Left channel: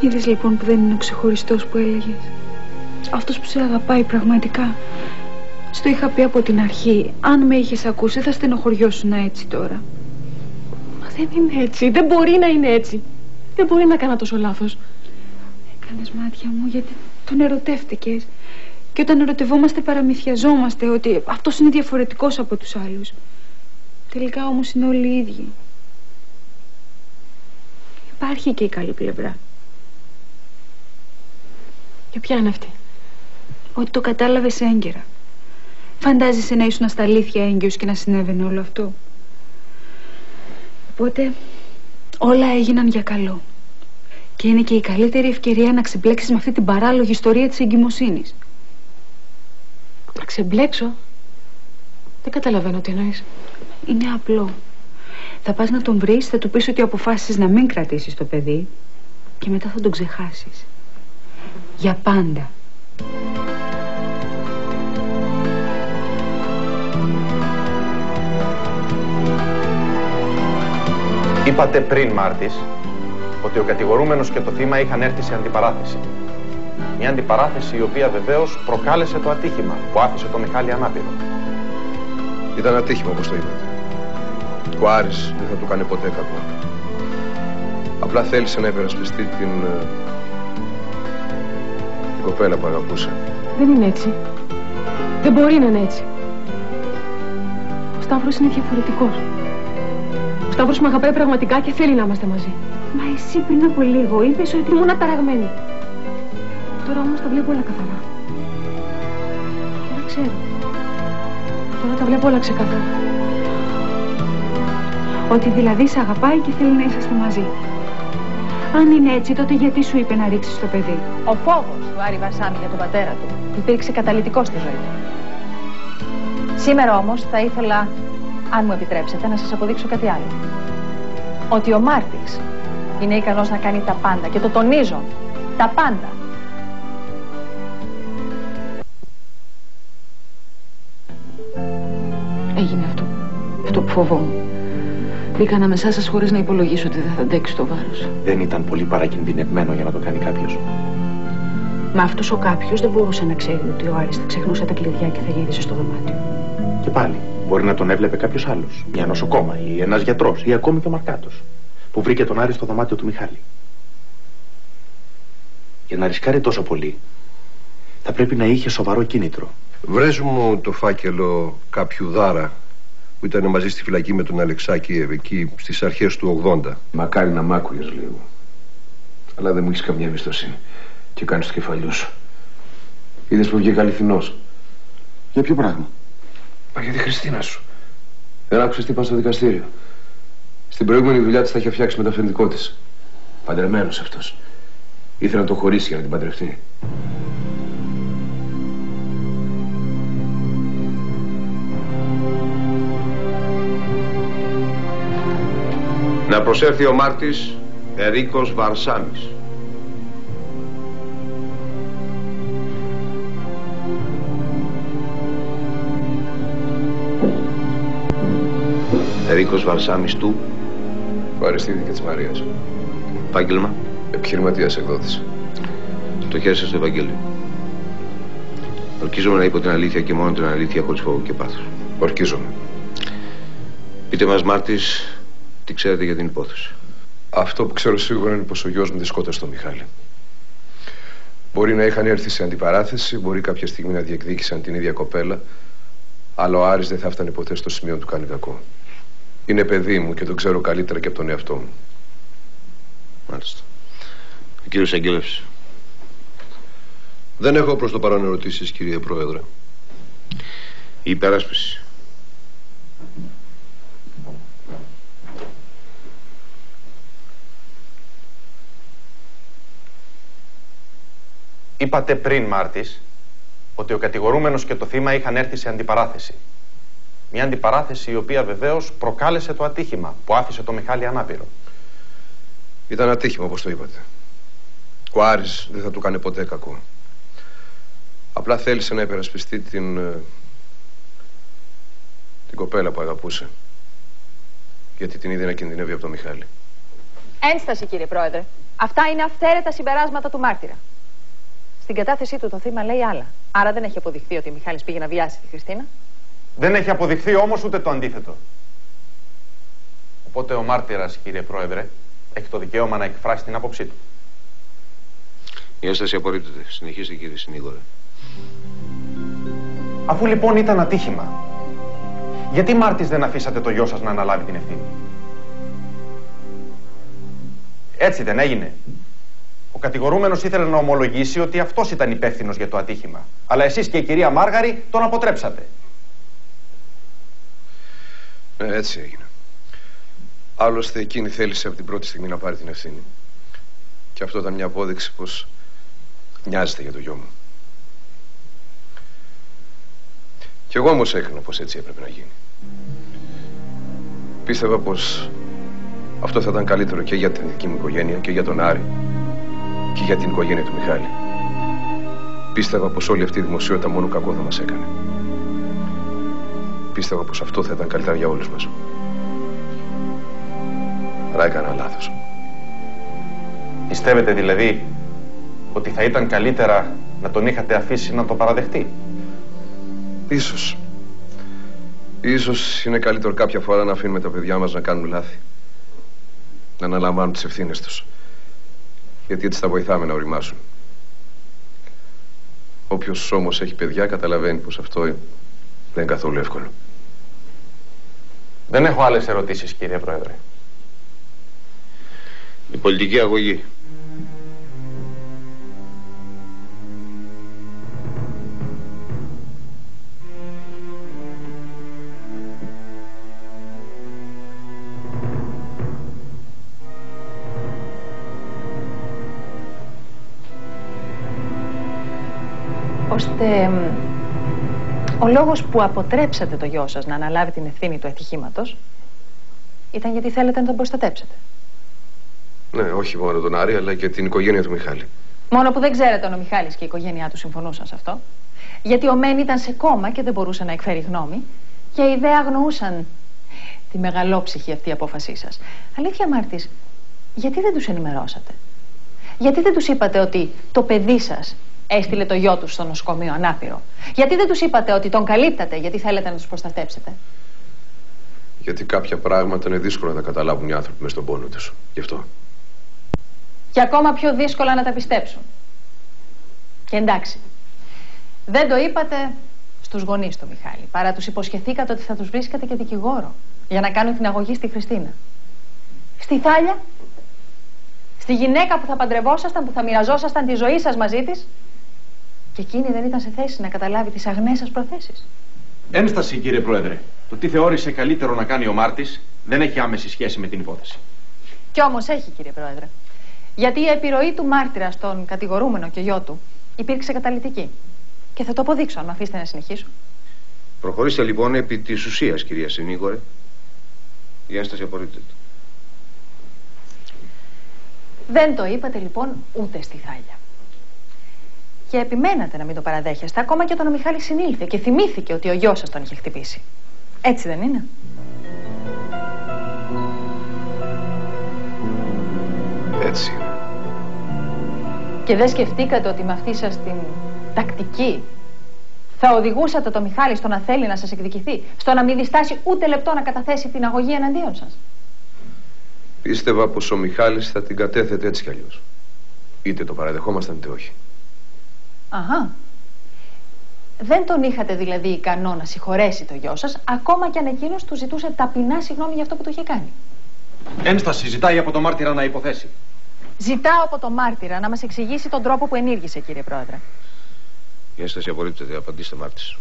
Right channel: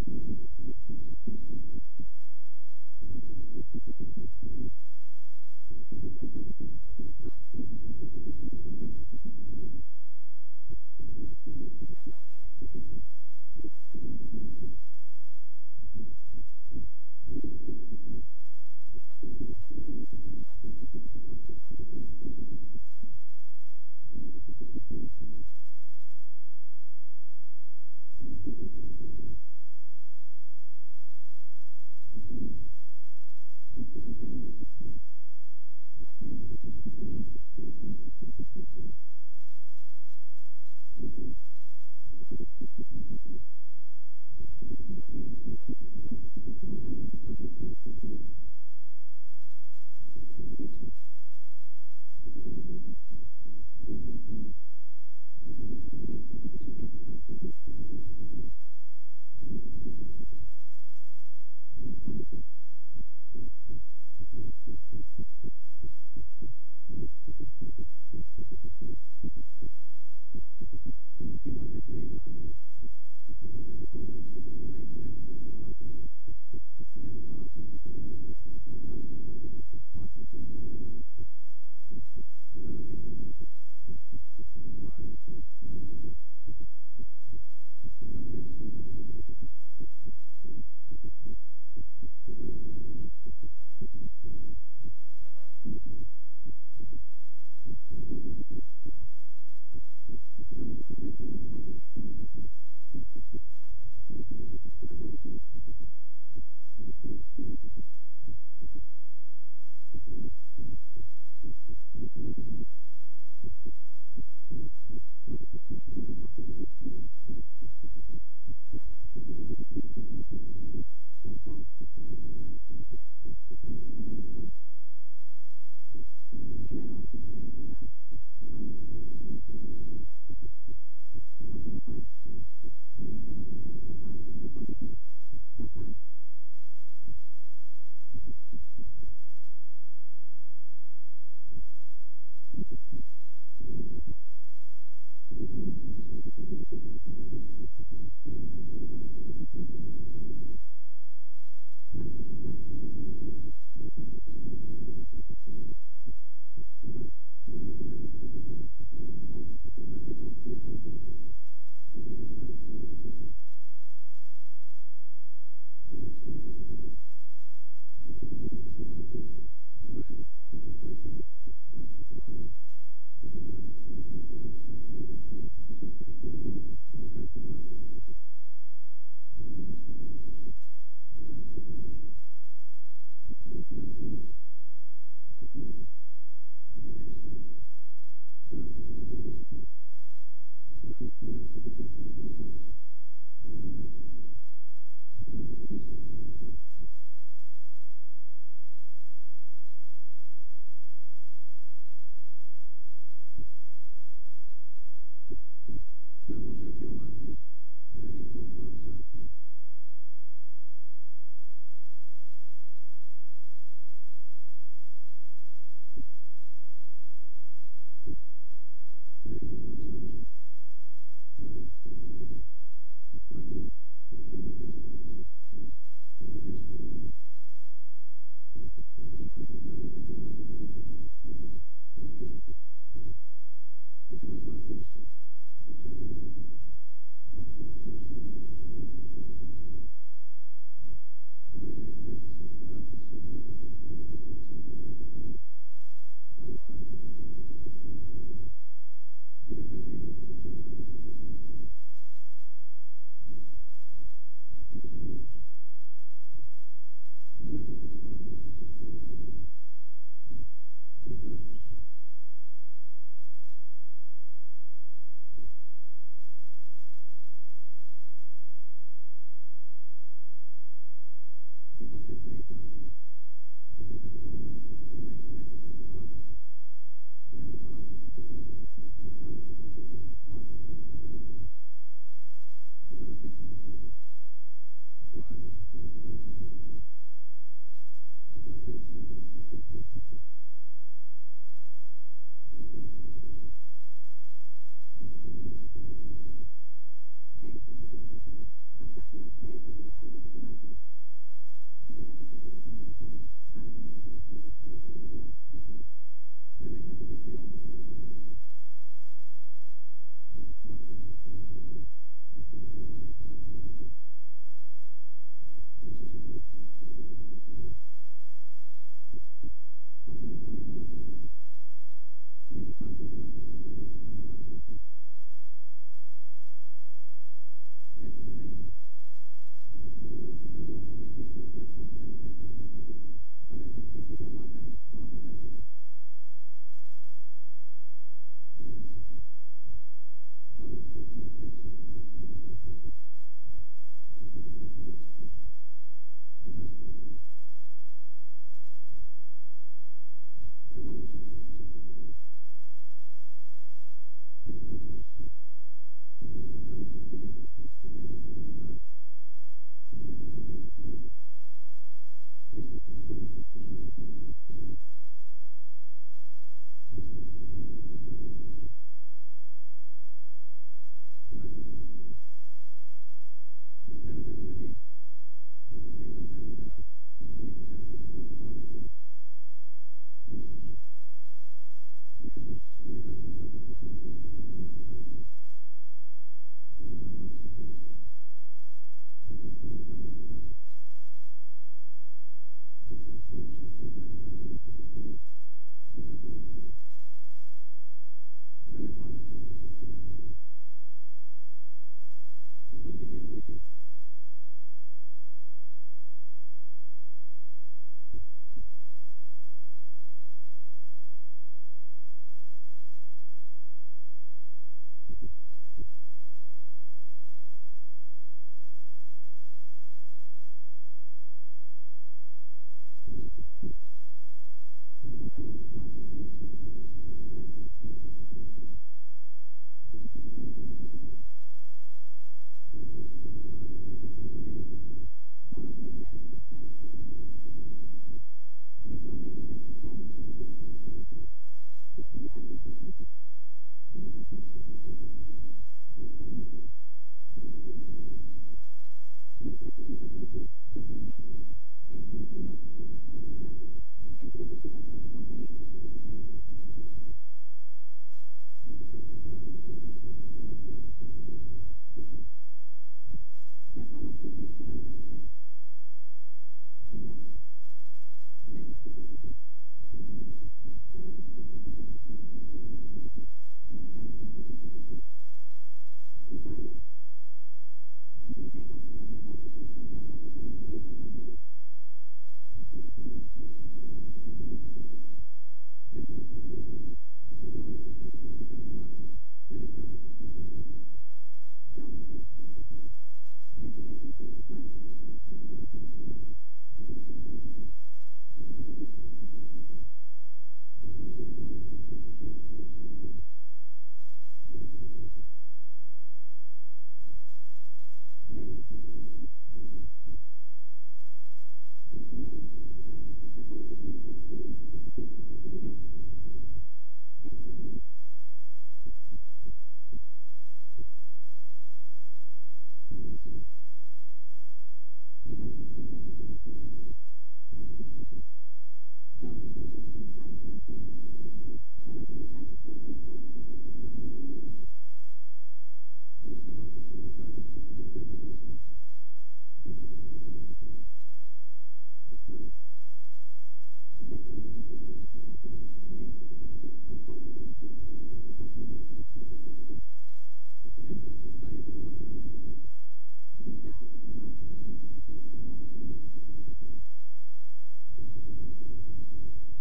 Είδες λοιπόν που δεν είναι ο ξεχωριστός που έλεγες? Αυτός που σε αγαπάει πραγματικά. Στο είχα πει από την αρχή. Αν με είχες ακούσει θα στενοχωριώσουν έτσι τώρα. Μα δεν είναι έτσι. Δεν μπορεί να είναι έτσι. Δεν μπορεί να κάνω τόσο λάθος. Έκανες μάτια μου γιατί τον ερωτεύτηκες. Και όταν ερωτευόμαστε παραμυθιαζόμαστε ότι αυτός είναι διαφορετικός από τους άλλους. Τελικά όμως είναι όλοι οι ίδιοι. Υπάρχει και η καλή πλευρά. Και ποια είναι αυτή? Ότι το κατάλαβες έγκαιρα. Φαντάζεσαι να ήσουν στα αλήθεια έγκυος και να συνέβαινε όλο αυτό? Οπότε όλα έγιναν για καλό. Και είναι και η καλύτερη ευκαιρία να ξεμπλέξεις με αυτή την παράλογη ιστορία της εγκυμοσύνης. Να ξεμπλέξω? Δεν καταλαβαίνω τι εννοείς. Είναι απλό. Θα πας να τον βρεις, θα του πεις ότι αποφάσισες να μην κρατήσεις το παιδί και μετά θα τον ξεχάσεις. Για πάντα. Είπατε πριν, Μάρτης, ότι ο κατηγορούμενος και το θύμα είχαν έρθει σε αντιπαράθεση. Μια αντιπαράθεση η οποία βεβαίως προκάλεσε το ατύχημα που άφησε το Μιχάλη ανάπηρο. Ήταν ατύχημα, όπως το είπατε. Ο Άρης δεν θα του κάνει ποτέ κακό. Απλά θέλησε να υπερασπιστεί την κοπέλα που αγαπούσε. Δεν είναι έτσι. Δεν μπορεί να είναι έτσι. Ο Σταύρος είναι διαφορετικός. Ο Σταύρος με αγαπάει πραγματικά και θέλει να είμαστε μαζί. Μα εσύ πριν από λίγο είπες ότι ήμουν αταραγμένη. Τώρα όμως τα βλέπω όλα καθαρά. Τώρα ξέρω. Τώρα τα βλέπω όλα ξεκάθαρα. Ότι δηλαδή σε αγαπάει και θέλει να είσαστε μαζί. Αν είναι έτσι, τότε γιατί σου είπε να ρίξεις το παιδί? Ο φόβος του Άρη Βαρσάμι για τον πατέρα του υπήρξε καταλυτικός στη ζωή του. Σήμερα όμως θα ήθελα, αν μου επιτρέψετε, να σας αποδείξω κάτι άλλο. Ότι ο Μάρτης είναι ικανός να κάνει τα πάντα και το τονίζω, τα πάντα. Έγινε αυτό. Αυτό που φοβόμουν. Μπήκα ανάμεσά σας χωρίς να υπολογίσω ότι δεν θα αντέξει το βάρος. Δεν ήταν πολύ παρακινδυνευμένο για να το κάνει κάποιος? Μα αυτός ο κάποιος δεν μπορούσε να ξέρει ότι ο Άρης θα ξεχνούσε τα κλειδιά και θα γύρισε στο δωμάτιο. Και πάλι, μπορεί να τον έβλεπε κάποιος άλλος. Μια νοσοκόμα ή ένας γιατρός ή ακόμη και ο Μαρκάτος, που βρήκε τον Άρη στο δωμάτιο του Μιχάλη. Για να ρισκάρει τόσο πολύ, θα πρέπει να είχε σοβαρό κίνητρο. Βρες μου το φάκελο κάποιου Δάρα που ήταν μαζί στη φυλακή με τον Αλεξάκη εκεί στις αρχές του 80. Μακάρι να μ' άκουγες λίγο. Αλλά δεν μου έχεις καμία εμπιστοσύνη. Και κάνεις το κεφαλιού σου. Είδες που βγήκα αληθινός? Για ποιο πράγμα? Μα για τη Χριστίνα σου. Δεν άκουσες τι είπα στο δικαστήριο? Στην προηγούμενη δουλειά της τα είχε φτιάξει με το αφεντικό της. Παντρεμένος αυτός. Ήθελε να το χωρίσει για να την παντρευτεί. Να προσέλθει ο Μάρτης Ερίκος Βαρσάμις. Ερίκος Βαρσάμις του Αριστίδη και της Μαρίας. επάγγελμα? Επιχειρηματίας εκδότης. Το χέρι σας στο Ευαγγέλιο. Ορκίζομαι να είπω την αλήθεια και μόνο την αλήθεια, χωρίς φόβο και πάθος. Ορκίζομαι. Πείτε μας, Μάρτης, τι ξέρετε για την υπόθεση. Αυτό που ξέρω σίγουρα είναι πως ο γιος μου τη σκότωσε τον Μιχάλη. Μπορεί να είχαν έρθει σε αντιπαράθεση, μπορεί κάποια στιγμή να διεκδίκησαν την ίδια κοπέλα, αλλά ο Άρης δεν θα έφτανε ποτέ στο σημείο του κάνει κακό. Είναι παιδί μου και τον ξέρω καλύτερα και από τον εαυτό μου. Μάλιστα. Ο κύριος Αγγέλευς. Δεν έχω προς το παρόν ερωτήσεις, κύριε Πρόεδρε. Η υπεράσπιση. Είπατε πριν, Μάρτης, ότι ο κατηγορούμενος και το θύμα είχαν έρθει σε αντιπαράθεση. Μια αντιπαράθεση η οποία βεβαίως προκάλεσε το ατύχημα που άφησε το Μιχάλη ανάπηρο. Ήταν ατύχημα, όπως το είπατε. Ο Άρης δεν θα του κάνει ποτέ κακό. Απλά θέλησε να υπερασπιστεί την κοπέλα που αγαπούσε. Γιατί την είδε να κινδυνεύει από το Μιχάλη. Ένσταση, κύριε Πρόεδρε. Αυτά είναι αυθαίρετα συμπεράσματα του μάρτυρα. Στην κατάθεσή του το θύμα λέει άλλα. Άρα δεν έχει αποδειχθεί ότι ο Μιχάλης πήγε να βιάσει τη Χριστίνα. Δεν έχει αποδειχθεί όμως ούτε το αντίθετο. Οπότε ο μάρτυρας, κύριε Πρόεδρε, έχει το δικαίωμα να εκφράσει την άποψή του. Η ένσταση απορρίπτεται. Συνεχίστε, κύριε συνήγορε. Αφού λοιπόν ήταν ατύχημα, γιατί Μάρτης δεν αφήσατε το γιο σας να αναλάβει την ευθύνη? Έτσι δεν έγινε? Ο κατηγορούμενος ήθελε να ομολογήσει ότι αυτός ήταν υπεύθυνος για το ατύχημα. Αλλά εσείς και η κυρία Μάργαρη τον αποτρέψατε. Έτσι έγινε. Άλλωστε εκείνη θέλησε από την πρώτη στιγμή να πάρει την ευθύνη. Και αυτό ήταν μια απόδειξη πως νοιάζεται για το γιο μου. Κι εγώ όμως έκρινα πως έτσι έπρεπε να γίνει. Πίστευα πως αυτό θα ήταν καλύτερο και για την δική μου οικογένεια και για τον Άρη και για την οικογένεια του Μιχάλη. Πίστευα πως όλη αυτή η δημοσιότητα μόνο κακό θα μας έκανε. Πίστευα πως αυτό θα ήταν καλύτερα για όλους μας. Αλλά έκανα λάθος. Πιστεύετε δηλαδή ότι θα ήταν καλύτερα να τον είχατε αφήσει να το παραδεχτεί? Ίσως. Ίσως είναι καλύτερο κάποια φορά να αφήνουμε τα παιδιά μας να κάνουν λάθη. Να αναλαμβάνουν τις ευθύνες τους. Γιατί έτσι θα βοηθάμε να οριμάσουν. Όποιος όμως έχει παιδιά καταλαβαίνει πως αυτό δεν είναι καθόλου εύκολο. Δεν έχω άλλες ερωτήσεις, κύριε Πρόεδρε. Η πολιτική αγωγή. Ώστε ο λόγος που αποτρέψατε το γιο σας να αναλάβει την ευθύνη του ατυχήματος ήταν γιατί θέλετε να τον προστατέψετε. Ναι, όχι μόνο τον Άρη, αλλά και την οικογένεια του Μιχάλη. Μόνο που δεν ξέρετε αν ο Μιχάλης και η οικογένειά του συμφωνούσαν σε αυτό. Γιατί ο Μεν ήταν σε κόμμα και δεν μπορούσε να εκφέρει γνώμη. Και οι δε αγνοούσαν τη μεγαλόψυχη αυτή απόφασή σας. Αλήθεια, Μάρτης, γιατί δεν τους ενημερώσατε? Γιατί δεν τους είπατε ότι το παιδί σας έστειλε το γιο του στο νοσοκομείο ανάπηρο? Γιατί δεν τους είπατε ότι τον καλύπτατε γιατί θέλετε να τους προστατέψετε? Γιατί κάποια πράγματα είναι δύσκολο να τα καταλάβουν οι άνθρωποι μες στον πόνο τους. Γι' αυτό. Και ακόμα πιο δύσκολα να τα πιστέψουν. Και εντάξει, δεν το είπατε στους γονείς του Μιχάλη, παρά τους υποσχεθήκατε ότι θα τους βρίσκατε και δικηγόρο για να κάνουν την αγωγή στη Χριστίνα. Στη Θάλια, στη γυναίκα που θα παντρευόσασταν, που θα μοιραζόσασταν τη ζωή σας μαζί της, και εκείνη δεν ήταν σε θέση να καταλάβει τις αγνές σας προθέσεις. Ένσταση, κύριε Πρόεδρε. Το τι θεώρησε καλύτερο να κάνει ο Μάρτης δεν έχει άμεση σχέση με την υπόθεση. Κι όμως έχει, κύριε Πρόεδρε. Γιατί η επιρροή του μάρτυρα στον κατηγορούμενο και γιο του υπήρξε καταλυτική. Και θα το αποδείξω, αν με αφήσετε να συνεχίσω. Προχωρήστε λοιπόν επί της ουσίας, κυρία συνήγορε. Η ένσταση απορρίπτεται. Δεν το είπατε λοιπόν ούτε στη Θάλια. Και επιμένατε να μην το παραδέχεστε, ακόμα και όταν ο Μιχάλης συνήλθε και θυμήθηκε ότι ο γιος σας τον είχε χτυπήσει. Έτσι δεν είναι? Έτσι είναι. Και δεν σκεφτήκατε ότι με αυτή σας την τακτική θα οδηγούσατε το Μιχάλη στο να θέλει να σας εκδικηθεί, στο να μην διστάσει ούτε λεπτό να καταθέσει την αγωγή εναντίον σας? Πίστευα πως ο Μιχάλης θα την κατέθετε έτσι κι αλλιώς. Είτε το παραδεχόμασταν είτε όχι. Αχα. Δεν τον είχατε δηλαδή ικανό να συγχωρέσει το γιο σας, ακόμα κι αν εκείνος του ζητούσε ταπεινά συγγνώμη για αυτό που του είχε κάνει. Ένσταση, ζητάει από το μάρτυρα να υποθέσει. Ζητάω από το μάρτυρα να μας εξηγήσει τον τρόπο που ενήργησε, κύριε Πρόεδρε. Η ένσταση απορρίπτεται. Απαντήστε, Μάρτης.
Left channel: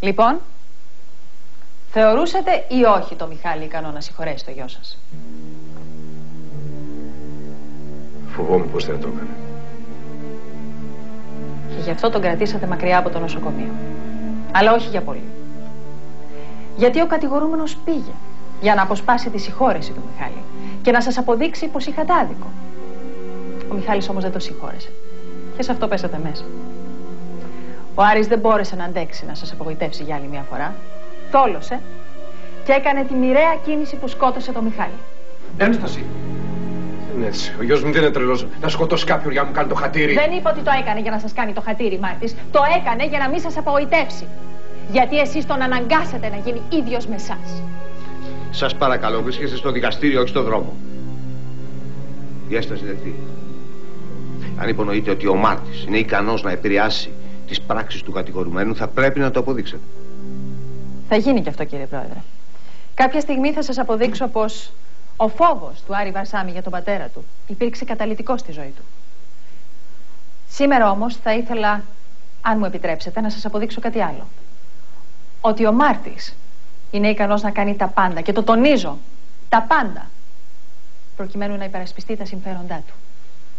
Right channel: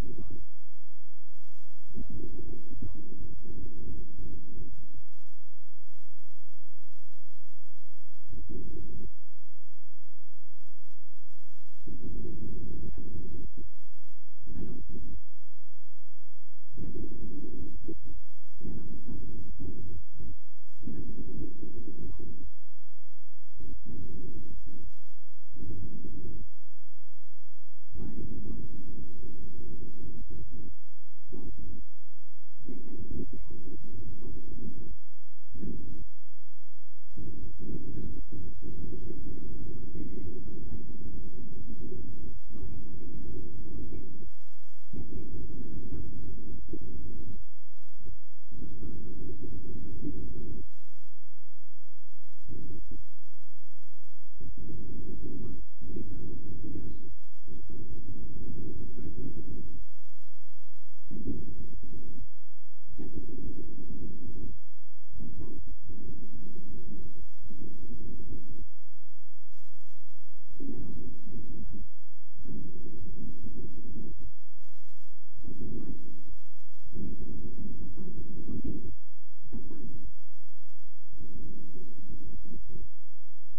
Λοιπόν, θεωρούσατε ή όχι το Μιχάλη ικανό να συγχωρέσει το γιο σας? Φοβόμουν πως δεν το έκανε. Και γι' αυτό τον κρατήσατε μακριά από το νοσοκομείο. Αλλά όχι για πολύ. Γιατί ο κατηγορούμενος πήγε για να αποσπάσει τη συγχώρεση του Μιχάλη και να σας αποδείξει πως είχατε άδικο. Ο Μιχάλης όμως δεν το συγχώρεσε. Και σε αυτό πέσατε μέσα. Ο Άρης δεν μπόρεσε να αντέξει να σας απογοητεύσει για άλλη μια φορά. Τόλωσε και έκανε τη μοιραία κίνηση που σκότωσε το Μιχάλη. Ένσταση. Δεν έτσι. Ο γιος μου δεν είναι τρελός να σκοτώσει κάποιον για να μου κάνει το χατήρι. Δεν είπα ότι το έκανε για να σας κάνει το χατήρι, Μάρτης. Το έκανε για να μην σας απογοητεύσει. Γιατί εσείς τον αναγκάσατε να γίνει ίδιος με εσάς. Σας παρακαλώ, βρίσκεστε στο δικαστήριο, όχι στο δρόμο. Η έσταση δεκτή. Αν υπονοείτε ότι ο Μάρτης είναι ικανός να επηρεάσει τις πράξεις του κατηγορουμένου, θα πρέπει να το αποδείξετε. Θα γίνει και αυτό, κύριε Πρόεδρε. Κάποια στιγμή θα σας αποδείξω πως ο φόβος του Άρη Βαρσάμι για τον πατέρα του υπήρξε καταλυτικός στη ζωή του. Σήμερα όμως θα ήθελα, αν μου επιτρέψετε, να σας αποδείξω κάτι άλλο. Ότι ο Μάρτης είναι ικανός να κάνει τα πάντα, και το τονίζω, τα πάντα, προκειμένου να υπερασπιστεί τα συμφέροντά του.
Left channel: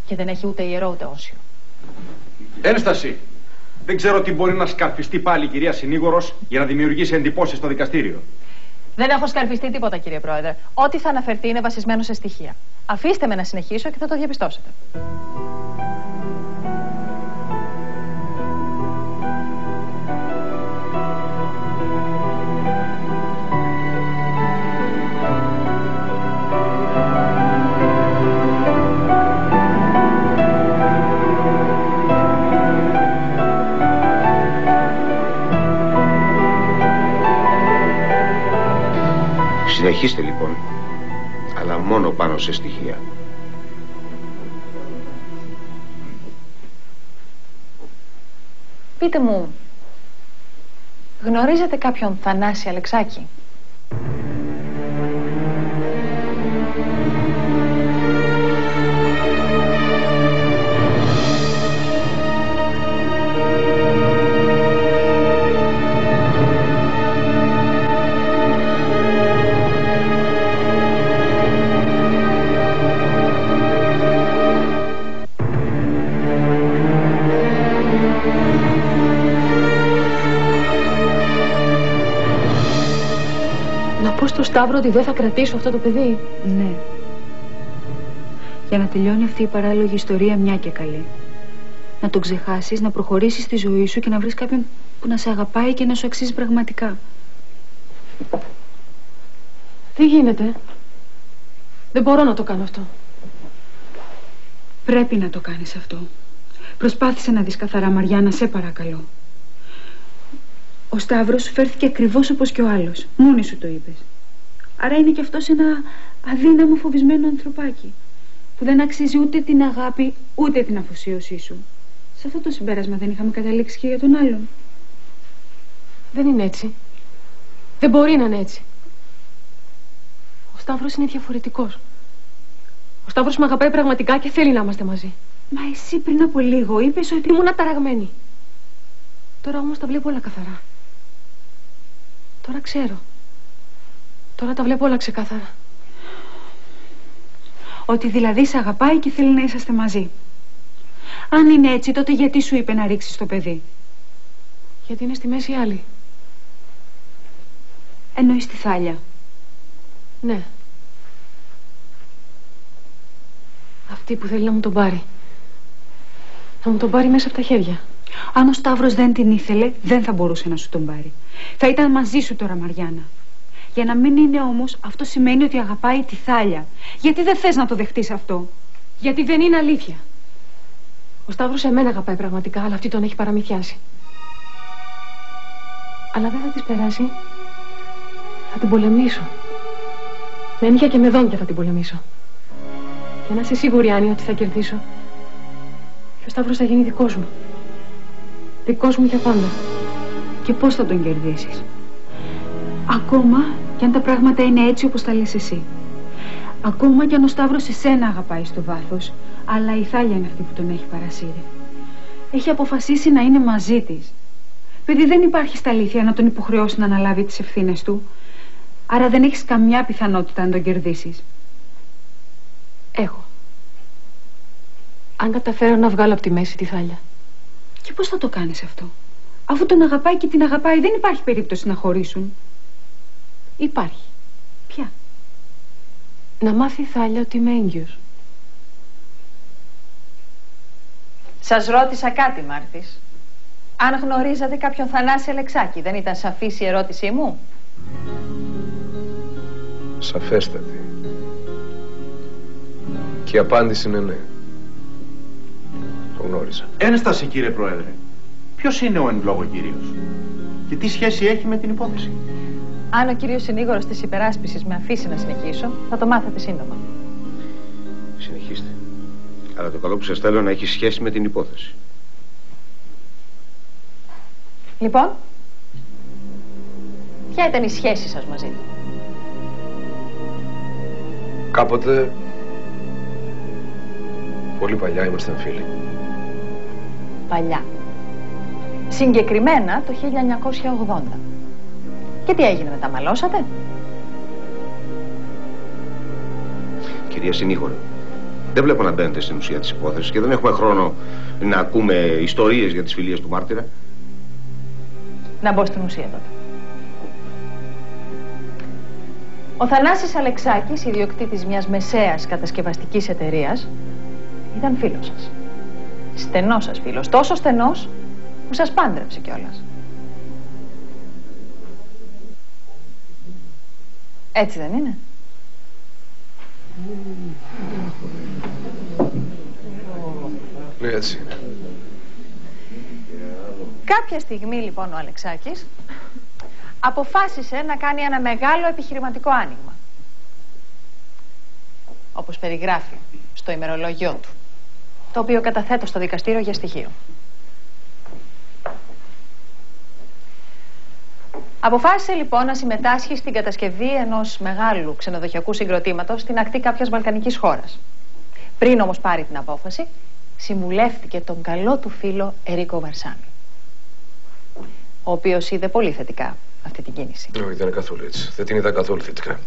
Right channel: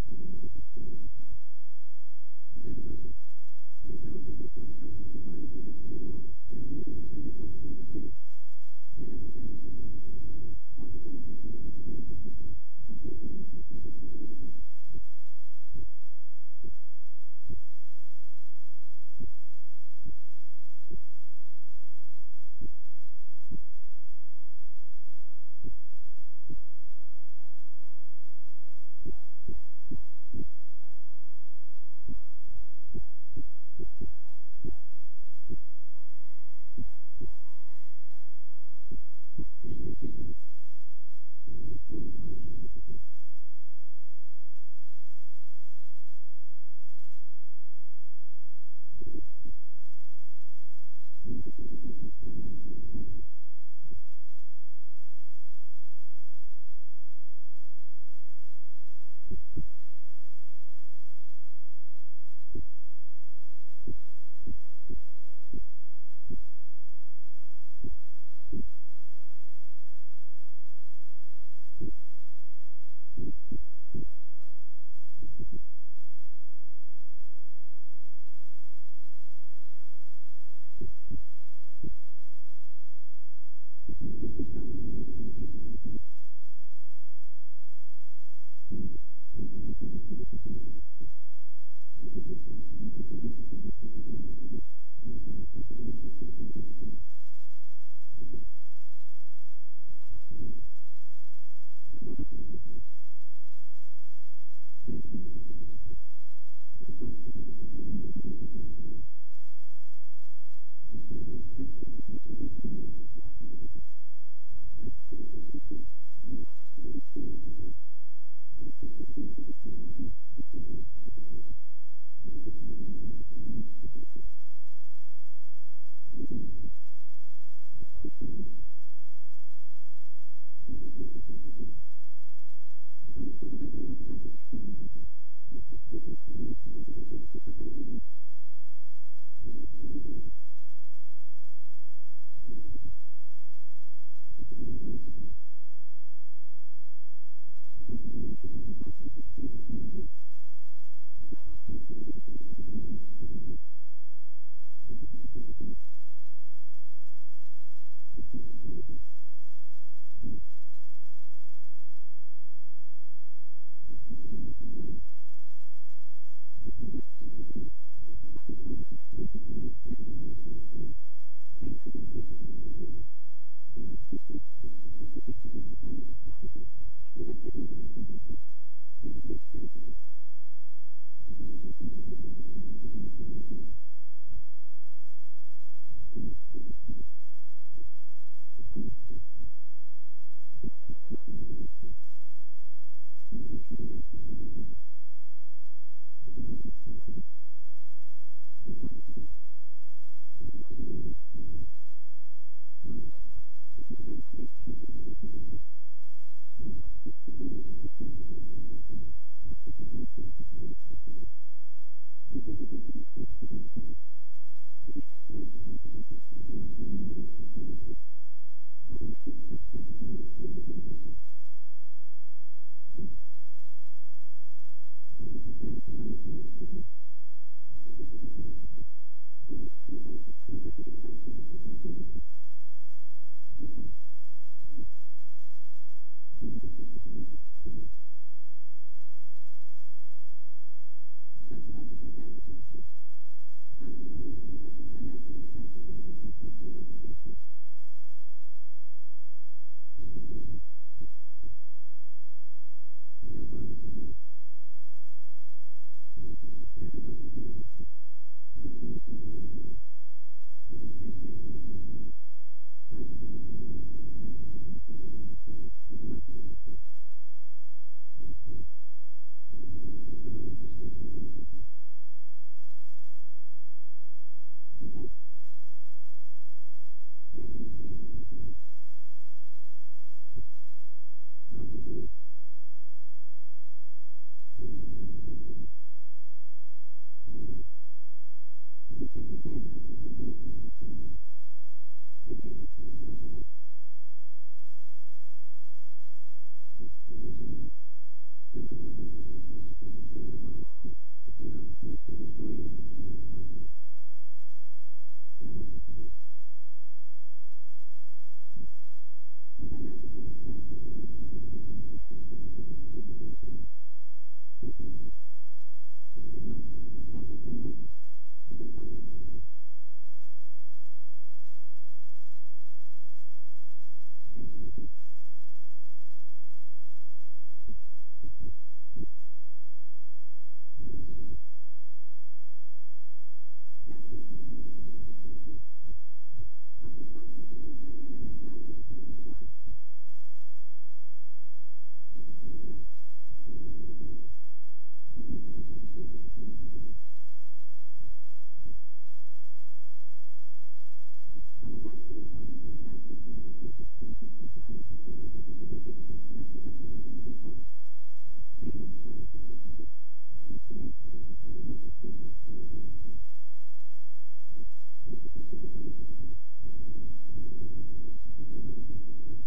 Και δεν έχει ούτε ιερό ούτε όσιο. Ένσταση! Δεν ξέρω τι μπορεί να σκαρφιστεί πάλι η κυρία συνήγορος για να δημιουργήσει εντυπώσεις στο δικαστήριο. Δεν έχω σκαρφιστεί τίποτα, κύριε Πρόεδρε. Ό,τι θα αναφερθεί είναι βασισμένο σε στοιχεία. Αφήστε με να συνεχίσω και θα το διαπιστώσετε. Συνεχίστε λοιπόν, αλλά μόνο πάνω σε στοιχεία. Πείτε μου, γνωρίζετε κάποιον Θανάση Αλεξάκη? Στο Σταύρο ότι δεν θα κρατήσω αυτό το παιδί. Ναι. Για να τελειώνει αυτή η παράλογη ιστορία μια και καλή. Να τον ξεχάσεις, να προχωρήσεις στη ζωή σου και να βρεις κάποιον που να σε αγαπάει και να σου αξίζει πραγματικά. Τι γίνεται? Δεν μπορώ να το κάνω αυτό. Πρέπει να το κάνεις αυτό. Προσπάθησε να δεις καθαρά, Μαριάννα, σε παρακαλώ. Ο Σταύρος σου φέρθηκε ακριβώς όπως και ο άλλος. Μόνη σου το είπες. Άρα είναι κι αυτός ένα αδύναμο, φοβισμένο ανθρωπάκι που δεν αξίζει ούτε την αγάπη ούτε την αφοσίωσή σου. Σε αυτό το συμπέρασμα δεν είχαμε καταλήξει και για τον άλλον? Δεν είναι έτσι. Δεν μπορεί να είναι έτσι. Ο Σταύρος είναι διαφορετικός. Ο Σταύρος με αγαπάει πραγματικά και θέλει να είμαστε μαζί. Μα εσύ πριν από λίγο είπες ότι ήμουν αταραγμένη. Τώρα όμως τα βλέπω όλα καθαρά. Τώρα ξέρω. Τώρα τα βλέπω όλα ξεκάθαρα. Ότι δηλαδή σε αγαπάει και θέλει να είσαστε μαζί. Αν είναι έτσι, τότε γιατί σου είπε να ρίξεις το παιδί? Γιατί είναι στη μέση άλλη. Εννοείς τη Θάλια? Ναι. Αυτή που θέλει να μου τον πάρει. Να μου τον πάρει μέσα από τα χέρια. Αν ο Σταύρος δεν την ήθελε, δεν θα μπορούσε να σου τον πάρει. Θα ήταν μαζί σου τώρα, Μαριάννα. Για να μην είναι όμως, αυτό σημαίνει ότι αγαπάει τη Θάλια. Γιατί δεν θες να το δεχτείς αυτό? Γιατί δεν είναι αλήθεια. Ο Σταύρος εμένα αγαπάει πραγματικά, αλλά αυτή τον έχει παραμυθιάσει. Αλλά δεν θα της περάσει. Θα την πολεμήσω. Με νύχια και με δόντια θα την πολεμήσω. Και να είσαι σίγουρη, Άννη, ότι θα κερδίσω. Και ο Σταύρος θα γίνει δικός μου. Δικός μου για πάντα. Και πώς θα τον κερδίσεις? Ακόμα κι αν τα πράγματα είναι έτσι όπως τα λες εσύ. Ακόμα κι αν ο Σταύρος εσένα αγαπάει στο βάθος, αλλά η Θάλια είναι αυτή που τον έχει παρασύρει. Έχει αποφασίσει να είναι μαζί της. Παιδί, δεν υπάρχει στα αλήθεια να τον υποχρεώσει να αναλάβει τις ευθύνες του. Άρα δεν έχεις καμιά πιθανότητα να τον κερδίσεις. Έχω. Αν καταφέρω να βγάλω από τη μέση τη Θάλια. Και πώς θα το κάνεις αυτό? Αφού τον αγαπάει και την αγαπάει, δεν υπάρχει περίπτωση να χωρίσουν. Υπάρχει. Ποια? Να μάθει η Θάλια ότι είμαι έγκυος. Σας ρώτησα κάτι, Μάρτης. Αν γνωρίζατε κάποιον Θανάση Αλεξάκη, δεν ήταν σαφής η ερώτησή μου? Σαφέστατη. Και η απάντηση είναι ναι. Το γνώριζα. Ένσταση, κύριε Πρόεδρε. Ποιος είναι ο εν λόγω κύριος και τι σχέση έχει με την υπόθεση? Αν ο κύριος συνήγορος της υπεράσπισης με αφήσει να συνεχίσω, θα το μάθετε σύντομα. Συνεχίστε. Αλλά το καλό που σας θέλω να έχει σχέση με την υπόθεση. Λοιπόν, ποια ήταν η σχέση σας μαζί του? Κάποτε, πολύ παλιά, ήμασταν φίλοι. Παλιά. Συγκεκριμένα το 1980. Και τι έγινε μετά, μαλώσατε? Κυρία Συνήγορο, δεν βλέπω να μπαίνετε στην ουσία της υπόθεσης και δεν έχουμε χρόνο να ακούμε ιστορίες για τις φιλίες του μάρτυρα. Να μπω στην ουσία τότε. Ο Θανάσης Αλεξάκης, ιδιοκτήτης μιας μεσαίας κατασκευαστικής εταιρείας, ήταν φίλος σας. Στενός σας φίλος. Τόσο στενός που σας πάντρεψε κιόλας. Έτσι δεν είναι? Ναι, έτσι είναι. Κάποια στιγμή λοιπόν ο Αλεξάκης αποφάσισε να κάνει ένα μεγάλο επιχειρηματικό άνοιγμα, όπως περιγράφει στο ημερολόγιό του, το οποίο καταθέτω στο δικαστήριο για στοιχείο. Αποφάσισε λοιπόν να συμμετάσχει στην κατασκευή ενός μεγάλου ξενοδοχειακού συγκροτήματος στην ακτή κάποιας βαλκανικής χώρας. Πριν όμως πάρει την απόφαση, συμβουλεύτηκε τον καλό του φίλο Ερίκο Βαρσάμι, ο οποίος είδε πολύ θετικά αυτή την κίνηση. Όχι, δεν είναι καθόλου έτσι. Δεν την είδα καθόλου θετικά.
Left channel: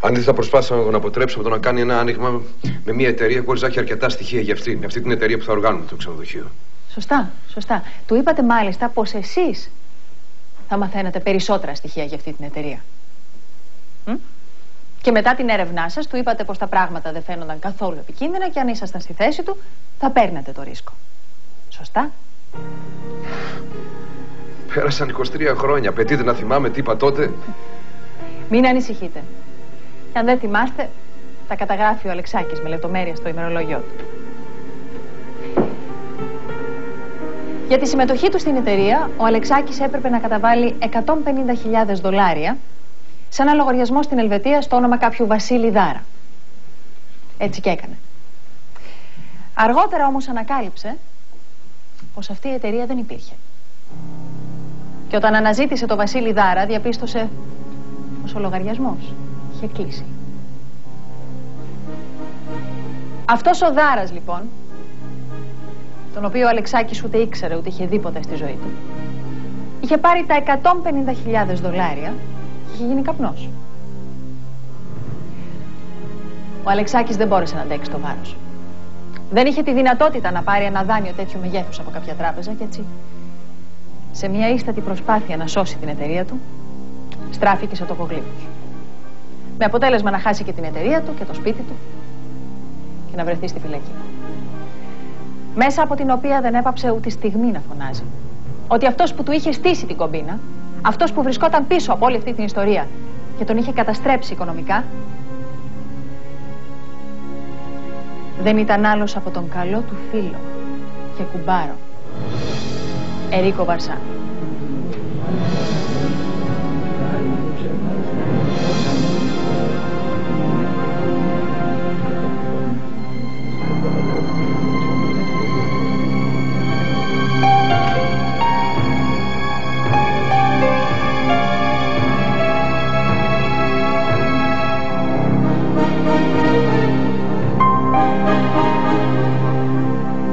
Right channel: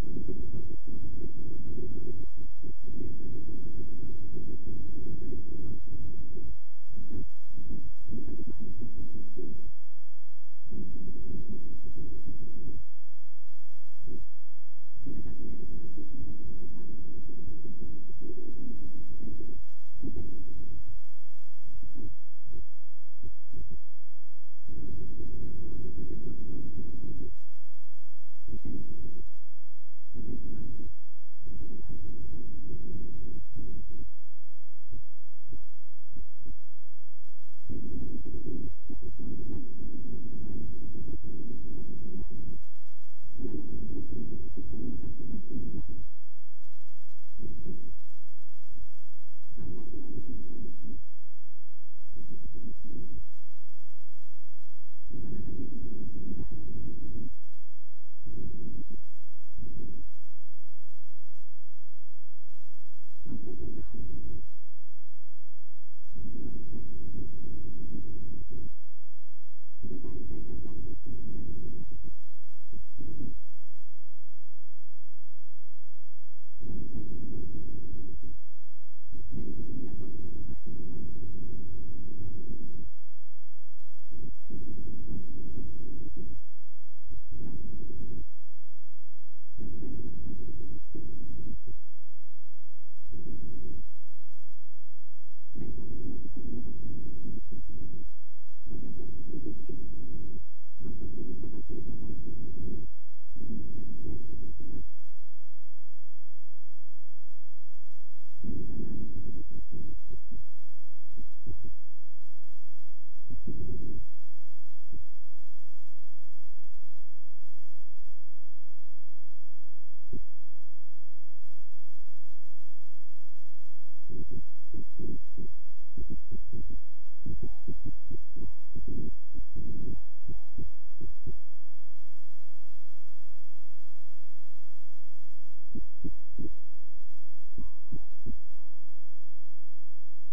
Αντίθετα, προσπάθησα να τον αποτρέψω από το να κάνει ένα άνοιγμα με μια εταιρεία χωρίς να έχει αρκετά στοιχεία για αυτήν. Αυτή την εταιρεία που θα οργάνουμε το ξενοδοχείο. Σωστά, σωστά. Του είπατε μάλιστα πως εσείς θα μαθαίνετε περισσότερα στοιχεία για αυτή την εταιρεία. Και μετά την έρευνά σας του είπατε πως τα πράγματα δεν φαίνονταν καθόλου επικίνδυνα και αν ήσασταν στη θέση του θα παίρνετε το ρίσκο. Σωστά? Πέρασαν 23 χρόνια. Απαιτείται να θυμάμαι τι είπα τότε. Μην ανησυχείτε. Και αν δεν θυμάστε, τα καταγράφει ο Αλεξάκης με λεπτομέρεια στο ημερολόγιό του. Για τη συμμετοχή του στην εταιρεία, ο Αλεξάκης έπρεπε να καταβάλει $150.000 σε ένα λογαριασμό στην Ελβετία στο όνομα κάποιου Βασίλη Δάρα. Έτσι και έκανε. Αργότερα όμως ανακάλυψε πως αυτή η εταιρεία δεν υπήρχε. Και όταν αναζήτησε το Βασίλη Δάρα, διαπίστωσε πως ο λογαριασμός είχε κλείσει. Αυτός ο Δάρας, λοιπόν, τον οποίο ο Αλεξάκης ούτε ήξερε ούτε είχε δει ποτέ στη ζωή του, είχε πάρει τα $150.000 και είχε γίνει καπνός. Ο Αλεξάκης δεν μπόρεσε να αντέξει το βάρος. Δεν είχε τη δυνατότητα να πάρει ένα δάνειο τέτοιου μεγέθους από κάποια τράπεζα και έτσι, σε μια ίστατη προσπάθεια να σώσει την εταιρεία του, στράφηκε σε τοκογλύφους. Με αποτέλεσμα να χάσει και την εταιρεία του και το σπίτι του και να βρεθεί στη φυλακή. Μέσα από την οποία δεν έπαψε ούτε στιγμή να φωνάζει ότι αυτός που του είχε στήσει την κομπίνα, αυτός που βρισκόταν πίσω από όλη αυτή την ιστορία και τον είχε καταστρέψει οικονομικά, δεν ήταν άλλος από τον καλό του φίλο και κουμπάρο, Ερίκο Βαρσάμι.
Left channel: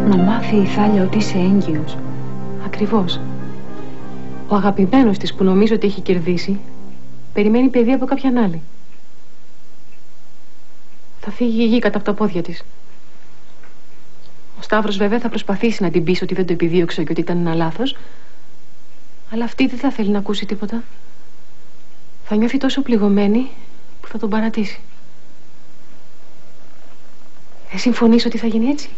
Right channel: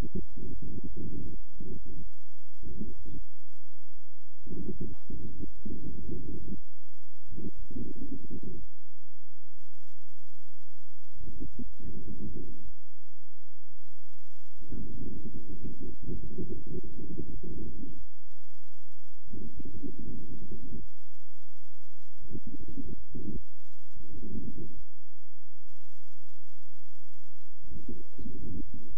Να μάθει η Θάλια ότι είσαι έγκυος. Ακριβώς. Ο αγαπημένος της που νομίζω ότι έχει κερδίσει περιμένει παιδί από κάποιαν άλλη. Θα φύγει η γη κάτω από τα πόδια της. Ο Σταύρος βέβαια θα προσπαθήσει να την πείσει ότι δεν το επιδίωξε και ότι ήταν ένα λάθος, αλλά αυτή δεν θα θέλει να ακούσει τίποτα. Θα νιώθει τόσο πληγωμένη που θα τον παρατήσει. Δεν συμφωνείς ότι θα γίνει έτσι?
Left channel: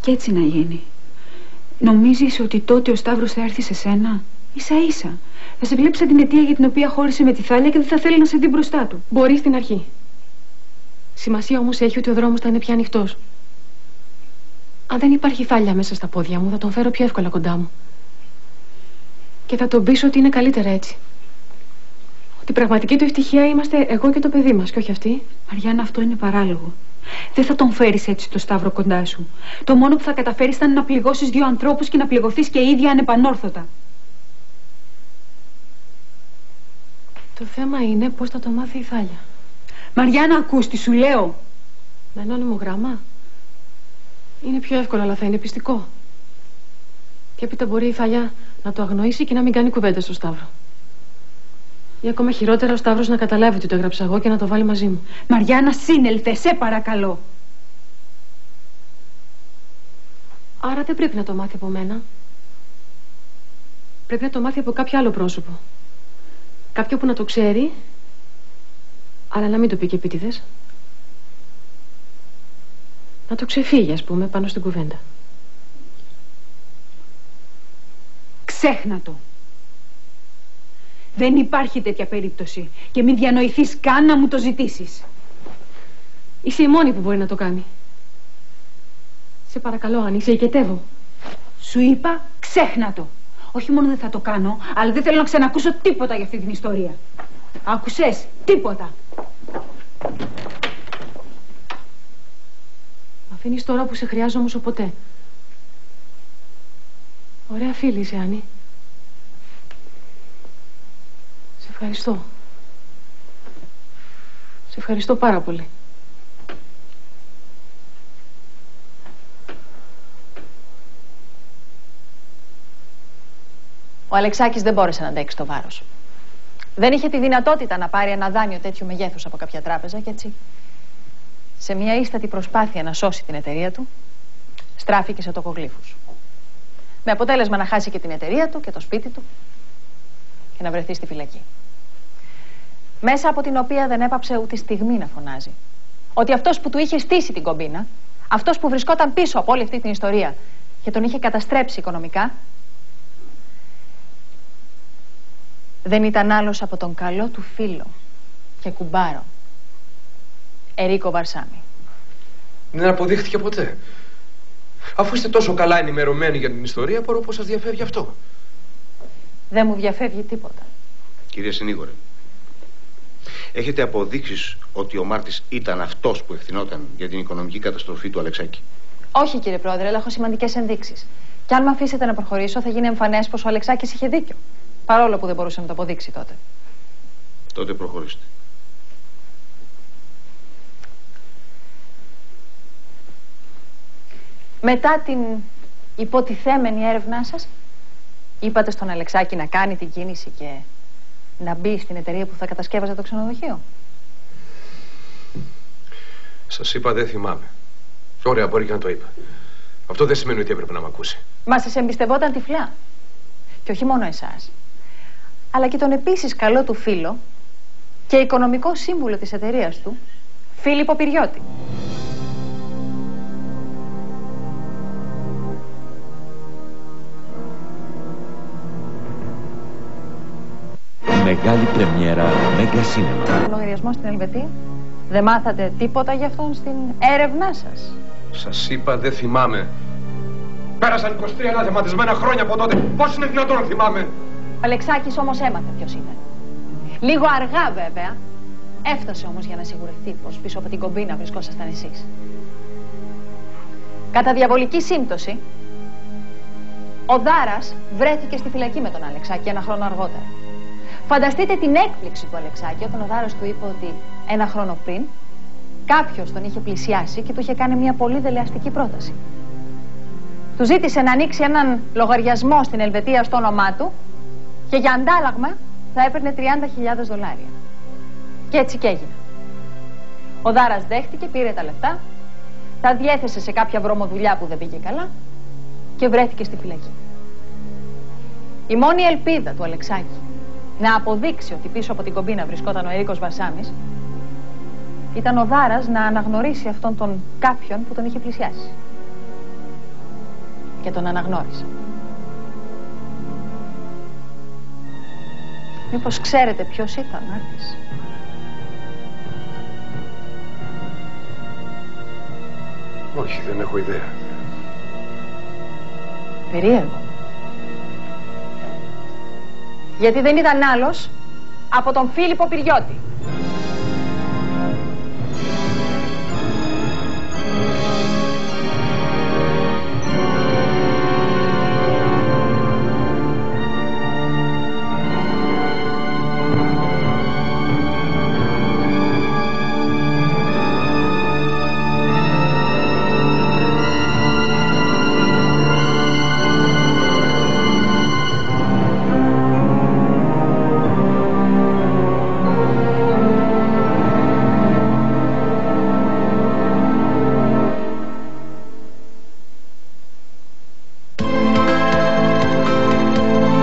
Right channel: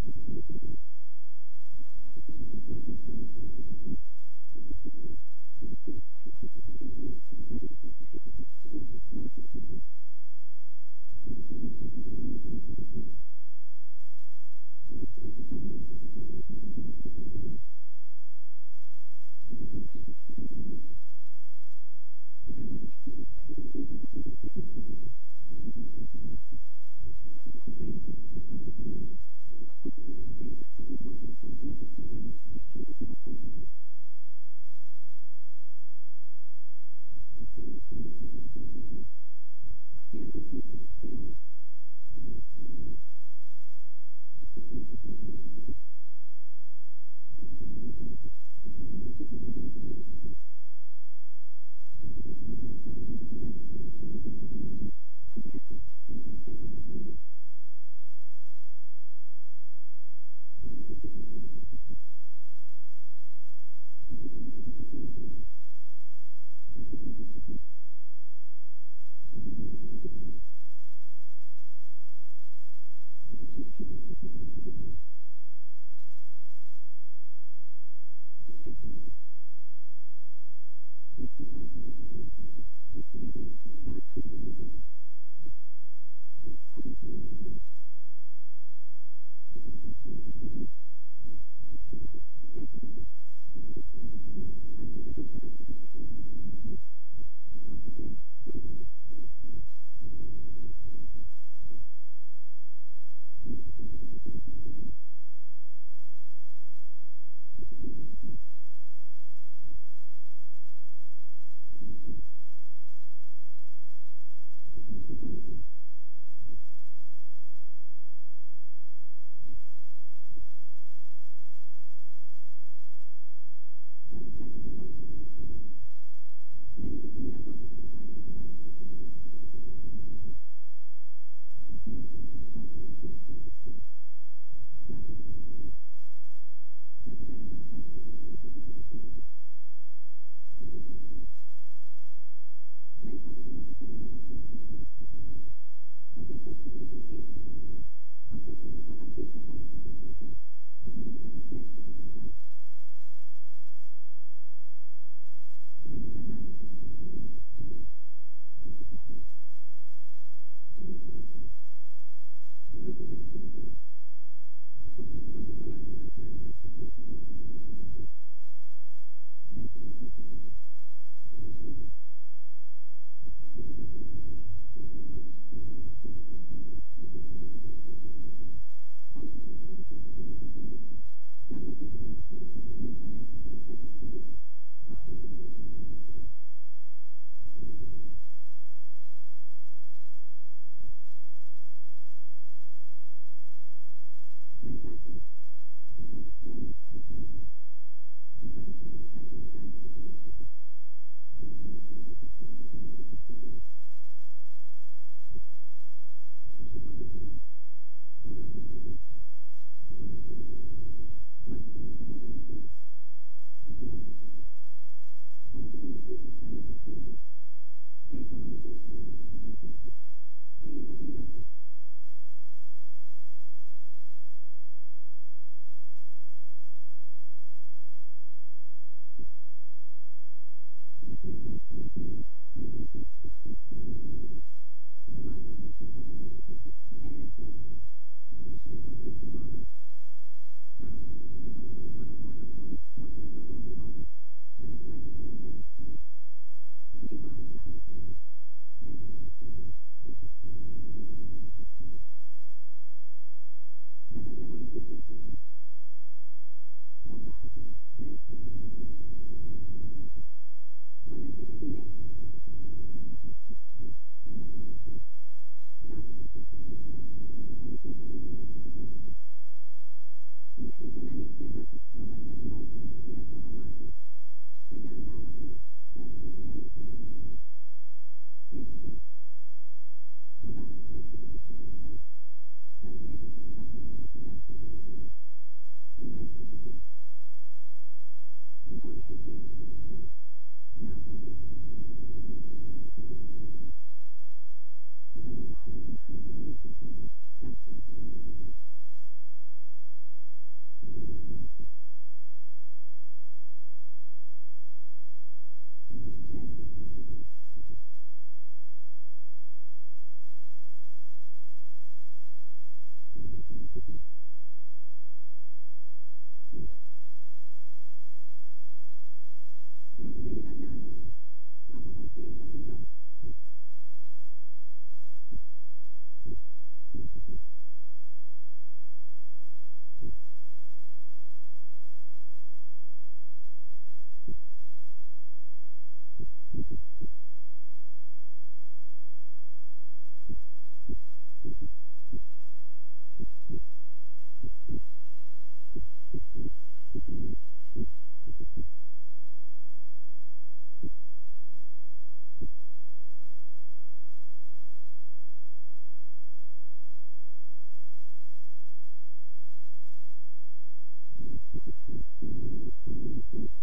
Και έτσι να γίνει. Νομίζεις ότι τότε ο Σταύρος θα έρθει σε σένα? Ίσα ίσα. Θα σε βλέπει σαν την αιτία για την οποία χώρισε με τη Θάλια και δεν θα θέλει να σε δει μπροστά του. Μπορεί στην αρχή. Σημασία όμως έχει ότι ο δρόμος θα είναι πια ανοιχτός. Αν δεν υπάρχει θάλια μέσα στα πόδια μου, θα τον φέρω πιο εύκολα κοντά μου. Και θα τον πείσω ότι είναι καλύτερα έτσι. Ότι η πραγματική του ευτυχία είμαστε εγώ και το παιδί μας, και όχι αυτή. Μαριάννα, αυτό είναι παράλογο. Δεν θα τον φέρεις έτσι το Σταύρο κοντά σου. Το μόνο που θα καταφέρεις θα είναι να πληγώσεις δύο ανθρώπους και να πληγωθείς και ίδια ανεπανόρθωτα. Το θέμα είναι πώς θα το μάθει η Θάλια. Μαριάννα, ακούς τι σου λέω. Με ανώνυμο γράμμα. Είναι πιο εύκολο, αλλά θα είναι πιστικό. Και έπειτα μπορεί η Θάλια να το αγνοήσει και να μην κάνει κουβέντα στο Σταύρο. Ή ακόμα χειρότερα, ο Σταύρος να καταλάβει ότι το έγραψα εγώ και να το βάλει μαζί μου. Μαριάννα, σύνελθε, σε παρακαλώ. Άρα δεν πρέπει να το μάθει από μένα. Πρέπει να το μάθει από κάποιο άλλο πρόσωπο. Κάποιο που να το ξέρει, αλλά να μην το πει και επίτηδες. Να το ξεφύγει, ας πούμε, πάνω στην κουβέντα. Ξέχνα το. Δεν υπάρχει τέτοια περίπτωση. Και μην διανοηθείς καν να μου το ζητήσεις. Είσαι η μόνη που μπορεί να το κάνει. Σε παρακαλώ, Άννη, σε οικετεύω. Σου είπα, ξέχνα το. Όχι μόνο δεν θα το κάνω, αλλά δεν θέλω να ξανακούσω τίποτα για αυτή την ιστορία. Άκουσες, τίποτα. Μ' αφήνεις τώρα που σε χρειάζομαι όσο ποτέ. Ωραία φίλη είσαι, Άννη. Σε ευχαριστώ. Σε ευχαριστώ πάρα πολύ. Ο Αλεξάκης δεν μπόρεσε να αντέξει το βάρος. Δεν είχε τη δυνατότητα να πάρει ένα δάνειο τέτοιου μεγέθους από κάποια τράπεζα και έτσι, σε μια ίστατη προσπάθεια να σώσει την εταιρεία του, στράφηκε σε τοκογλύφους. Με αποτέλεσμα να χάσει και την εταιρεία του και το σπίτι του και να βρεθεί στη φυλακή. Μέσα από την οποία δεν έπαψε ούτε στιγμή να φωνάζει ότι αυτός που του είχε στήσει την κομπίνα, αυτός που βρισκόταν πίσω από όλη αυτή την ιστορία και τον είχε καταστρέψει οικονομικά, δεν ήταν άλλος από τον καλό του φίλο και κουμπάρο, Ερίκο Βαρσάμι. Δεν αποδείχτηκε ποτέ. Αφού είστε τόσο καλά ενημερωμένοι για την ιστορία, μπορώ πως σας διαφεύγει αυτό. Δεν μου διαφεύγει τίποτα. Κυρία Συνήγορε, έχετε αποδείξεις ότι ο Μάρτης ήταν αυτός που ευθυνόταν για την οικονομική καταστροφή του Αλεξάκη? Όχι, κύριε Πρόεδρε, αλλά έχω σημαντικές ενδείξεις. Και αν με αφήσετε να προχωρήσω, θα γίνει εμφανές πως ο Αλεξάκης είχε δίκιο. Παρόλο που δεν μπορούσε να το αποδείξει τότε. Τότε προχωρήστε. Μετά την υποτιθέμενη έρευνά σας, είπατε στον Αλεξάκη να κάνει την κίνηση και να μπει στην εταιρεία που θα κατασκεύαζε το ξενοδοχείο. Σας είπα, δεν θυμάμαι. Ωραία, μπορεί και να το είπα. Αυτό δεν σημαίνει ότι έπρεπε να μ' ακούσει. Μα σας εμπιστευόταν τυφλά. Και όχι μόνο εσάς, αλλά και τον επίσης καλό του φίλο και οικονομικό σύμβουλο της εταιρείας του, Φίλιππο Πυριώτη. Μεγάλη πρεμιέρα Μέγκα Σίνεμα. Λογαριασμό στην Ελβετία. Δεν μάθατε τίποτα για αυτόν στην έρευνά σας? Σας είπα, δεν θυμάμαι. Πέρασαν 23 αναθεματισμένα χρόνια από τότε. Πώς είναι δυνατόν να θυμάμαι? Ο Αλεξάκης όμως έμαθε ποιος ήταν. Λίγο αργά βέβαια. Έφτασε όμως για να σιγουρευτεί πως πίσω από την κομπίνα βρισκόσασταν εσείς. Κατά διαβολική σύμπτωση, ο Δάρας βρέθηκε στη φυλακή με τον Αλεξάκη ένα χρόνο αργότερα. Φανταστείτε την έκπληξη του Αλεξάκη όταν ο Δάρας του είπε ότι ένα χρόνο πριν κάποιος τον είχε πλησιάσει και του είχε κάνει μια πολύ δελεαστική πρόταση. Του ζήτησε να ανοίξει έναν λογαριασμό στην Ελβετία στο όνομά του και για αντάλλαγμα θα έπαιρνε $30.000. Και έτσι και έγινε. Ο Δάρας δέχτηκε, πήρε τα λεφτά, τα διέθεσε σε κάποια βρωμοδουλειά που δεν πήγε καλά και βρέθηκε στη φυλακή. Η μόνη ελπίδα του Αλεξάκη να αποδείξει ότι πίσω από την κομπίνα βρισκόταν ο Ερίκος Βαρσάμις ήταν ο Δάρας να αναγνωρίσει αυτόν τον κάποιον που τον είχε πλησιάσει. Και τον αναγνώρισε. Μήπως ξέρετε ποιος ήταν, Άρτης? Όχι, δεν έχω ιδέα. Περίεργο. Γιατί δεν ήταν άλλος από τον Φίλιππο Πυριώτη.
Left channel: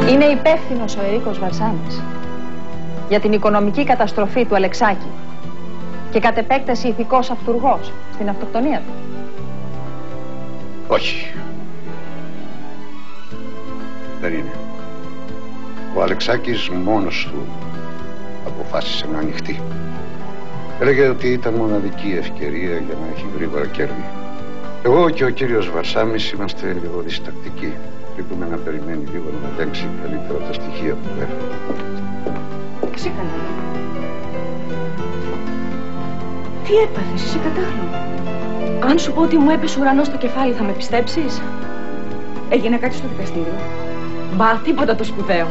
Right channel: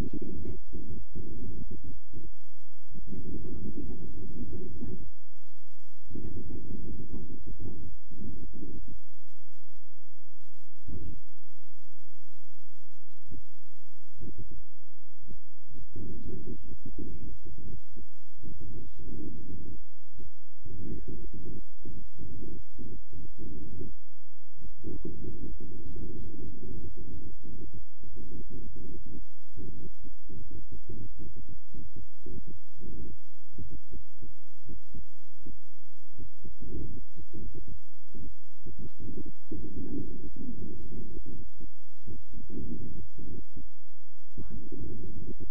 Είναι υπεύθυνος ο Ερίκος Βαρσάμης για την οικονομική καταστροφή του Αλεξάκη και κατ' επέκταση ηθικός αυτουργός στην αυτοκτονία του. Όχι. Δεν είναι. Ο Αλεξάκης μόνος του αποφάσισε να ανοιχτεί. Έλεγε ότι ήταν μοναδική ευκαιρία για να έχει γρήγορα κέρδη. Εγώ και ο κύριος Βαρσάμης είμαστε λίγο διστακτικοί. Πρέπει να περιμένει λίγο να ελέγξει καλύτερα τα στοιχεία που έφερε. Ξήκανα. Τι έπαθες, είσαι κατάλληλο. Αν σου πω ότι μου έπεσε ουρανός στο κεφάλι, θα με πιστέψεις? Έγινε κάτι στο δικαστήριο? Μπα, τίποτα το σπουδαίο.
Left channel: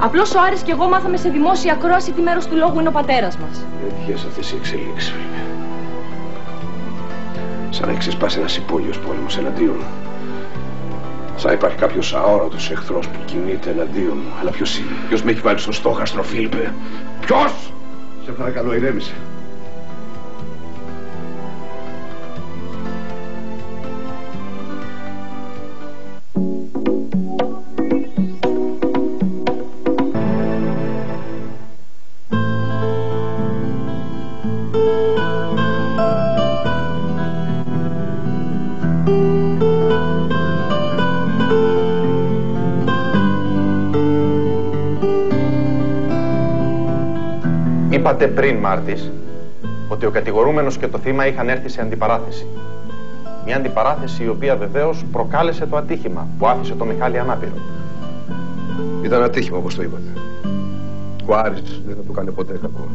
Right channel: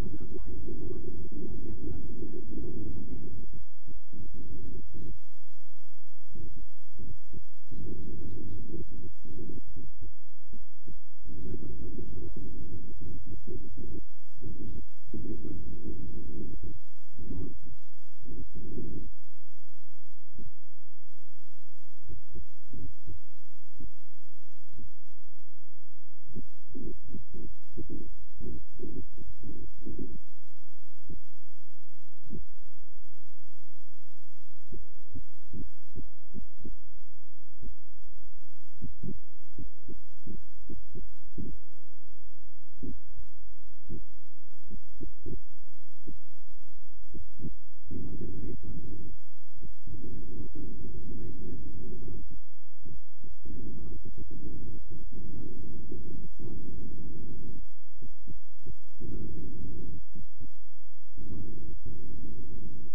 Απλώς ο Άρης και εγώ μάθαμε σε δημόσια ακρόαση τι μέρος του λόγου είναι ο πατέρας μας. Έτυχες αυτές οι εξελίξεις, Φίλιππε. Σαν να έχει ξεσπάσει ένας υπόγειος πόλεμος εναντίον μου. Σαν να υπάρχει κάποιος αόρατος εχθρός που κινείται εναντίον μου. Αλλά ποιος είναι? Ποιος με έχει βάλει στο στόχαστρο, Φίλιππε? Ποιος? Σε παρακαλώ, ηρέμησε. Είπατε πριν, Μάρτης, ότι ο κατηγορούμενος και το θύμα είχαν έρθει σε αντιπαράθεση. Μια αντιπαράθεση η οποία βεβαίως προκάλεσε το ατύχημα που άφησε το Μιχάλη ανάπηρο. Ήταν ατύχημα, όπως το είπατε. Ο Άρης δεν θα του κάνει ποτέ κακό.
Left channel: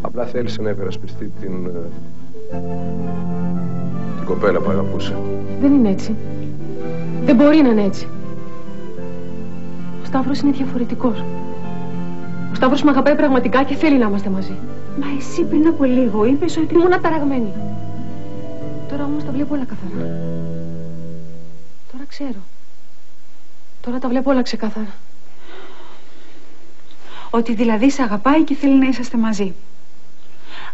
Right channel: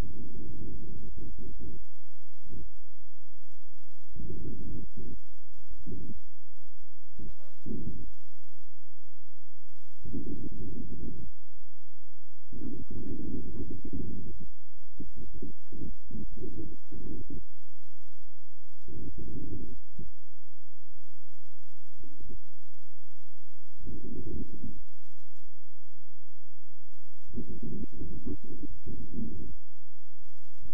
Απλά θέλησε να υπερασπιστεί την κοπέλα που αγαπούσε. Δεν είναι έτσι. Δεν μπορεί να είναι έτσι. Ο Σταύρος είναι διαφορετικός. Ο Σταύρος με αγαπάει πραγματικά και θέλει να είμαστε μαζί. Μα εσύ πριν από λίγο είπες ότι ήμουν αταραγμένη. Τώρα όμως τα βλέπω όλα καθαρά. Τώρα ξέρω. Τώρα τα βλέπω όλα ξεκάθαρα. Ότι δηλαδή σε αγαπάει και θέλει να είσαστε μαζί.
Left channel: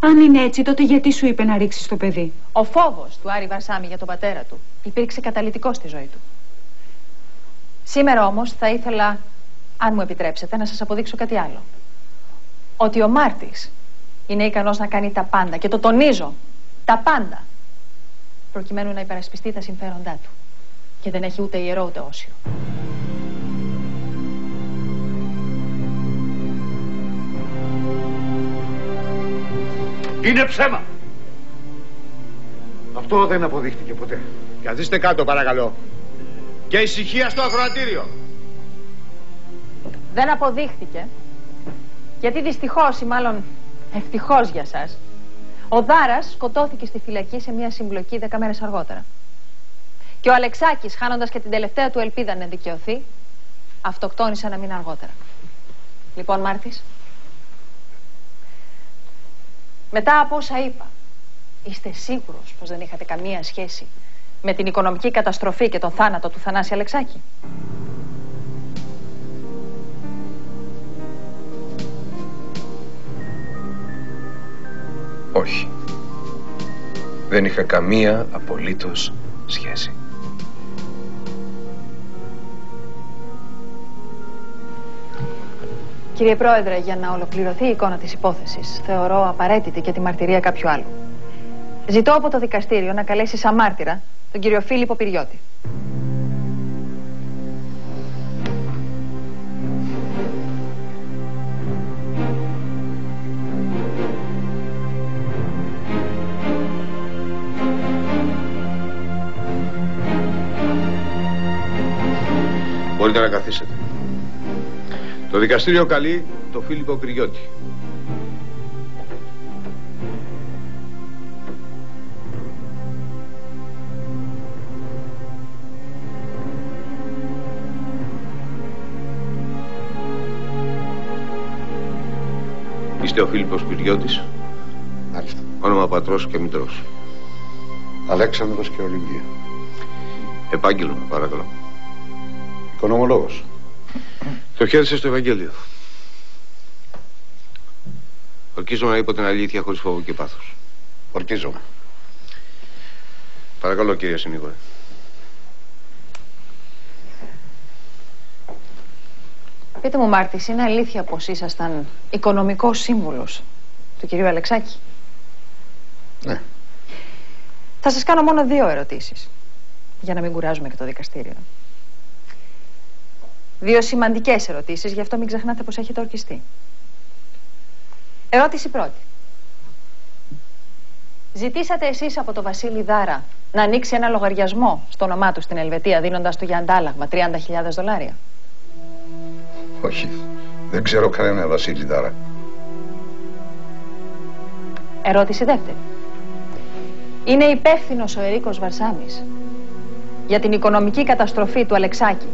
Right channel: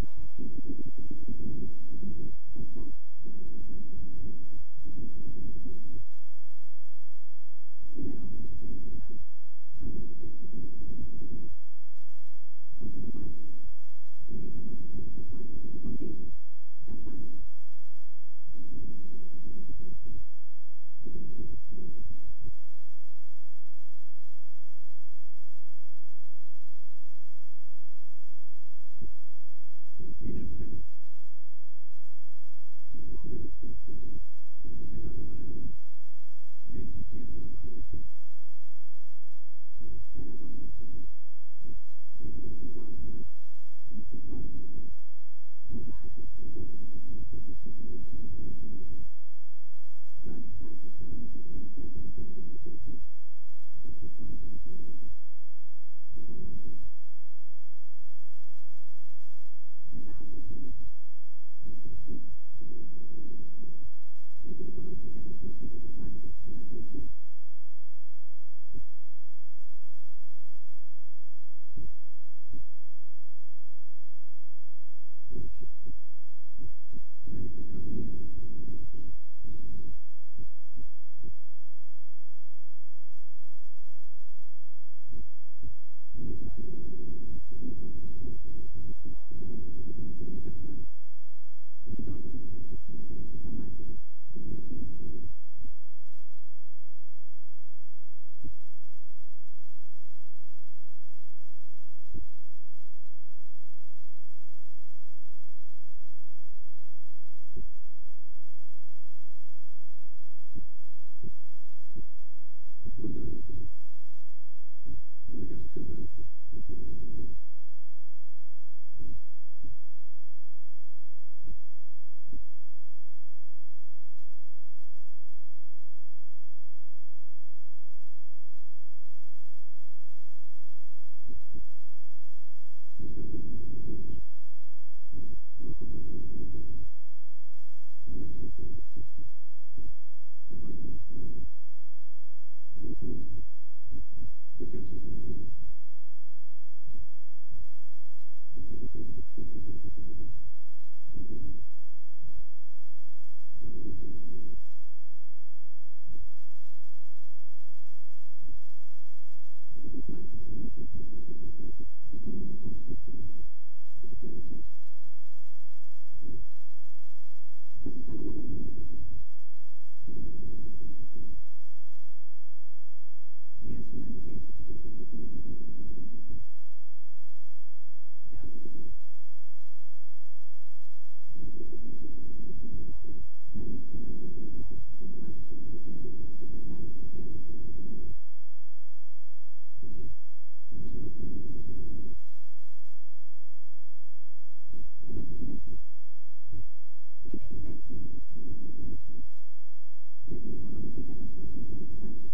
Αν είναι έτσι, τότε γιατί σου είπε να ρίξεις το παιδί? Ο φόβος του Άρη Βαρσάμη για τον πατέρα του υπήρξε καταλυτικός στη ζωή του. Σήμερα όμως θα ήθελα, αν μου επιτρέψετε, να σας αποδείξω κάτι άλλο. Ότι ο Μάρτης είναι ικανός να κάνει τα πάντα, και το τονίζω, τα πάντα, προκειμένου να υπερασπιστεί τα συμφέροντά του. Και δεν έχει ούτε ιερό ούτε όσιο. Είναι ψέμα! Αυτό δεν αποδείχτηκε ποτέ. Καθίστε κάτω, παρακαλώ. Και ησυχία στο ακροατήριο. Δεν αποδείχτηκε, γιατί δυστυχώς ή μάλλον ευτυχώς για σας, ο Δάρας σκοτώθηκε στη φυλακή σε μια συμπλοκή 10 μέρες αργότερα. Και ο Αλεξάκης, χάνοντας και την τελευταία του ελπίδα να δικαιωθεί, αυτοκτόνησε ένα μήνα αργότερα. Λοιπόν, Μάρτης, μετά από όσα είπα, είστε σίγουρος πως δεν είχατε καμία σχέση με την οικονομική καταστροφή και τον θάνατο του Θανάση Αλεξάκη? Όχι. Δεν είχα καμία απολύτως σχέση. Κύριε Πρόεδρε, για να ολοκληρωθεί η εικόνα της υπόθεσης, θεωρώ απαραίτητη και τη μαρτυρία κάποιου άλλου. Ζητώ από το δικαστήριο να καλέσει σαν μάρτυρα τον κύριο Φίλιππο Πυριώτη. Μπορείτε να καθίσετε. Το δικαστήριο καλεί το Φίλιππο Κρυιώτη. Είστε ο Φίλιππος Κρυιώτης. Μάλιστα. Όνομα πατρός και μητρός. Αλέξανδρος και Ολυμπία. Επάγγελμα, παρακαλώ. Οικονομολόγος. Το χέρι σας στο Ευαγγέλιο. Ορκίζομαι να είπω την αλήθεια χωρίς φόβο και πάθος. Ορκίζομαι. Παρακαλώ, κύριε συνήγορε. Πείτε μου, Μάρτης, είναι αλήθεια πως ήσασταν οικονομικός σύμβουλος του κυρίου Αλεξάκη? Ναι. Θα σας κάνω μόνο 2 ερωτήσεις, για να μην κουράζουμε και το δικαστήριο. 2 σημαντικές ερωτήσεις, γι' αυτό μην ξεχνάτε πως έχετε ορκιστεί. Ερώτηση πρώτη. Ζητήσατε εσείς από τον Βασίλη Δάρα να ανοίξει ένα λογαριασμό στο όνομά του στην Ελβετία, δίνοντας του για αντάλλαγμα $30.000? Όχι. Δεν ξέρω κανένα Βασίλη Δάρα. Ερώτηση δεύτερη. Είναι υπεύθυνος ο Ερίκος Βαρσάμης για την οικονομική καταστροφή του Αλεξάκη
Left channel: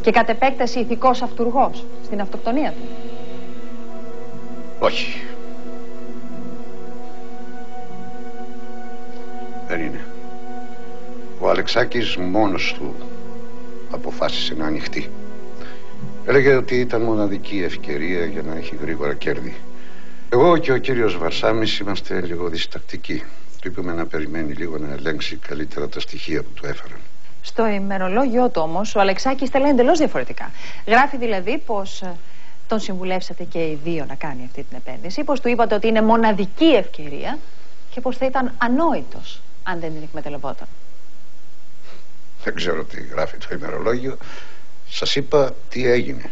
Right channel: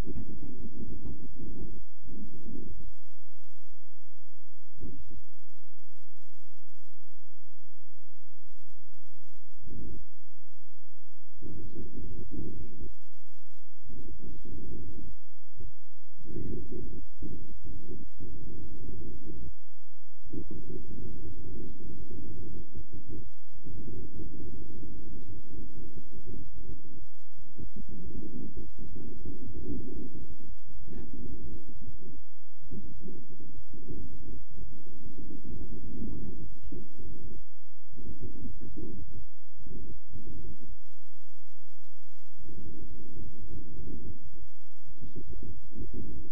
και κατ' επέκταση ηθικός αυτουργός στην αυτοκτονία του? Όχι. Δεν είναι. Ο Αλεξάκης μόνος του αποφάσισε να ανοιχτεί. Έλεγε ότι ήταν μοναδική ευκαιρία για να έχει γρήγορα κέρδη. Εγώ και ο κύριος Βαρσάμης είμαστε λίγο διστακτικοί. Του είπαμε να περιμένει λίγο να ελέγξει καλύτερα τα στοιχεία που του έφεραν. Στο ημερολόγιο του όμως ο Αλεξάκης τα λέει εντελώς διαφορετικά. Γράφει δηλαδή πως τον συμβουλεύσατε και οι 2 να κάνει αυτή την επένδυση, πως του είπατε ότι είναι μοναδική ευκαιρία και πως θα ήταν ανόητος αν δεν την εκμεταλλευόταν. Δεν ξέρω τι γράφει το ημερολόγιο. Σας είπα τι έγινε.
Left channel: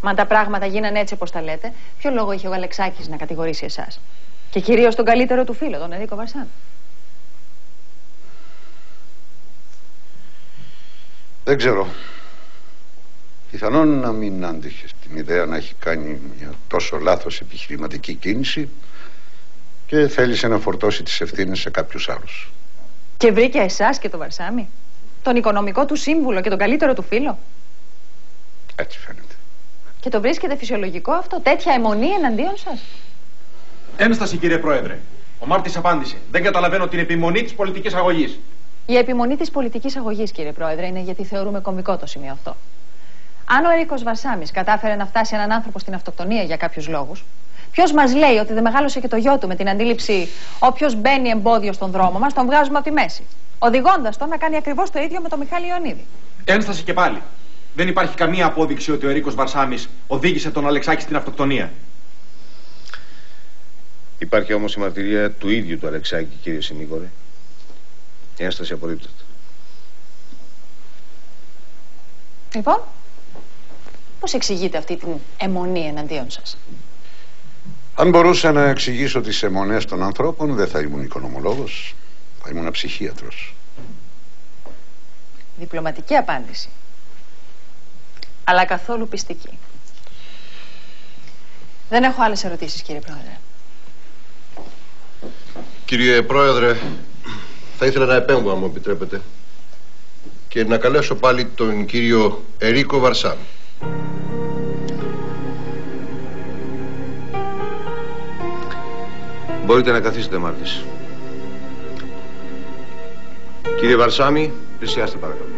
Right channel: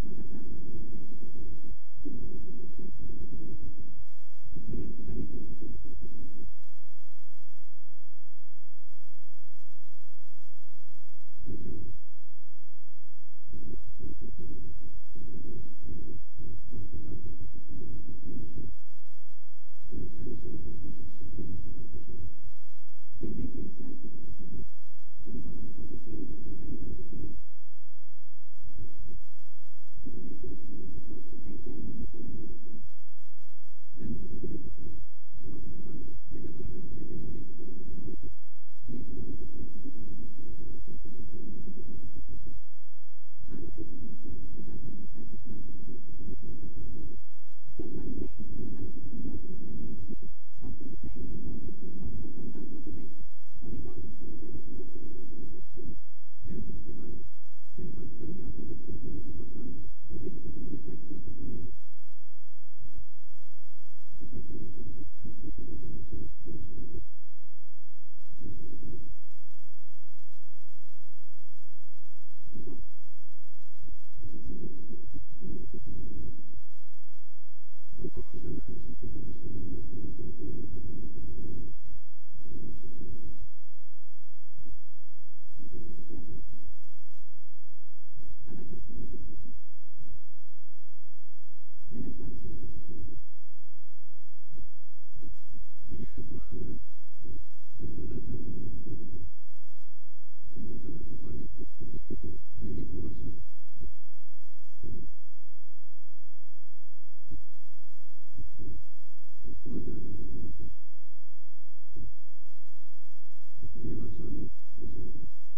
Μα αν τα πράγματα γίνανε έτσι όπως τα λέτε, ποιο λόγο είχε ο Αλεξάκης να κατηγορήσει εσάς? Και κυρίως τον καλύτερο του φίλο, τον Ερίκο Βαρσάμη. Δεν ξέρω. Πιθανόν να μην άντυχε την ιδέα να έχει κάνει μια τόσο λάθος επιχειρηματική κίνηση και θέλησε να φορτώσει τις ευθύνες σε κάποιους άλλους. Και βρήκε εσάς και τον Βαρσάμη, τον οικονομικό του σύμβουλο και τον καλύτερο του φίλο? Έτσι φαίνεται. Και το βρίσκεται φυσιολογικό αυτό, τέτοια αιμονή εναντίον σας? Ένσταση, κύριε Πρόεδρε. Ο Μάρτης απάντησε. Δεν καταλαβαίνω την επιμονή της πολιτικής αγωγής. Η επιμονή της πολιτικής αγωγής, κύριε Πρόεδρε, είναι γιατί θεωρούμε κωμικό το σημείο αυτό. Αν ο Ερίκος Βαρσάμης κατάφερε να φτάσει έναν άνθρωπο στην αυτοκτονία για κάποιους λόγους, ποιος μας λέει ότι δεν μεγάλωσε και το γιο του με την αντίληψη όποιος μπαίνει εμπόδιο στον δρόμο μας τον βγάζουμε από τη μέση, οδηγώντας τον να κάνει ακριβώς το ίδιο με τον Μιχάλη Ιωνίδη? Ένσταση και πάλι. Δεν υπάρχει καμία απόδειξη ότι ο Ερίκος Βαρσάμης οδήγησε τον Αλεξάκη στην αυτοκτονία. Υπάρχει όμως η μαρτυρία του ίδιου του Αλεξάκη, κύριε συνήγορε. Η ένσταση απορρίπτεται. Λοιπόν, πώς εξηγείτε αυτή την αιμονή εναντίον σας? Αν μπορούσα να εξηγήσω τις αιμονές των ανθρώπων, δεν θα ήμουν οικονομολόγος, θα ήμουν ψυχίατρος. Διπλωματική απάντηση, αλλά καθόλου πιστική. Δεν έχω άλλες ερωτήσεις, κύριε Πρόεδρε. Κύριε Πρόεδρε, θα ήθελα να επέμβω, αν μου επιτρέπετε, και να καλέσω πάλι τον κύριο Ερίκο Βαρσάμη. Μπορείτε να καθίσετε, Μάρτης. Κύριε Βαρσάμη, πλησιάστε παρακαλώ.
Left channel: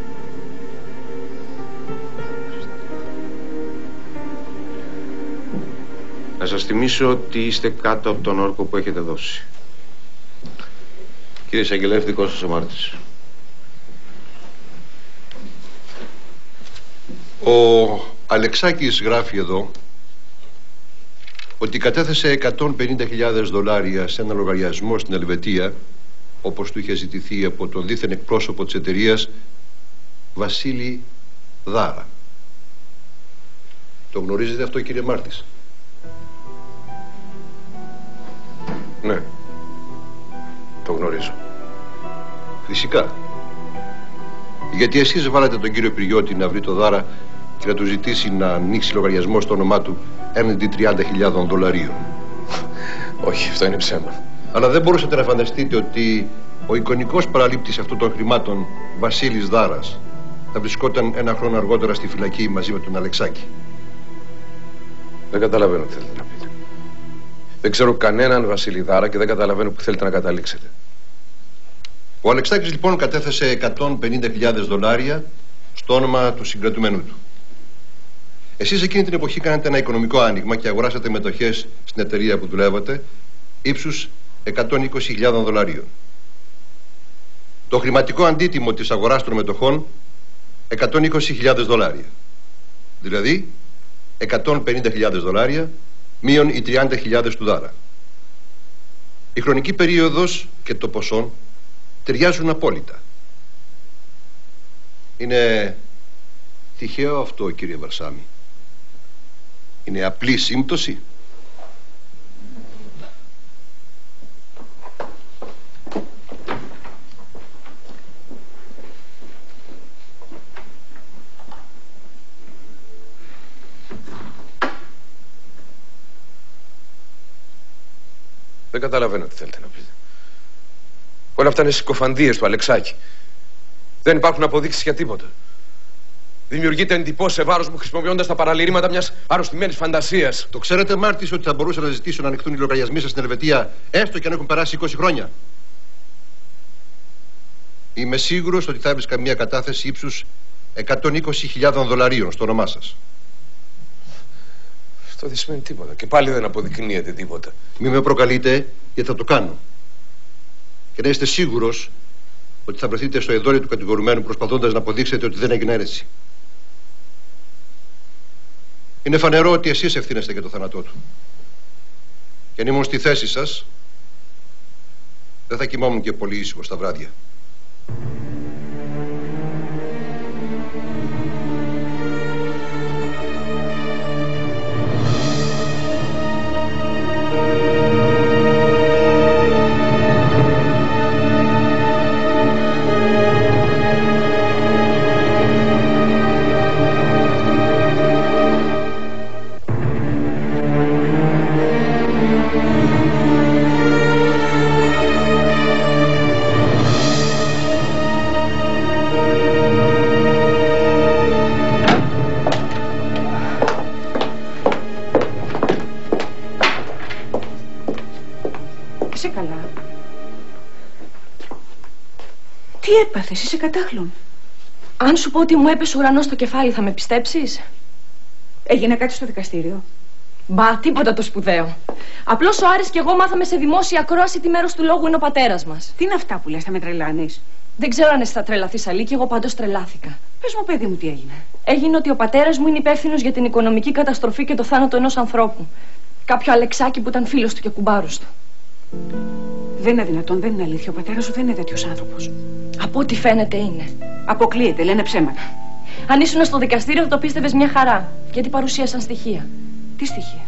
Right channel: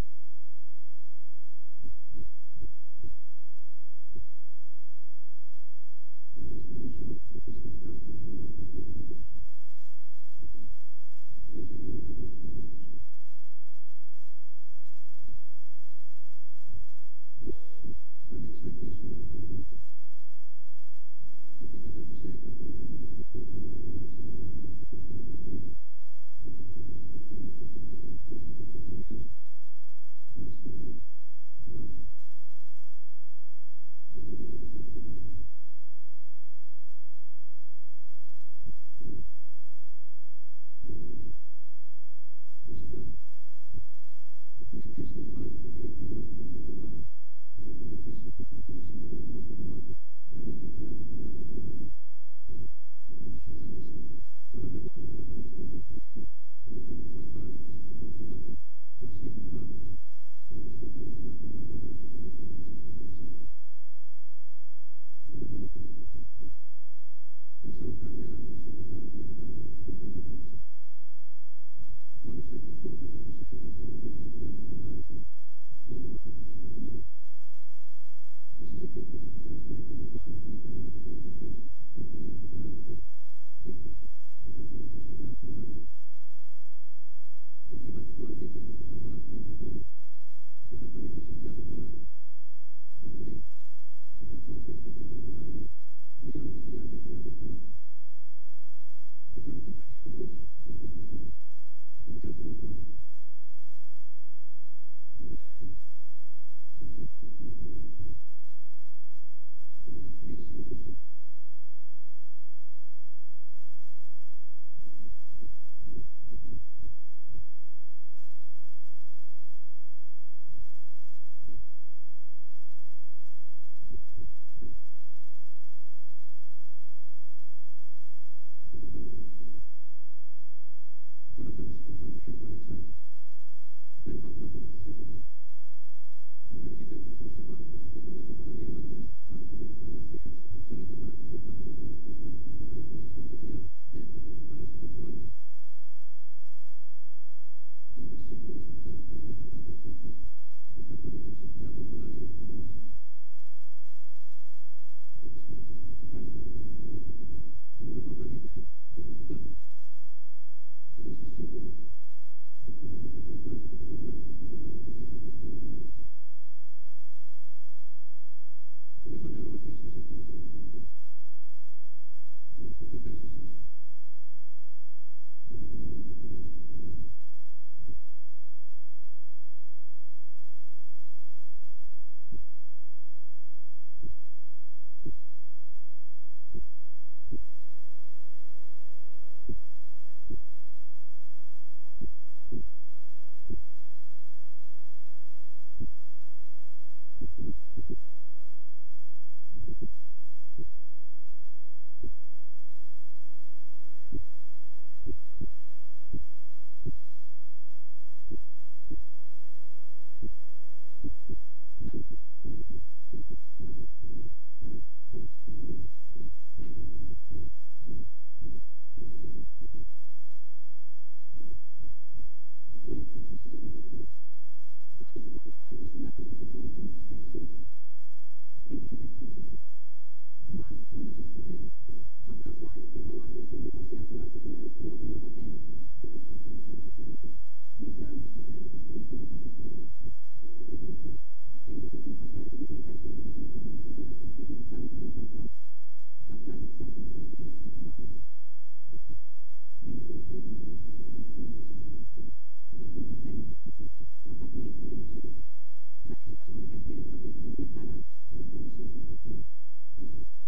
Να σας θυμίσω ότι είστε κάτω από τον όρκο που έχετε δώσει. Κύριε Εισαγγελέα, δικό σας ο Μάρτης. Ο Αλεξάκης γράφει εδώ ότι κατέθεσε $150.000 σε ένα λογαριασμό στην Ελβετία, όπως του είχε ζητηθεί από τον δίθεν εκπρόσωπο της εταιρείας Βασίλη Δάρα. Το γνωρίζετε αυτό, κύριε Μάρτης? Ναι, το γνωρίζω. Φυσικά. Γιατί εσείς βάλατε τον κύριο Πυριώτη να βρει το Δάρα και να του ζητήσει να ανοίξει λογαριασμό στο όνομά του έναντι 30.000 δολαρίων. Όχι, αυτό είναι ψέμα. Αλλά δεν μπορούσατε να φανταστείτε ότι ο εικονικός παραλήπτης αυτών των χρημάτων, Βασίλης Δάρας, θα βρισκόταν ένα χρόνο αργότερα στη φυλακή μαζί με τον Αλεξάκη. Δεν καταλαβαίνω τι θέλετε να πείτε. Δεν ξέρω κανέναν Βασίλη Δάρα και δεν καταλαβαίνω που θέλετε να καταλήξετε. Ο Αλεξάκης λοιπόν κατέθεσε 150.000 δολάρια στο όνομα του συγκρατουμένου του. Εσείς εκείνη την εποχή κάνατε ένα οικονομικό άνοιγμα και αγοράσατε μετοχές στην εταιρεία που δουλεύατε ύψους 120.000 δολαρίων. Το χρηματικό αντίτιμο της αγοράς των μετοχών 120.000 δολάρια. Δηλαδή 150.000 δολάρια μείον οι 30.000 του Δάρα. Η χρονική περίοδος και το ποσό ταιριάζουν απόλυτα. Είναι τυχαίο αυτό, κύριε Βαρσάμι? Είναι απλή σύμπτωση? Δεν καταλαβαίνω τι θέλετε να πείτε. Όλα αυτά είναι συκοφαντίες του Αλεξάκη. Δεν υπάρχουν αποδείξεις για τίποτα. Δημιουργείται εντυπώσεις σε βάρος μου χρησιμοποιώντας τα παραλυρήματα μιας αρρωστημένης φαντασίας. Το ξέρετε, Μάρτης, ότι θα μπορούσα να ζητήσω να ανοιχτούν οι λογαριασμοί σας στην Ελβετία, έστω και αν έχουν περάσει 20 χρόνια? Είμαι σίγουρος ότι θα έβρισκα μια κατάθεση ύψους 120.000 δολαρίων στο όνομά σας. Αυτό δεν σημαίνει τίποτα. Και πάλι δεν αποδεικνύεται τίποτα. Μη με προκαλείτε, γιατί θα το κάνω. Και να είστε σίγουρος ότι θα βρεθείτε στο εδόλιο του κατηγορουμένου προσπαθώντας να αποδείξετε ότι δεν έγινε έτσι. Είναι φανερό ότι εσείς ευθύνεστε για το θάνατό του. Και αν ήμουν στη θέση σας, δεν θα κοιμόμουν και πολύ ήσυχος τα βράδια. Τι έπαθες, είσαι κατάχλων? Αν σου πω ότι μου έπεσε ουρανός στο κεφάλι, θα με πιστέψεις? Έγινε κάτι στο δικαστήριο? Μπα, τίποτα το σπουδαίο. Απλώς ο Άρης και εγώ μάθαμε σε δημόσια ακρόαση τι μέρος του λόγου είναι ο πατέρας μας. Τι είναι αυτά που λες, θα με τρελάνεις? Δεν ξέρω αν εσύ θα τρελαθείς, Αλίκη, εγώ πάντως τρελάθηκα. Πες μου, παιδί μου, τι έγινε? Έγινε ότι ο πατέρας μου είναι υπεύθυνος για την οικονομική καταστροφή και το θάνατο ενός ανθρώπου. Κάποιο Αλεξάκη που ήταν φίλος του και κουμπάρος του. Δεν είναι δυνατόν, δεν είναι αλήθεια. Ο πατέρας σου δεν είναι τέτοιος άνθρωπος. Από ό,τι φαίνεται είναι. Αποκλείεται, λένε ψέματα. Αν ήσουν στο δικαστήριο θα το πίστευες μια χαρά. Γιατί παρουσίασαν στοιχεία. Τι στοιχεία?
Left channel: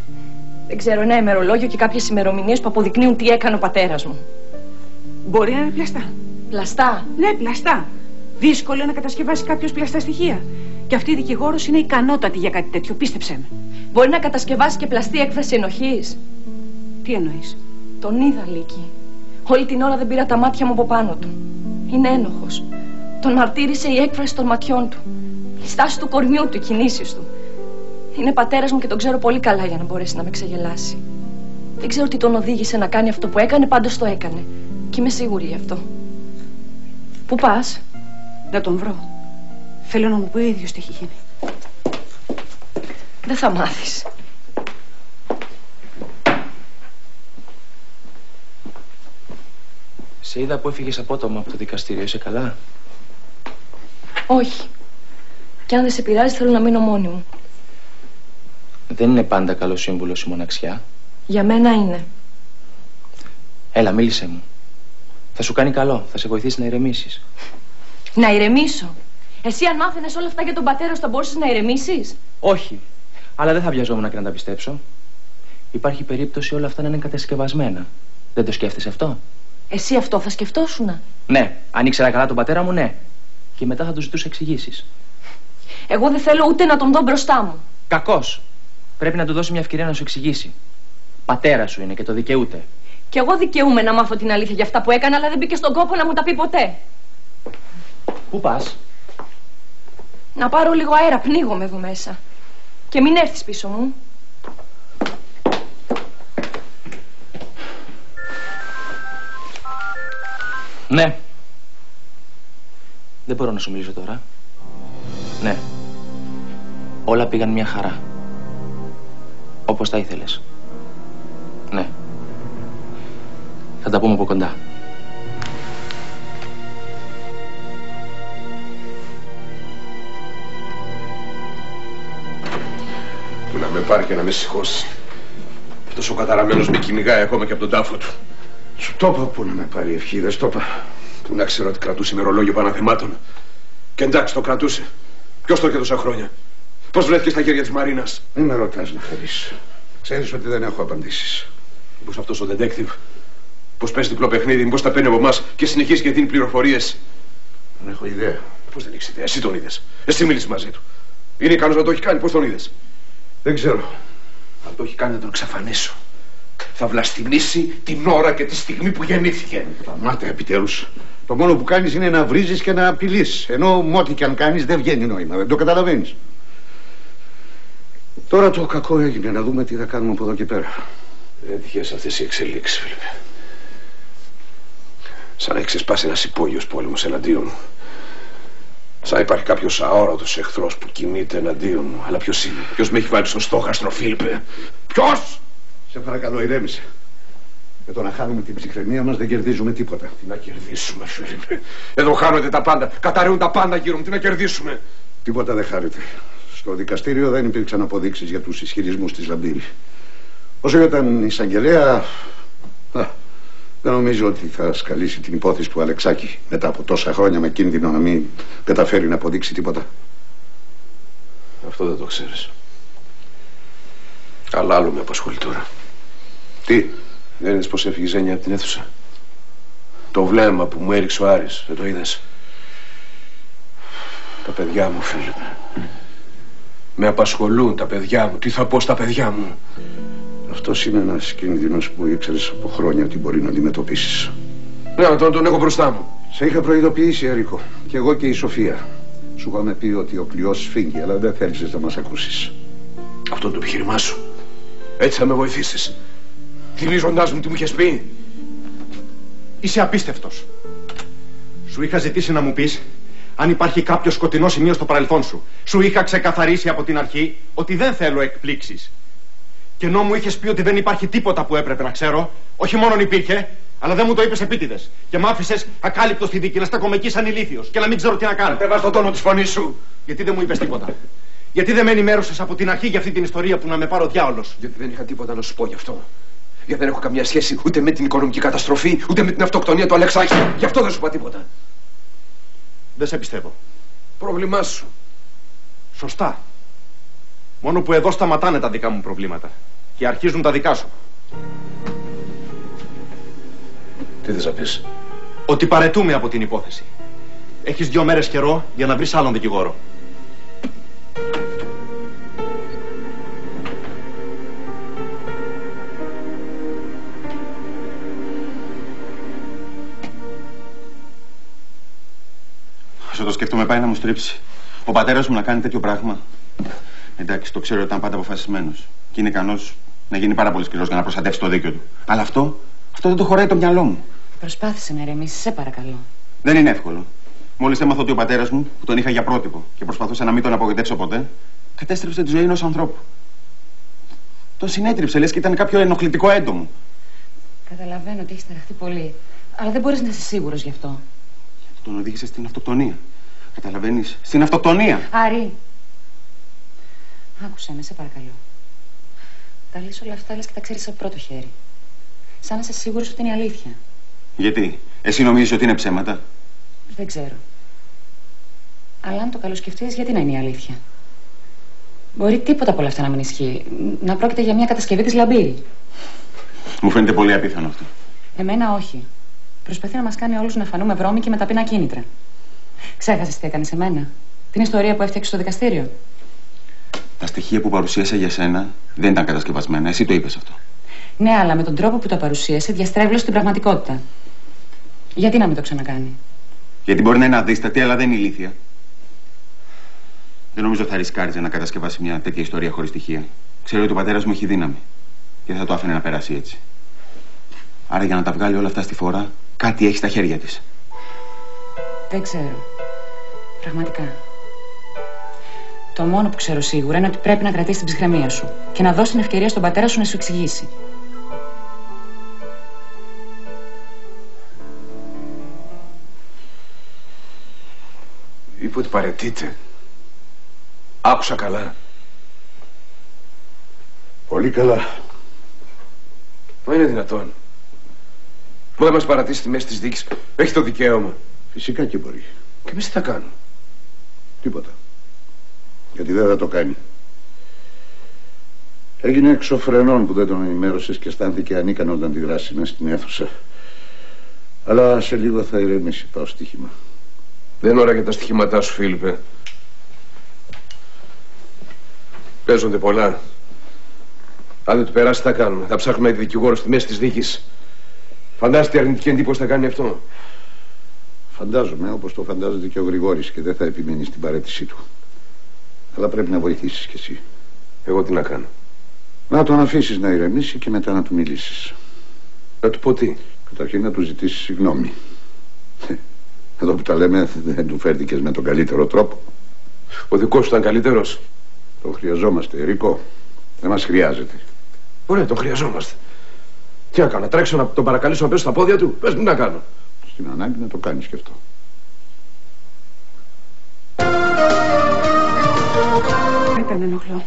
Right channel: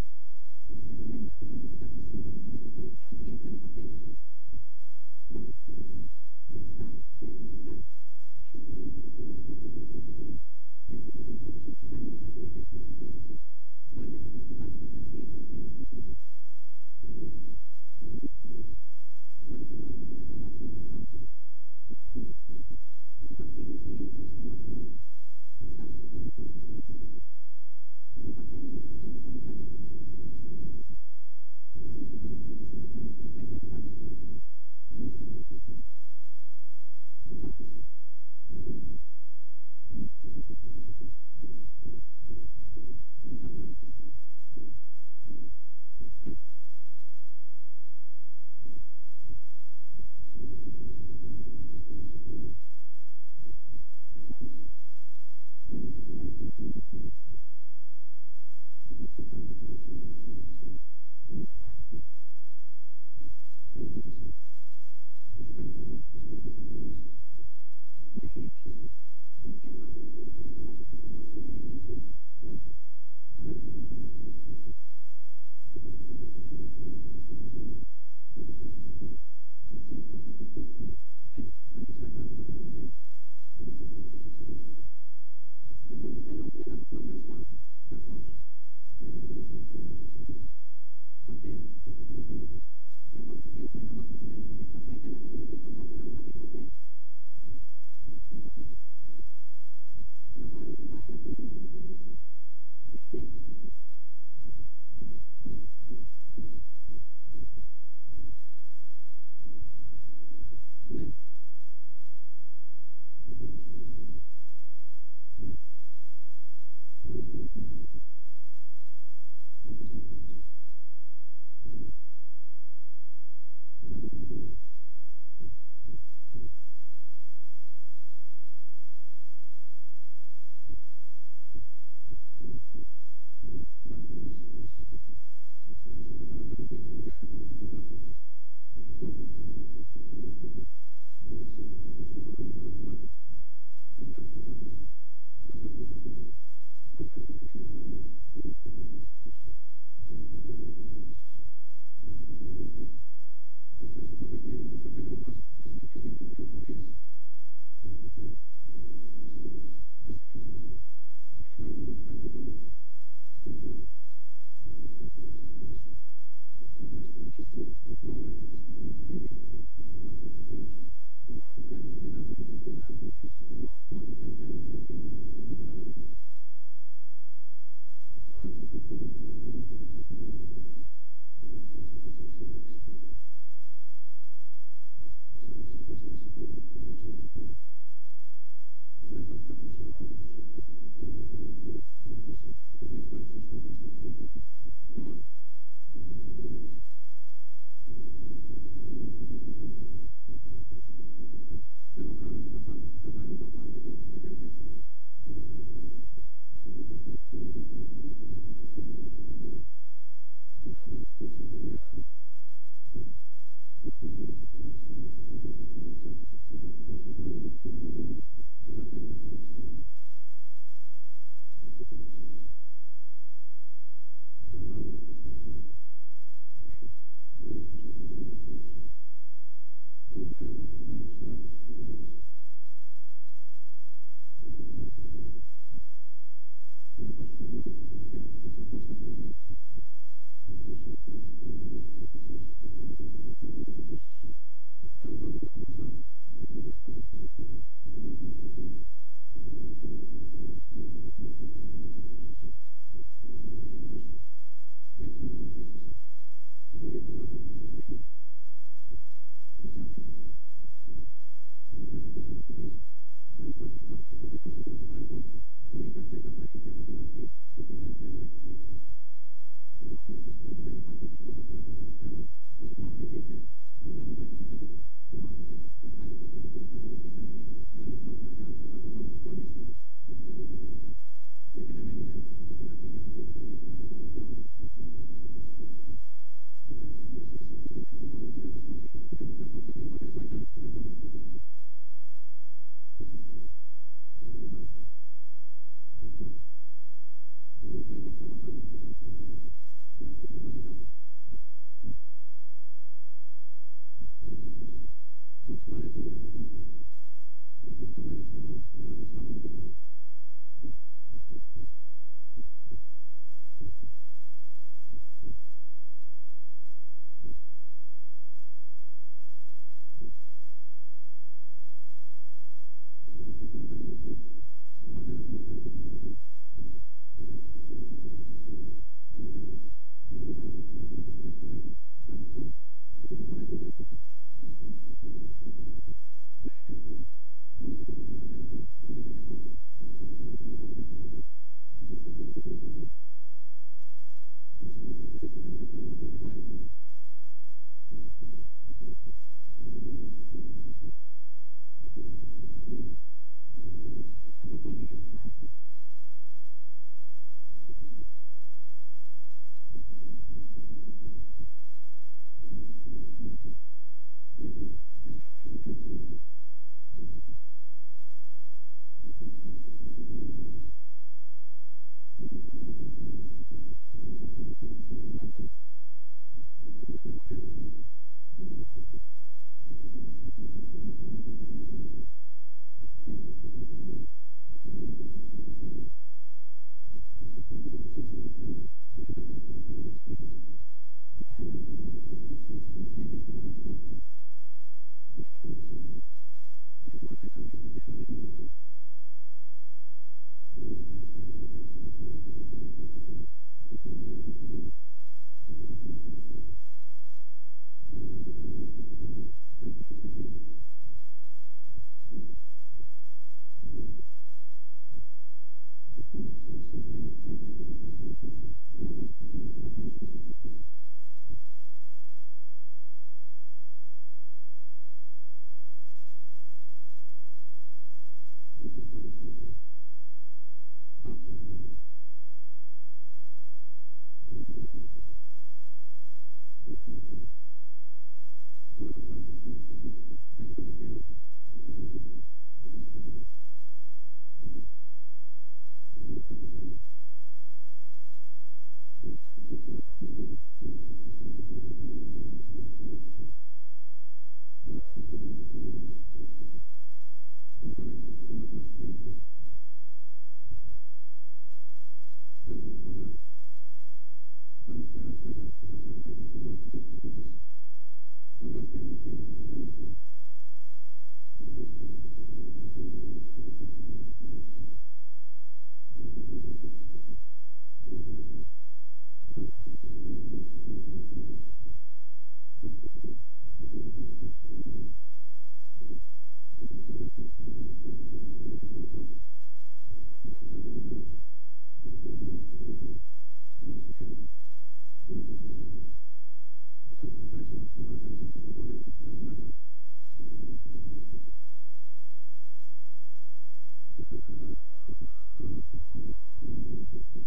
Δεν ξέρω, ένα ημερολόγιο και κάποιες ημερομηνίες που αποδεικνύουν τι έκανε ο πατέρας μου. Μπορεί να είναι πλαστά. Πλαστά? Ναι, πλαστά. Δύσκολο να κατασκευάσει κάποιος πλαστά στοιχεία. Και αυτή η δικηγόρος είναι ικανότατη για κάτι τέτοιο, πίστεψέ με. Μπορεί να κατασκευάσει και πλαστή έκφραση ενοχής. Τι εννοείς? Τον είδα, Λίκη. Όλη την ώρα δεν πήρα τα μάτια μου από πάνω του. Είναι ένοχος. Τον μαρτύρησε η έκφραση των ματιών του. Η στάση του κορμιού του, οι κινήσεις του. Είναι πατέρας μου και τον ξέρω πολύ καλά για να μπορέσει να με ξεγελάσει. Δεν ξέρω τι τον οδήγησε να κάνει αυτό που έκανε, πάντως το έκανε. Και είμαι σίγουρη γι' αυτό. Πού πας? Να τον βρω. Θέλω να μου πει ο ίδιος τι έχει γίνει. Δεν θα μάθεις. Σε είδα που έφυγες απότομα από το δικαστήριο. Είσαι καλά? Όχι. Και αν δεν σε πειράζει θέλω να μείνω μόνη μου. Δεν είναι πάντα καλό σύμβουλος η μοναξιά. Για μένα είναι. Έλα, μίλησέ μου. Θα σου κάνει καλό. Θα σε βοηθήσει να ηρεμήσεις. Να ηρεμήσω? Εσύ αν μάθαινες όλα αυτά για τον πατέρα σου θα μπορούσες να ηρεμήσεις? Όχι. Αλλά δεν θα βιαζόμουν και να τα πιστέψω. Υπάρχει περίπτωση όλα αυτά να είναι κατασκευασμένα. Δεν το σκέφτεσαι αυτό? Εσύ αυτό θα σκεφτόσουνα? Ναι. Αν ήξερα καλά τον πατέρα μου, ναι. και μετά θα του ζητούσε εξηγήσεις. Εγώ δεν θέλω ούτε να τον δω μπροστά μου. Κακός. Πρέπει να του δώσει μια ευκαιρία να σου εξηγήσει. Πατέρα σου είναι και το δικαιούται. Κι εγώ δικαιούμαι να μάθω την αλήθεια για αυτά που έκανα, αλλά δεν μπήκε στον κόπο να μου τα πει ποτέ. Πού πας? Να πάρω λίγο αέρα, πνίγομαι εδώ μέσα. Και μην έρθεις πίσω μου. Ναι. Δεν μπορώ να σου μιλήσω τώρα. Ναι. Όλα πήγαν μια χαρά. Όπως τα ήθελες. Ναι. Θα τα πούμε από κοντά. Που να με πάρει και να με σηκώσει. Αυτός ο καταραμένος με κυνηγάει ακόμα και από τον τάφο του. Σου το είπα που να με πάρει ευχή, δεν στο είπα. Που να ξέρω ότι κρατούσε ημερολόγιο παναθεμάτων. Και εντάξει το κρατούσε. Ποιος το είχε τόσα χρόνια? Πώς βρέθηκε στα χέρια της Μαρίνας? Μην με ρωτάς να φέρεις. Ξέρεις ότι δεν έχω απαντήσεις. Μήπως αυτός ο detective, πώς παίζει διπλό παιχνίδι, μήπως τα παίρνει από εμάς και συνεχίζει και δίνει πληροφορίες? Δεν έχω ιδέα. Πώς δεν έχεις ιδέα? Εσύ τον είδες. Εσύ μίλησες μαζί του. Είναι ικανός να το έχει κάνει? Πώς τον είδες? Δεν ξέρω. Αν το έχει κάνει να τον εξαφανίσω. Θα βλαστημίσει την ώρα και τη στιγμή που γεννήθηκε. Σταμάτα επιτέλους. Το μόνο που κάνεις είναι να βρίζεις και να απειλείς. Ενώ με ό,τι και αν κάνεις δεν βγαίνει νόημα. Δεν το καταλαβαίνεις. Τώρα το κακό έγινε. Να δούμε τι θα κάνουμε από εδώ και πέρα. Δεν τυχαίες αυτές οι εξελίξεις, Φίλιππε. Σαν να έχει ξεσπάσει ένας υπόγειος πόλεμος εναντίον μου. Σαν να υπάρχει κάποιος αόρατος εχθρός που κινείται εναντίον μου. Αλλά ποιος είναι? Ποιος με έχει βάλει στο στόχαστρο, Φίλιππε? Ποιος? Σε παρακαλώ, ηρέμησε. Με το να χάνουμε την ψυχραιμία μας δεν κερδίζουμε τίποτα. Τι να κερδίσουμε, Φίλιππε? Εδώ χάνονται τα πάντα. Καταραίουν τα πάντα γύρω μου. Τι να κερδίσουμε? Τίποτα δεν χάρεται. Στο δικαστήριο δεν υπήρξαν αποδείξεις για τους ισχυρισμούς της Λαμπύρη. Όσο για τον εισαγγελέα, δεν νομίζω ότι θα σκαλίσει την υπόθεση του Αλεξάκη μετά από τόσα χρόνια με κίνδυνο να μην καταφέρει να αποδείξει τίποτα. Αυτό δεν το ξέρεις. Αλλά άλλο με απασχολεί τώρα. Τι? Δεν είδες πως έφυγε η Ζένια από την αίθουσα? Το βλέμμα που μου έριξε ο Άρης, δεν το είδες? Τα παιδιά μου, Φίλιππε. Με απασχολούν τα παιδιά μου. Τι θα πω στα παιδιά μου? Αυτός είναι ένας κίνδυνος που ήξερες από χρόνια ότι μπορεί να αντιμετωπίσεις. Ναι, τον έχω μπροστά μου. Σε είχα προειδοποιήσει, Ερίκο. Και εγώ και η Σοφία. Σου είχαμε πει ότι ο πλοιός σφίγγει, αλλά δεν θέλησες να μας ακούσεις. Αυτό είναι το επιχείρημά σου. Έτσι θα με βοηθήσεις. Θυμίζοντάς μου τι μου είχες πει. Είσαι απίστευτος. Σου είχα ζητήσει να μου πεις αν υπάρχει κάποιο σκοτεινό σημείο στο παρελθόν σου. Σου είχα ξεκαθαρίσει από την αρχή ότι δεν θέλω εκπλήξεις. Και ενώ μου είχες πει ότι δεν υπάρχει τίποτα που έπρεπε να ξέρω, όχι μόνον υπήρχε, αλλά δεν μου το είπες επίτηδες. Και μ' άφησες ακάλυπτο στη δίκη να στέκομαι εκεί σαν ηλίθιος και να μην ξέρω τι να κάνω. Κατεβάς το τόνο της φωνής σου. Γιατί δεν μου είπες τίποτα? Γιατί δεν με ενημέρωσες από την αρχή για αυτή την ιστορία που να με πάρω διάολος? Γιατί δεν είχα τίποτα να σου πω γι' αυτό. Γιατί δεν έχω καμία σχέση ούτε με την οικονομική καταστροφή, ούτε με την αυτοκτονία του Αλεξάκη. Γι' αυτό δεν σου είπα τίποτα. Δεν σε πιστεύω. Πρόβλημά σου. Σωστά. Μόνο που εδώ σταματάνε τα δικά μου προβλήματα και αρχίζουν τα δικά σου. Τι θες να πεις? Ότι παρετούμε από την υπόθεση. Έχεις 2 μέρες καιρό για να βρεις άλλον δικηγόρο. Όσο το σκέφτομαι πάει να μου στρίψει. Ο πατέρας μου να κάνει τέτοιο πράγμα. Εντάξει, το ξέρω ότι ήταν πάντα αποφασισμένος. Και είναι ικανός να γίνει πάρα πολύ σκληρός για να προστατεύσει το δίκιο του. Αλλά αυτό δεν το χωράει το μυαλό μου. Προσπάθησε να ηρεμήσεις, σε παρακαλώ. Δεν είναι εύκολο. Μόλις έμαθα ότι ο πατέρας μου, που τον είχα για πρότυπο και προσπαθούσα να μην τον απογοητεύσω ποτέ, κατέστρεψε τη ζωή ενός ανθρώπου. Τον συνέτριψε, λες και ήταν κάποιο ενοχλητικό έντομο. Καταλαβαίνω ότι έχεις ταραχτεί πολύ, αλλά δεν μπορείς να είσαι σίγουρος γι' αυτό. Γιατί τον οδήγησε στην αυτοκτονία. Καταλαβαίνεις, στην αυτοκτονία. Άρη, άκουσα με, σε παρακαλώ. Τα λες όλα αυτά, λες και τα ξέρεις από πρώτο χέρι. Σαν να είσαι σίγουρος ότι είναι αλήθεια. Γιατί, εσύ νομίζεις ότι είναι ψέματα? Δεν ξέρω. Αλλά αν το καλοσκεφτείς, γιατί να είναι η αλήθεια? Μπορεί τίποτα από όλα αυτά να μην ισχύει. Να πρόκειται για μια κατασκευή της Λαμπύρη. Μου φαίνεται πολύ απίθανο αυτό. Εμένα όχι. Προσπαθεί να μας κάνει όλους να φανούμε βρώμικοι με ταπεινά κίνητρα. Ξέχασες τι έκανε σε μένα? Την ιστορία που έφτιαξε στο δικαστήριο. Τα στοιχεία που παρουσίασα για σένα δεν ήταν κατασκευασμένα. Εσύ το είπες αυτό. Ναι, αλλά με τον τρόπο που τα παρουσίασε διαστρέβλωσε την πραγματικότητα. Γιατί να μην το ξανακάνει? Γιατί μπορεί να είναι αδίστατη, αλλά δεν είναι ηλίθια. Δεν νομίζω θα ρισκάριζε να κατασκευάσει μια τέτοια ιστορία χωρίς στοιχεία. Ξέρω ότι ο πατέρας μου έχει δύναμη και δεν θα το άφηνε να περάσει έτσι. Άρα για να τα βγάλει όλα αυτά στη φορά, κάτι έχει στα χέρια της. Δεν ξέρω. Πραγματικά. Το μόνο που ξέρω σίγουρα είναι ότι πρέπει να κρατήσει την ψυχραιμία σου και να δώσει την ευκαιρία στον πατέρα σου να σου εξηγήσει. Είπε ότι παραιτείται. Άκουσα καλά. Πολύ καλά. Μα είναι δυνατόν? Που δεν μας παρατήσει στη μέση της δίκης. Έχει το δικαίωμα. Φυσικά και μπορεί. Και εμείς τι θα κάνουμε? Τίποτα. Γιατί δεν θα το κάνει. Έγινε εξωφρενών που δεν τον ενημέρωσες και αισθάνθηκε ανίκανο να αντιδράσει μέσα στην αίθουσα. Αλλά σε λίγο θα ηρεμήσει. Πάω στοίχημα. Δεν είναι ώρα για τα στοιχήματά σου, Φίλιππε. Παίζονται πολλά. Αν δεν του περάσει, τι θα κάνουμε? Θα ψάχνουμε τη δικηγόρο στη μέση της δίκης. Φαντάζεσαι τι αρνητική εντύπωση θα κάνει αυτό? Φαντάζομαι, όπως το φαντάζεται και ο Γρηγόρης, και δεν θα επιμείνει στην παρέτησή του. Αλλά πρέπει να βοηθήσεις κι εσύ. Εγώ τι να κάνω? Να τον αφήσεις να ηρεμήσει και μετά να του μιλήσεις. Να του πω τι? Καταρχήν να του ζητήσεις συγγνώμη. Εδώ που τα λέμε δεν του φέρθηκες με τον καλύτερο τρόπο. Ο δικός σου ήταν καλύτερος? Τον χρειαζόμαστε, Ερικό. Δεν μας χρειάζεται. Ωραία, τον χρειαζόμαστε. Τι να κάνω, να τρέξω να τον παρακαλέσω να πέσω στα πόδια του? Πες μου τι να κάνω. Στην ανάγκη να το κάνεις και αυτό. Ήταν ενοχλώ.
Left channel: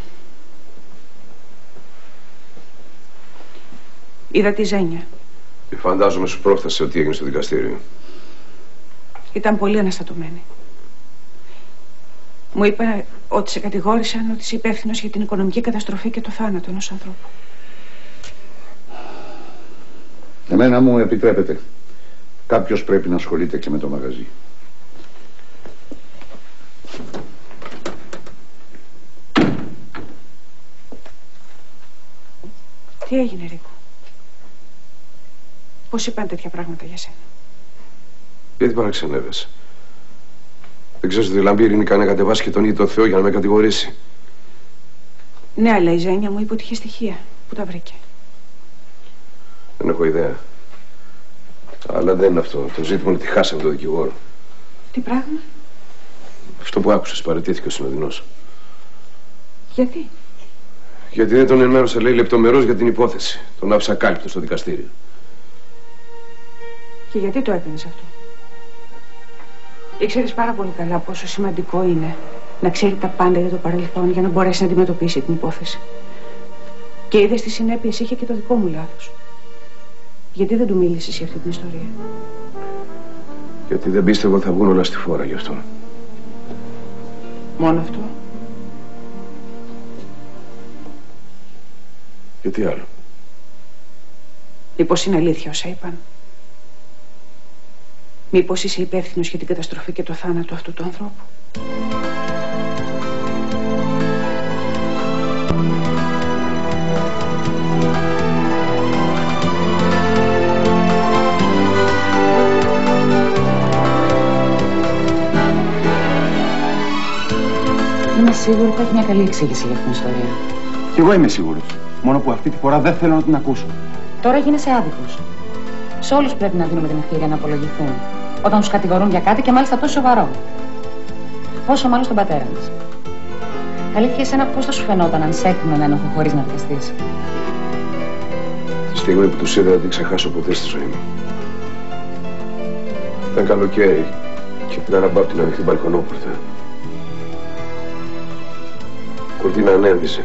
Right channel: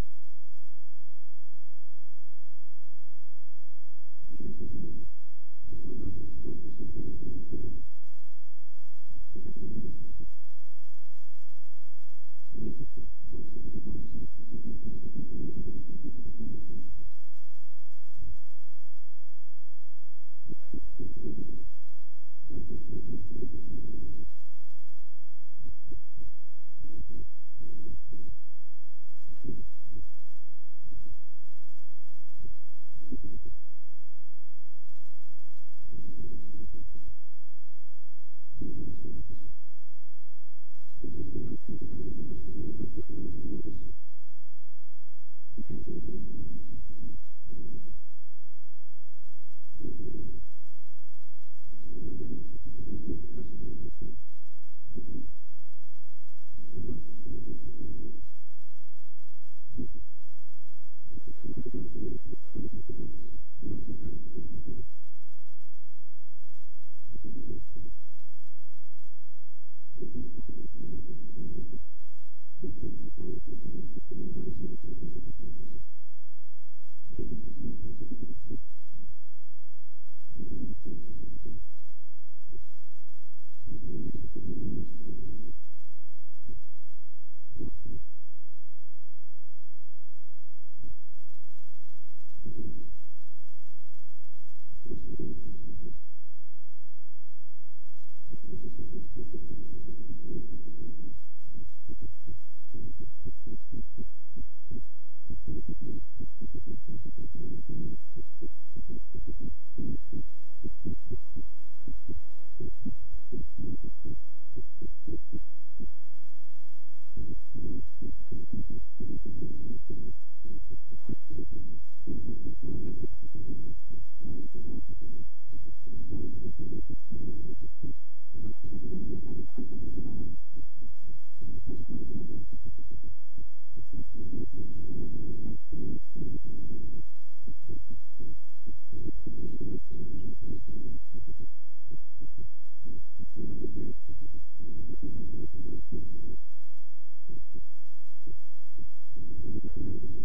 Είδα τη Ζένια. Φαντάζομαι σου πρόφτασε ότι έγινε στο δικαστήριο. Ήταν πολύ αναστατωμένη. Μου είπε ότι σε κατηγόρησαν ότι είσαι υπεύθυνος για την οικονομική καταστροφή και το θάνατο ενός ανθρώπου. Εμένα μου επιτρέπετε. Κάποιος πρέπει να ασχολείται και με το μαγαζί. Τι έγινε, Ρίκο? Πώς είπαν τέτοια πράγματα για σένα? Γιατί παραξενεύεσαι? Δεν ξέρεις ότι η Λαμπύρη είναι να κατεβάσει και τον ίδιο το Θεό για να με κατηγορήσει? Ναι, αλλά η Ζένια μου είπε ότι είχε στοιχεία. Πού τα βρήκε? Δεν έχω ιδέα. Αλλά δεν είναι αυτό. Το ζήτημα είναι ότι χάσαμε τον δικηγόρο. Τι πράγμα? Αυτό που άκουσες, παραιτήθηκε ο συνοδεινός. Γιατί? Γιατί δεν τον ενημέρωσε, λέει, λεπτομερώς για την υπόθεση. Τον άφησα κάλυπτο στο δικαστήριο. Και γιατί το έκανες αυτό? Ήξερες πάρα πολύ καλά πόσο σημαντικό είναι να ξέρει τα πάντα για το παρελθόν για να μπορέσει να αντιμετωπίσει την υπόθεση. Και είδες τι συνέπειες είχε και το δικό μου λάθος. Γιατί δεν του μίλησες για αυτή την ιστορία? Γιατί δεν πίστευα ότι θα βγουν όλα στη φόρα γι' αυτό. Μόνο αυτό? Και τι άλλο? Μήπως είναι αλήθεια όσα είπαν? Μήπως είσαι υπεύθυνος για την καταστροφή και το θάνατο αυτού του ανθρώπου? Είμαι σίγουρη ότι θα έχει μια καλή εξήγηση για αυτήν την ιστορία. Κι εγώ είμαι σίγουρος. Μόνο που αυτή τη φορά δεν θέλω να την ακούσω. Τώρα γίνεσαι άδικος. Σε όλους πρέπει να δίνουμε την ευκαιρία να απολογηθούν όταν τους κατηγορούν για κάτι και μάλιστα τόσο σοβαρό. Πόσο μάλλον στον πατέρα μας. Αλήθεια, εσένα πώς θα σου φαινόταν αν σε έκρινε έναν ένοχο χωρίς να βιαστείς? Τη στιγμή που τους είδα δεν την ξεχάσω ποτέ στη ζωή μου. Ήταν καλοκαίρι και πήγα να πάω από την ανοιχτή μπαλκονόπορτα. Η κουρτίνα ανέβησε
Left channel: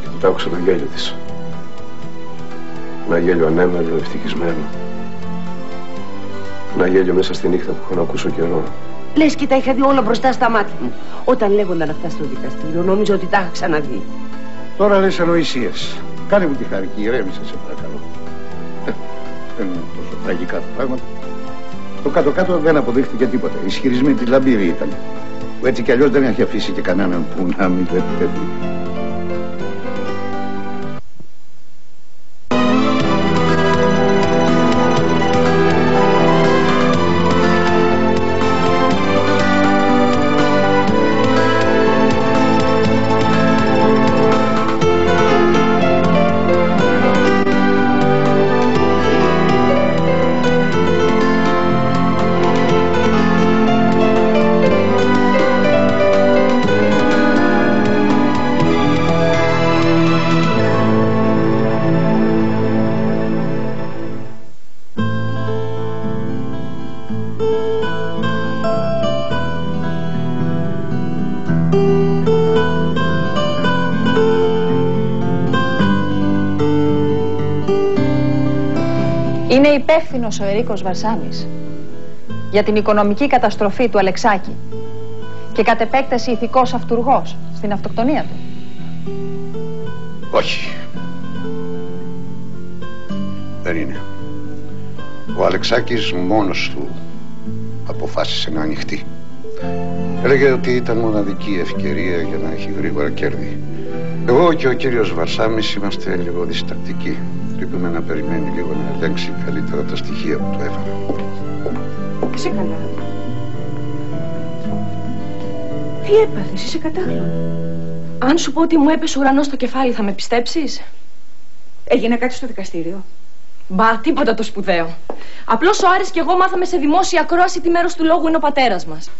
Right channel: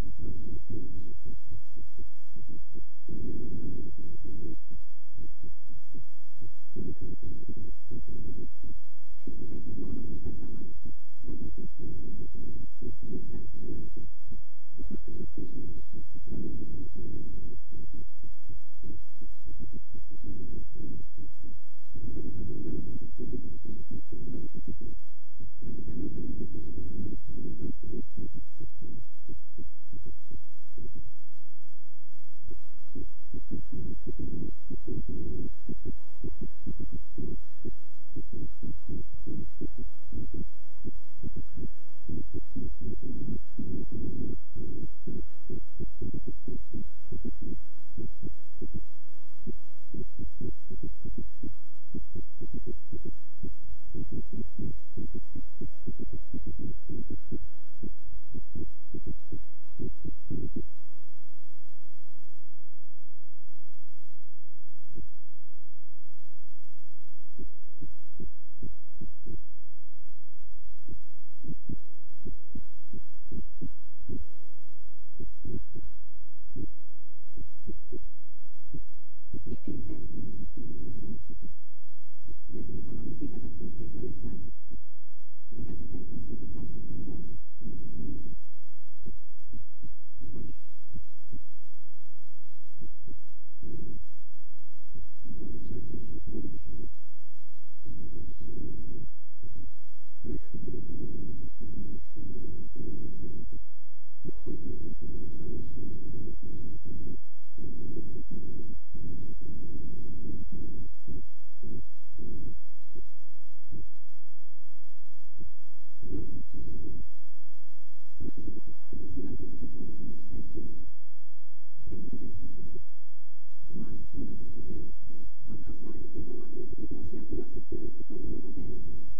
και τότε άκουσα το γέλιο της. Ένα γέλιο ανέμελο, ευτυχισμένο. Ένα γέλιο μέσα στη νύχτα που έχω να ακούσω καιρό. Λες και τα είχα δει όλα μπροστά στα μάτια μου. Όταν λέγονταν αυτά στο δικαστήριο, νόμιζα ότι τα είχα ξαναδεί. Τώρα λες ανοησίες. Κάνε μου τη χάρη και ηρέμησε, σε παρακαλώ. Δεν είναι τόσο τραγικά τα πράγματα. Στο κάτω-κάτω δεν αποδείχθηκε τίποτα. Οι ισχυρισμοί της Λαμπύρη ήταν. Που έτσι κι αλλιώς δεν έχει αφήσει και κανέναν που να μην το επιτρέπει. Είναι υπεύθυνος ο Ερίκος Βαρσάμης για την οικονομική καταστροφή του Αλεξάκη και κατ' επέκταση ηθικός αυτουργός στην αυτοκτονία του. Όχι. Δεν είναι. Ο Αλεξάκης μόνος του αποφάσισε να ανοιχτεί. Έλεγε ότι ήταν μοναδική ευκαιρία για να έχει γρήγορα κέρδη. Εγώ και ο κύριος Βαρσάμης είμαστε λίγο διστακτικοί. Πρέπει να περιμένει λίγο να ελέγξει καλύτερα τα στοιχεία που του έφερα. Ξεκαλά. Τι έπαθες, είσαι κατάλληλο. Αν σου πω ότι μου έπεσε ουρανός στο κεφάλι, θα με πιστέψεις? Έγινε κάτι στο δικαστήριο? Μπα, τίποτα το σπουδαίο. Απλώς ο Άρης και εγώ μάθαμε σε δημόσια ακρόαση τι μέρος του λόγου είναι ο πατέρας μας.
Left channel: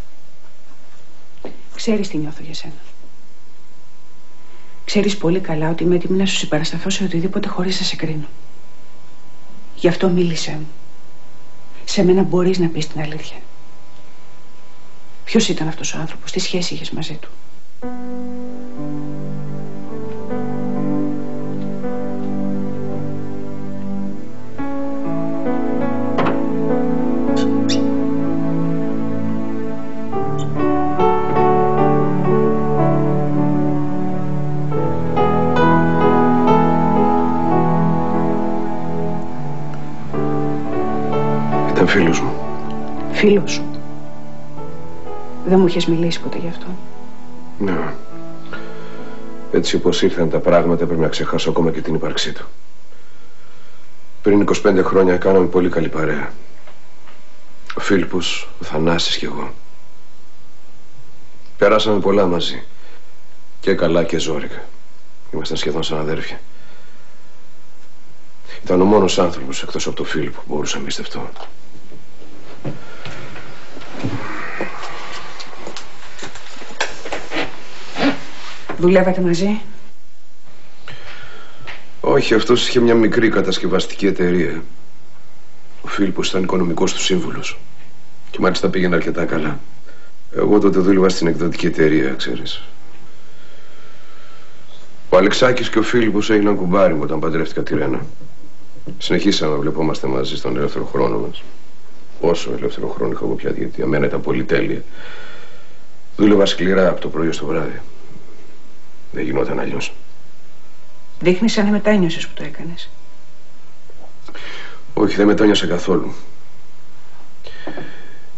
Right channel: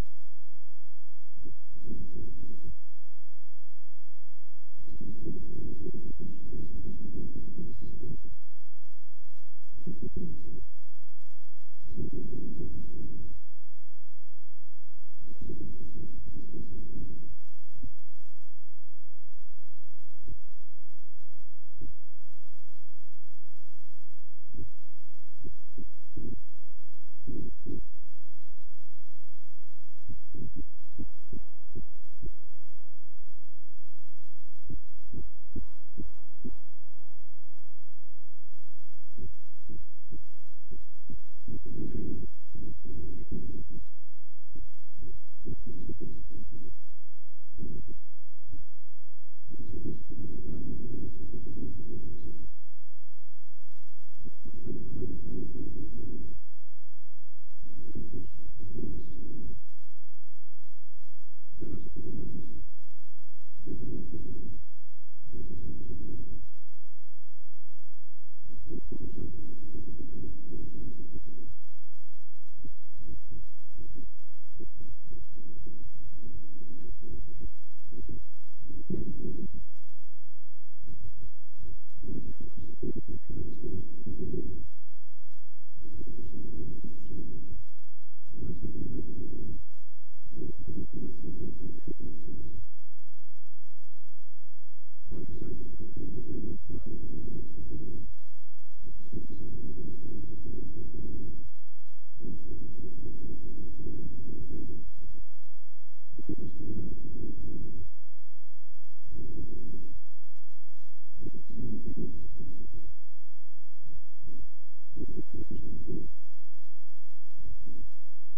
Ξέρεις τι νιώθω για σένα. Ξέρεις πολύ καλά ότι είμαι έτοιμη να σου συμπαρασταθώ σε οτιδήποτε χωρίς να σε κρίνω. Γι' αυτό μίλησέ μου. Σε μένα μπορείς να πεις την αλήθεια. Ποιος ήταν αυτός ο άνθρωπος, τι σχέση είχες μαζί του? Ήταν φίλος μου. Φίλος σου? Δεν μου είχες μιλήσει ποτέ γι' αυτό. Ναι. Έτσι όπως ήρθαν τα πράγματα πρέπει να ξεχάσω ακόμα και την ύπαρξή του. Πριν 25 χρόνια κάναμε πολύ καλή παρέα. Ο Φίλιππος, ο Θανάσης κι εγώ. Περάσαμε πολλά μαζί. Και καλά και ζόρικα. Ήμασταν σχεδόν σαν αδέρφια. Ήταν ο μόνος άνθρωπος εκτός από τον Φίλιππο που μπορούσα να εμπιστευτώ. Δουλεύατε μαζί? Όχι, αυτός είχε μια μικρή κατασκευαστική εταιρεία. Ο Φίλιππος ήταν οικονομικός του σύμβουλος. Και μάλιστα πήγαινε αρκετά καλά. Εγώ τότε δούλευα στην εκδοτική εταιρεία, ξέρεις. Ο Αλεξάκης και ο Φίλιππος έγιναν κουμπάρι μου όταν παντρεύτηκα τη Ρένα. Συνεχίσαμε να βλεπόμαστε μαζί στον ελεύθερο χρόνο μας. Όσο ελεύθερο χρόνο είχα εγώ πια, γιατί για μένα ήταν πολύ τέλεια. Δούλευα σκληρά από το πρωί ως το βράδυ. Δεν γινόταν αλλιώς. Δείχνεις σαν να μετάνιωσες που το έκανες. Όχι, δεν μετάνιωσα καθόλου.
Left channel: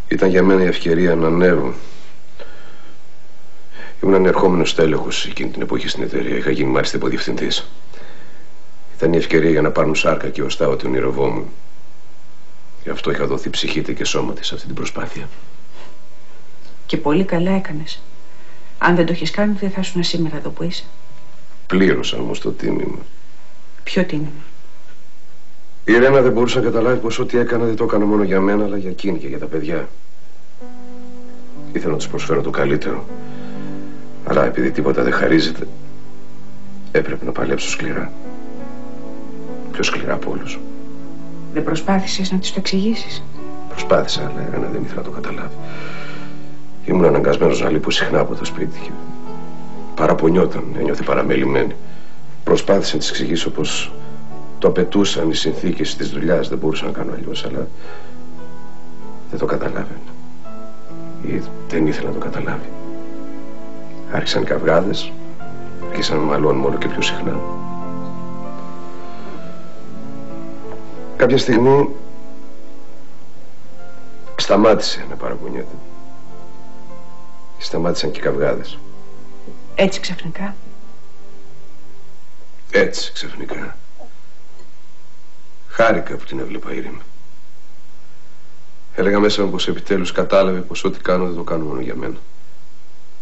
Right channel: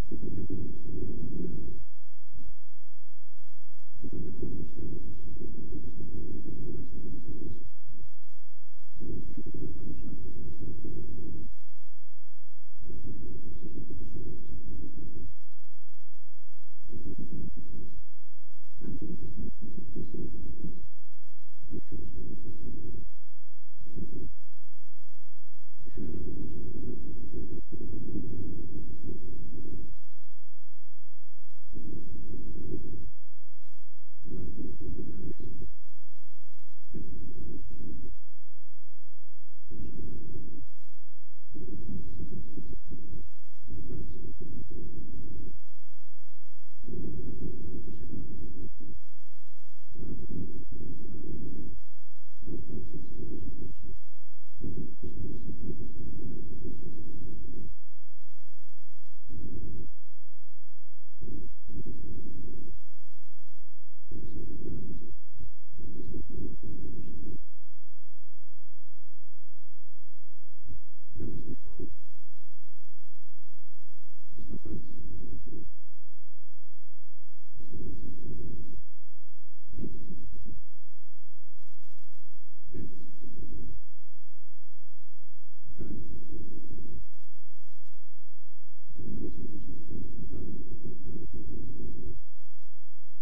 Ήταν για μένα η ευκαιρία να ανέβω. Ήμουν ανερχόμενος τέλεχος εκείνη την εποχή στην εταιρεία. Είχα γίνει μάλιστα υποδιευθυντής. Ήταν η ευκαιρία για να πάρουν σάρκα και οστά ό,τι ονειρευόμουν. Γι' αυτό είχα δοθεί ψυχή και σώμα της σε αυτή την προσπάθεια. Και πολύ καλά έκανες. Αν δεν το έχεις κάνει, δεν θα ήσουν σήμερα εδώ που είσαι. Πλήρωσα όμως το τίμημα. Ποιο τίμημα? Η Ρένα δεν μπορούσε να καταλάβει πως ό,τι έκανα δεν το έκανα μόνο για μένα, αλλά για εκείνη και για τα παιδιά. Ήθελα να τους προσφέρω το καλύτερο. Αλλά επειδή τίποτα δεν χαρίζεται, έπρεπε να παλέψω σκληρά. Πιο σκληρά από όλους. Δεν προσπάθησες να της το εξηγήσεις? Προσπάθησα, αλλά η Ρένα δεν ήθελα να το καταλάβει. Ήμουν αναγκασμένος να λείπω συχνά από το σπίτι και παραπονιόταν, ένιωθε παραμελημένη. Προσπάθησα να της εξηγήσω πως το απαιτούσαν οι συνθήκες της δουλειάς, δεν μπορούσα να κάνω αλλιώς, αλλά δεν το καταλάβαινε. Ή δεν ήθελα να το καταλάβει. Άρχισαν οι καυγάδες, άρχισαν να μαλώνουμε όλο και πιο συχνά. Κάποια στιγμή Σταμάτησε να παραπονιέται. Σταμάτησαν και οι καυγάδες. Έτσι ξαφνικά. Έτσι ξαφνικά. Χάρηκα που την έβλεπα ήρεμη. Έλεγα μέσα μου πως επιτέλους κατάλαβε πως ό,τι κάνω δεν το κάνω μόνο για μένα,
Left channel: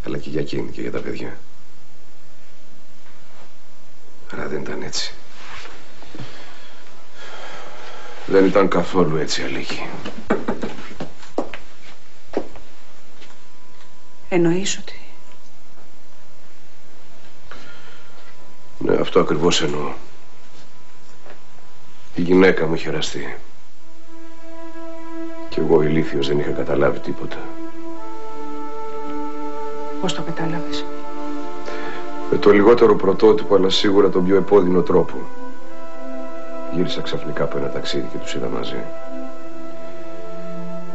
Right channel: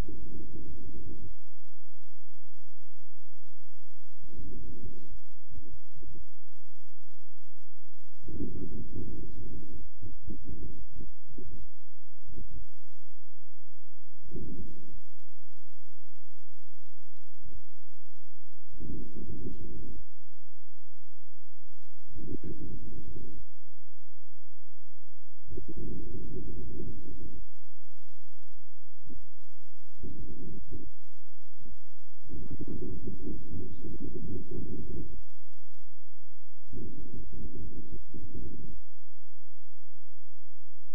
αλλά και για εκείνη και για τα παιδιά. Αλλά δεν ήταν έτσι. Δεν ήταν καθόλου έτσι, Αλίκη. Εννοείς ότι... Ναι, αυτό ακριβώς εννοώ. Η γυναίκα μου είχε εραστεί. Κι εγώ ηλίθιος δεν είχα καταλάβει τίποτα. Πώς το κατάλαβες? Με το λιγότερο πρωτότυπο, αλλά σίγουρα τον πιο επώδυνο τρόπο. Γύρισα ξαφνικά από ένα ταξίδι και τους είδα μαζί.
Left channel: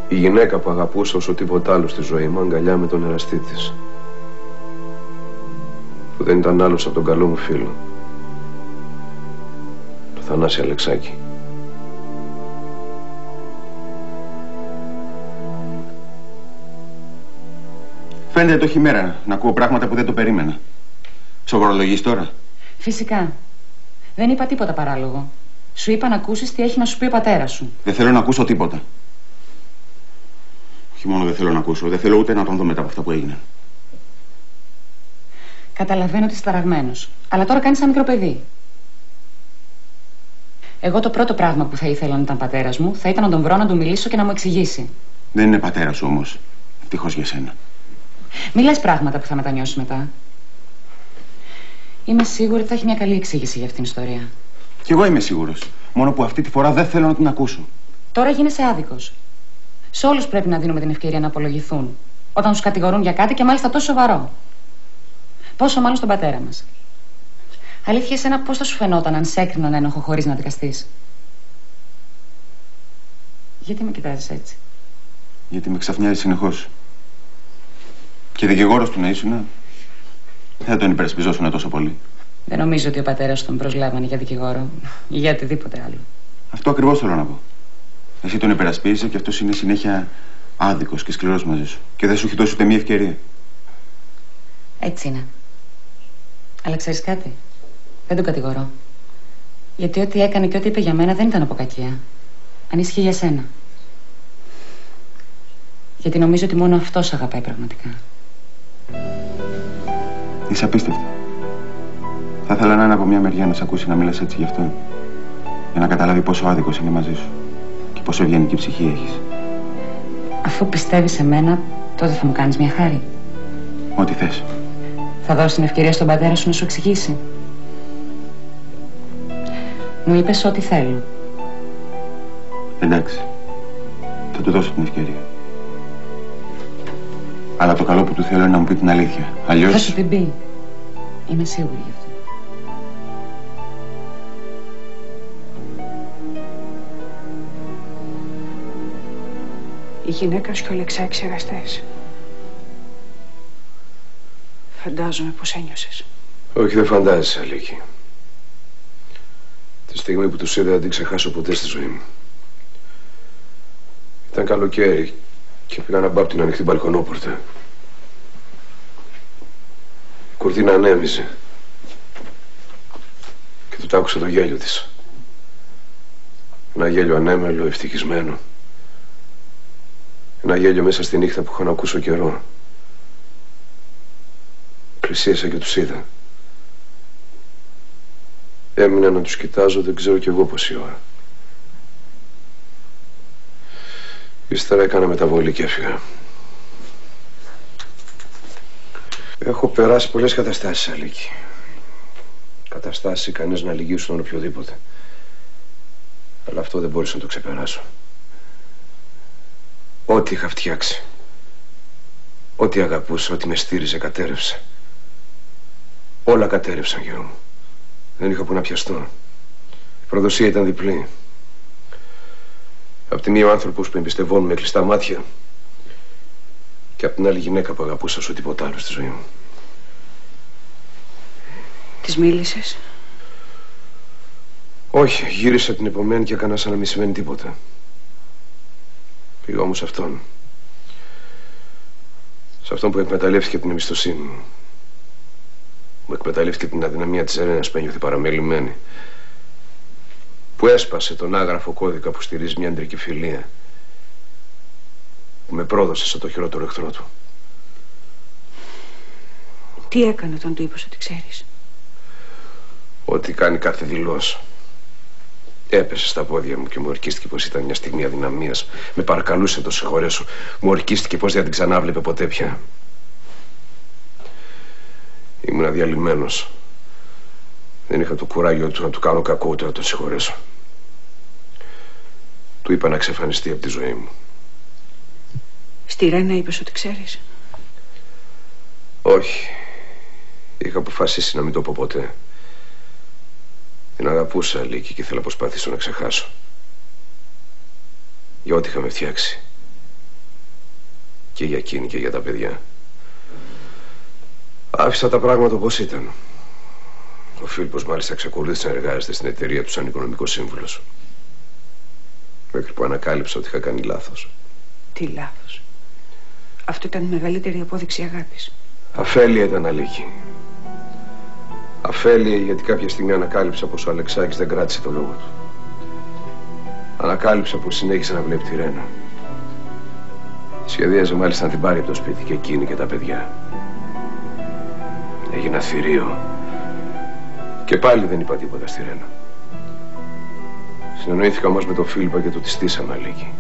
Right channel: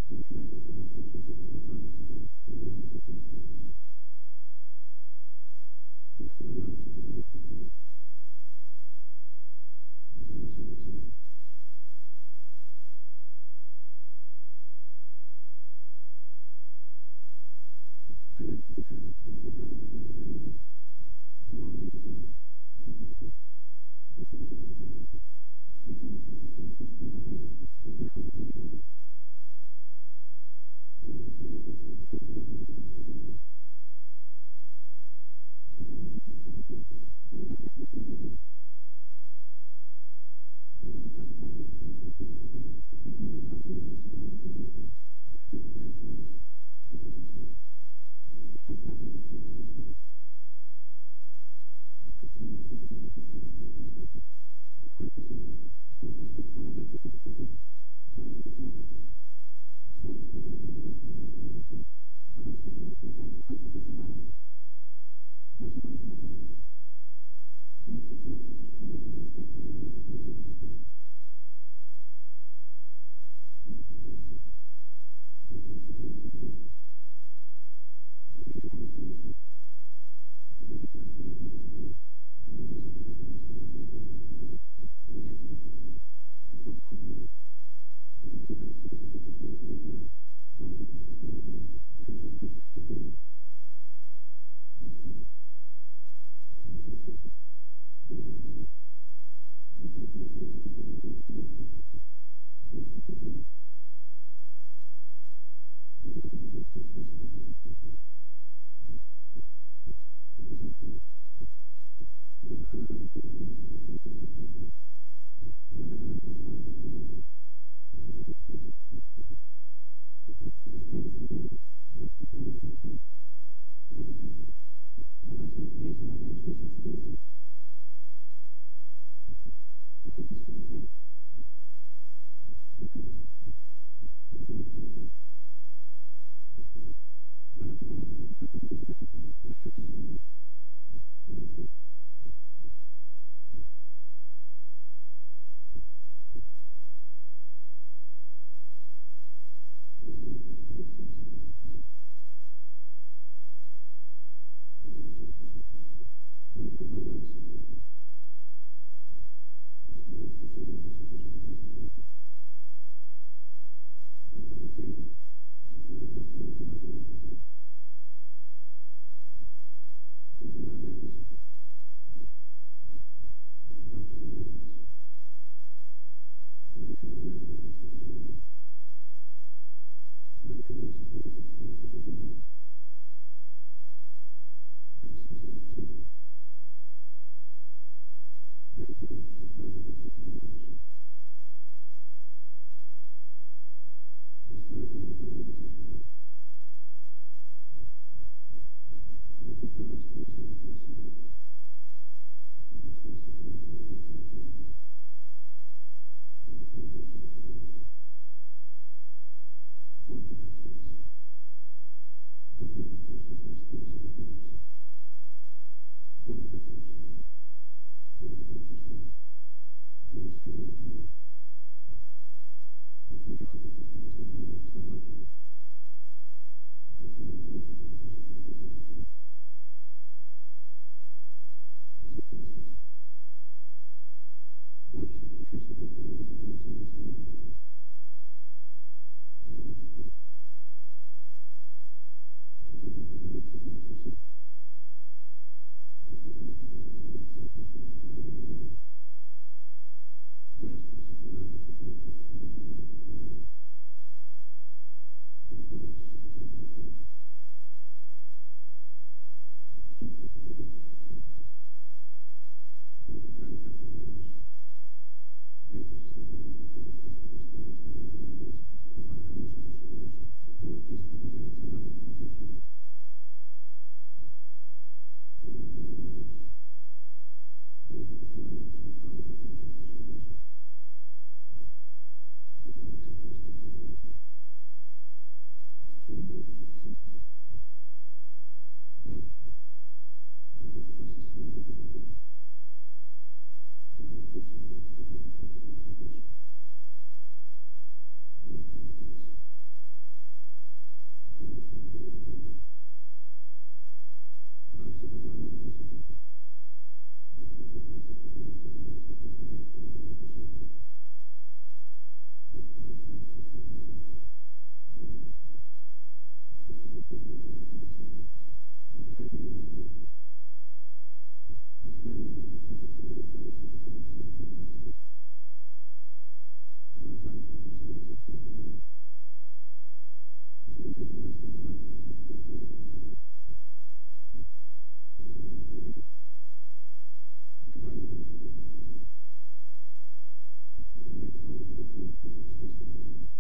Η γυναίκα που αγαπούσα όσο τίποτα άλλο στη ζωή μου αγκαλιά με τον εραστή της, που δεν ήταν άλλος από τον καλό μου φίλο, το Θανάση Αλεξάκη. Φαίνεται το χειμέρα να ακούω πράγματα που δεν το περίμενα. Σοβαρολογείς τώρα? Φυσικά. Δεν είπα τίποτα παράλογο. Σου είπα να ακούσεις τι έχει να σου πει ο πατέρας σου. Δεν θέλω να ακούσω τίποτα. Όχι μόνο δεν θέλω να ακούσω, δεν θέλω ούτε να τον δω μετά από αυτά που έγιναν. Καταλαβαίνω ότι είσαι ταραγμένος. Αλλά τώρα κάνεις ένα μικρό παιδί. Εγώ το πρώτο πράγμα που θα ήθελα να ήταν πατέρας μου θα ήταν να τον βρω, να του μιλήσω και να μου εξηγήσει. Δεν είναι πατέρας σου όμως. Ευτυχώς για σένα. Μη λες πράγματα που θα μετανιώσεις μετά. Είμαι σίγουρη ότι θα έχει μια καλή εξήγηση για αυτήν την ιστορία. Κι εγώ είμαι σίγουρος. Μόνο που αυτή τη φορά δεν θέλω να την ακούσω. Τώρα γίνεσαι άδικος. Σε όλους πρέπει να δίνουμε την ευκαιρία να απολογηθούν όταν τους κατηγορούν για κάτι και μάλιστα τόσο σοβαρό. Πόσο μάλλον στον πατέρα μας. Αλήθεια, εσένα πώς θα σου φαινόταν αν σε έκριναν ένοχο χωρίς να δικαστείς? Γιατί με κοιτάζεις έτσι? Γιατί με ξαφνιάζει συνεχώς. Και δικηγόρος του να ήσουν, δεν τον υπερασπιζόσουν τόσο πολύ. Δεν νομίζω ότι ο πατέρας τον προσλάβανε για δικηγόρο ή για οτιδήποτε άλλο. Αυτό ακριβώς θέλω να πω. Εσύ τον υπερασπίζεσαι και αυτός είναι συνέχεια άδικος και σκληρός μαζί σου. Και δεν σου έχει δώσει ούτε μία ευκαιρία. Έτσι είναι. Αλλά ξέρεις κάτι? Δεν τον κατηγορώ. Γιατί ό,τι έκανε και ό,τι είπε για μένα δεν ήταν από κακία. Ανήσυχε για σένα. Γιατί νομίζω ότι μόνο αυτός αγαπάει πραγματικά. Είσαι απίστευτη. Θα ήθελα να είναι από μια μεριά να σε ακούσει να μιλάς έτσι γι' αυτόν. Για να καταλάβει πόσο άδικος είναι μαζί σου. Και πόσο ευγενική ψυχή έχεις. Αφού πιστεύεις σε μένα, τότε θα μου κάνεις μια χάρη. Ό,τι θες. Θα δώσεις την ευκαιρία στον πατέρα σου να σου εξηγήσει. Μου είπες ό,τι θέλω. Εντάξει. Θα του δώσω την ευκαιρία. Αλλά το καλό που του θέλω είναι να μου πει την αλήθεια. Αλλιώς... Θα σου την πει. Είμαι σίγουρη γι' αυτό. Η γυναίκα σου και ο Αλεξάκης εραστές. Φαντάζομαι πως ένιωσες. Όχι, δεν φαντάζεσαι, Αλίκη. Τη στιγμή που τους είδα δεν την ξεχάσω ποτέ στη ζωή μου. Ήταν καλοκαίρι και πήγα να μπω από την ανοιχτή μπαλκονόπορτα. Η κουρτίνα ανέμιζε και του άκουσα το γέλιο της. Ένα γέλιο ανέμελο, ευτυχισμένο. Ένα γέλιο μέσα στη νύχτα που είχα να ακούσω καιρό. Πλησίασα και τους είδα. Έμεινα να τους κοιτάζω, δεν ξέρω κι εγώ πόση ώρα. Ύστερα έκανα μεταβολή και έφυγα. Έχω περάσει πολλές καταστάσεις, Αλίκη. Καταστάσεις ικανές να λυγίσουν τον οποιοδήποτε. Αλλά αυτό δεν μπόρεσα να το ξεπεράσω. Ό,τι είχα φτιάξει, ό,τι αγαπούσα, ό,τι με στήριζε, κατέρευσε. Όλα κατέρευσαν, γιο μου. Δεν είχα που να πιαστώ. Η προδοσία ήταν διπλή. Απ' τη μία ο άνθρωπος που εμπιστευόμουν με κλειστά μάτια και απ' την άλλη γυναίκα που αγαπούσα όσο τίποτα άλλο στη ζωή μου. Της μίλησες? Όχι, γύρισα την επομένη και έκανα σαν να μην σημαίνει τίποτα. Πήγα όμως σε αυτόν. Σε αυτόν που εκμεταλλεύτηκε την εμπιστοσύνη μου. Μου εκμεταλλεύτηκε την αδυναμία της Ελένας που ένιωθε παραμελημένη. Που έσπασε τον άγραφο κώδικα που στηρίζει μια αντρική φιλία. Που με πρόδωσε σαν το χειρότερο εχθρό του. Τι έκανε όταν του είπες ότι ξέρεις? Ό,τι κάνει κάθε δηλώς. Έπεσε στα πόδια μου και μου ορκίστηκε πως ήταν μια στιγμή αδυναμίας. Με παρακαλούσε να το συγχωρέσω. Μου ορκίστηκε πως δεν την ξανάβλεπε ποτέ πια. Ήμουν αδιαλυμένος. Δεν είχα το κουράγιο του να του κάνω κακό ούτε να το συγχωρέσω. Του είπα να εξαφανιστεί από τη ζωή μου. Στη Ρένα είπες ότι ξέρεις? Όχι. Είχα αποφασίσει να μην το πω ποτέ. Την αγαπούσα, Λίκη, και ήθελα να προσπαθήσω να ξεχάσω. Για ό,τι είχαμε φτιάξει. Και για εκείνη και για τα παιδιά. Άφησα τα πράγματα όπως ήταν. Ο Φίλιππος μάλιστα εξακολούθησε να εργάζεται στην εταιρεία του σαν οικονομικός σύμβουλος. Μέχρι που ανακάλυψα ότι είχα κάνει λάθος. Τι λάθος? Αυτό ήταν η μεγαλύτερη απόδειξη αγάπης. Αφέλεια ήταν, Αλίκη. Αφέλεια γιατί κάποια στιγμή ανακάλυψα πως ο Αλεξάκης δεν κράτησε το λόγο του. Ανακάλυψα πως συνέχισε να βλέπει τη Ρένα. Σχεδίαζε μάλιστα να την πάρει από το σπίτι και εκείνη και τα παιδιά. Έγινα θηρίο. Και πάλι δεν είπα τίποτα στη Ρένα. Συνεννοήθηκα όμως με τον Φίλιππο και το τη στήσαμε, Αλίκη.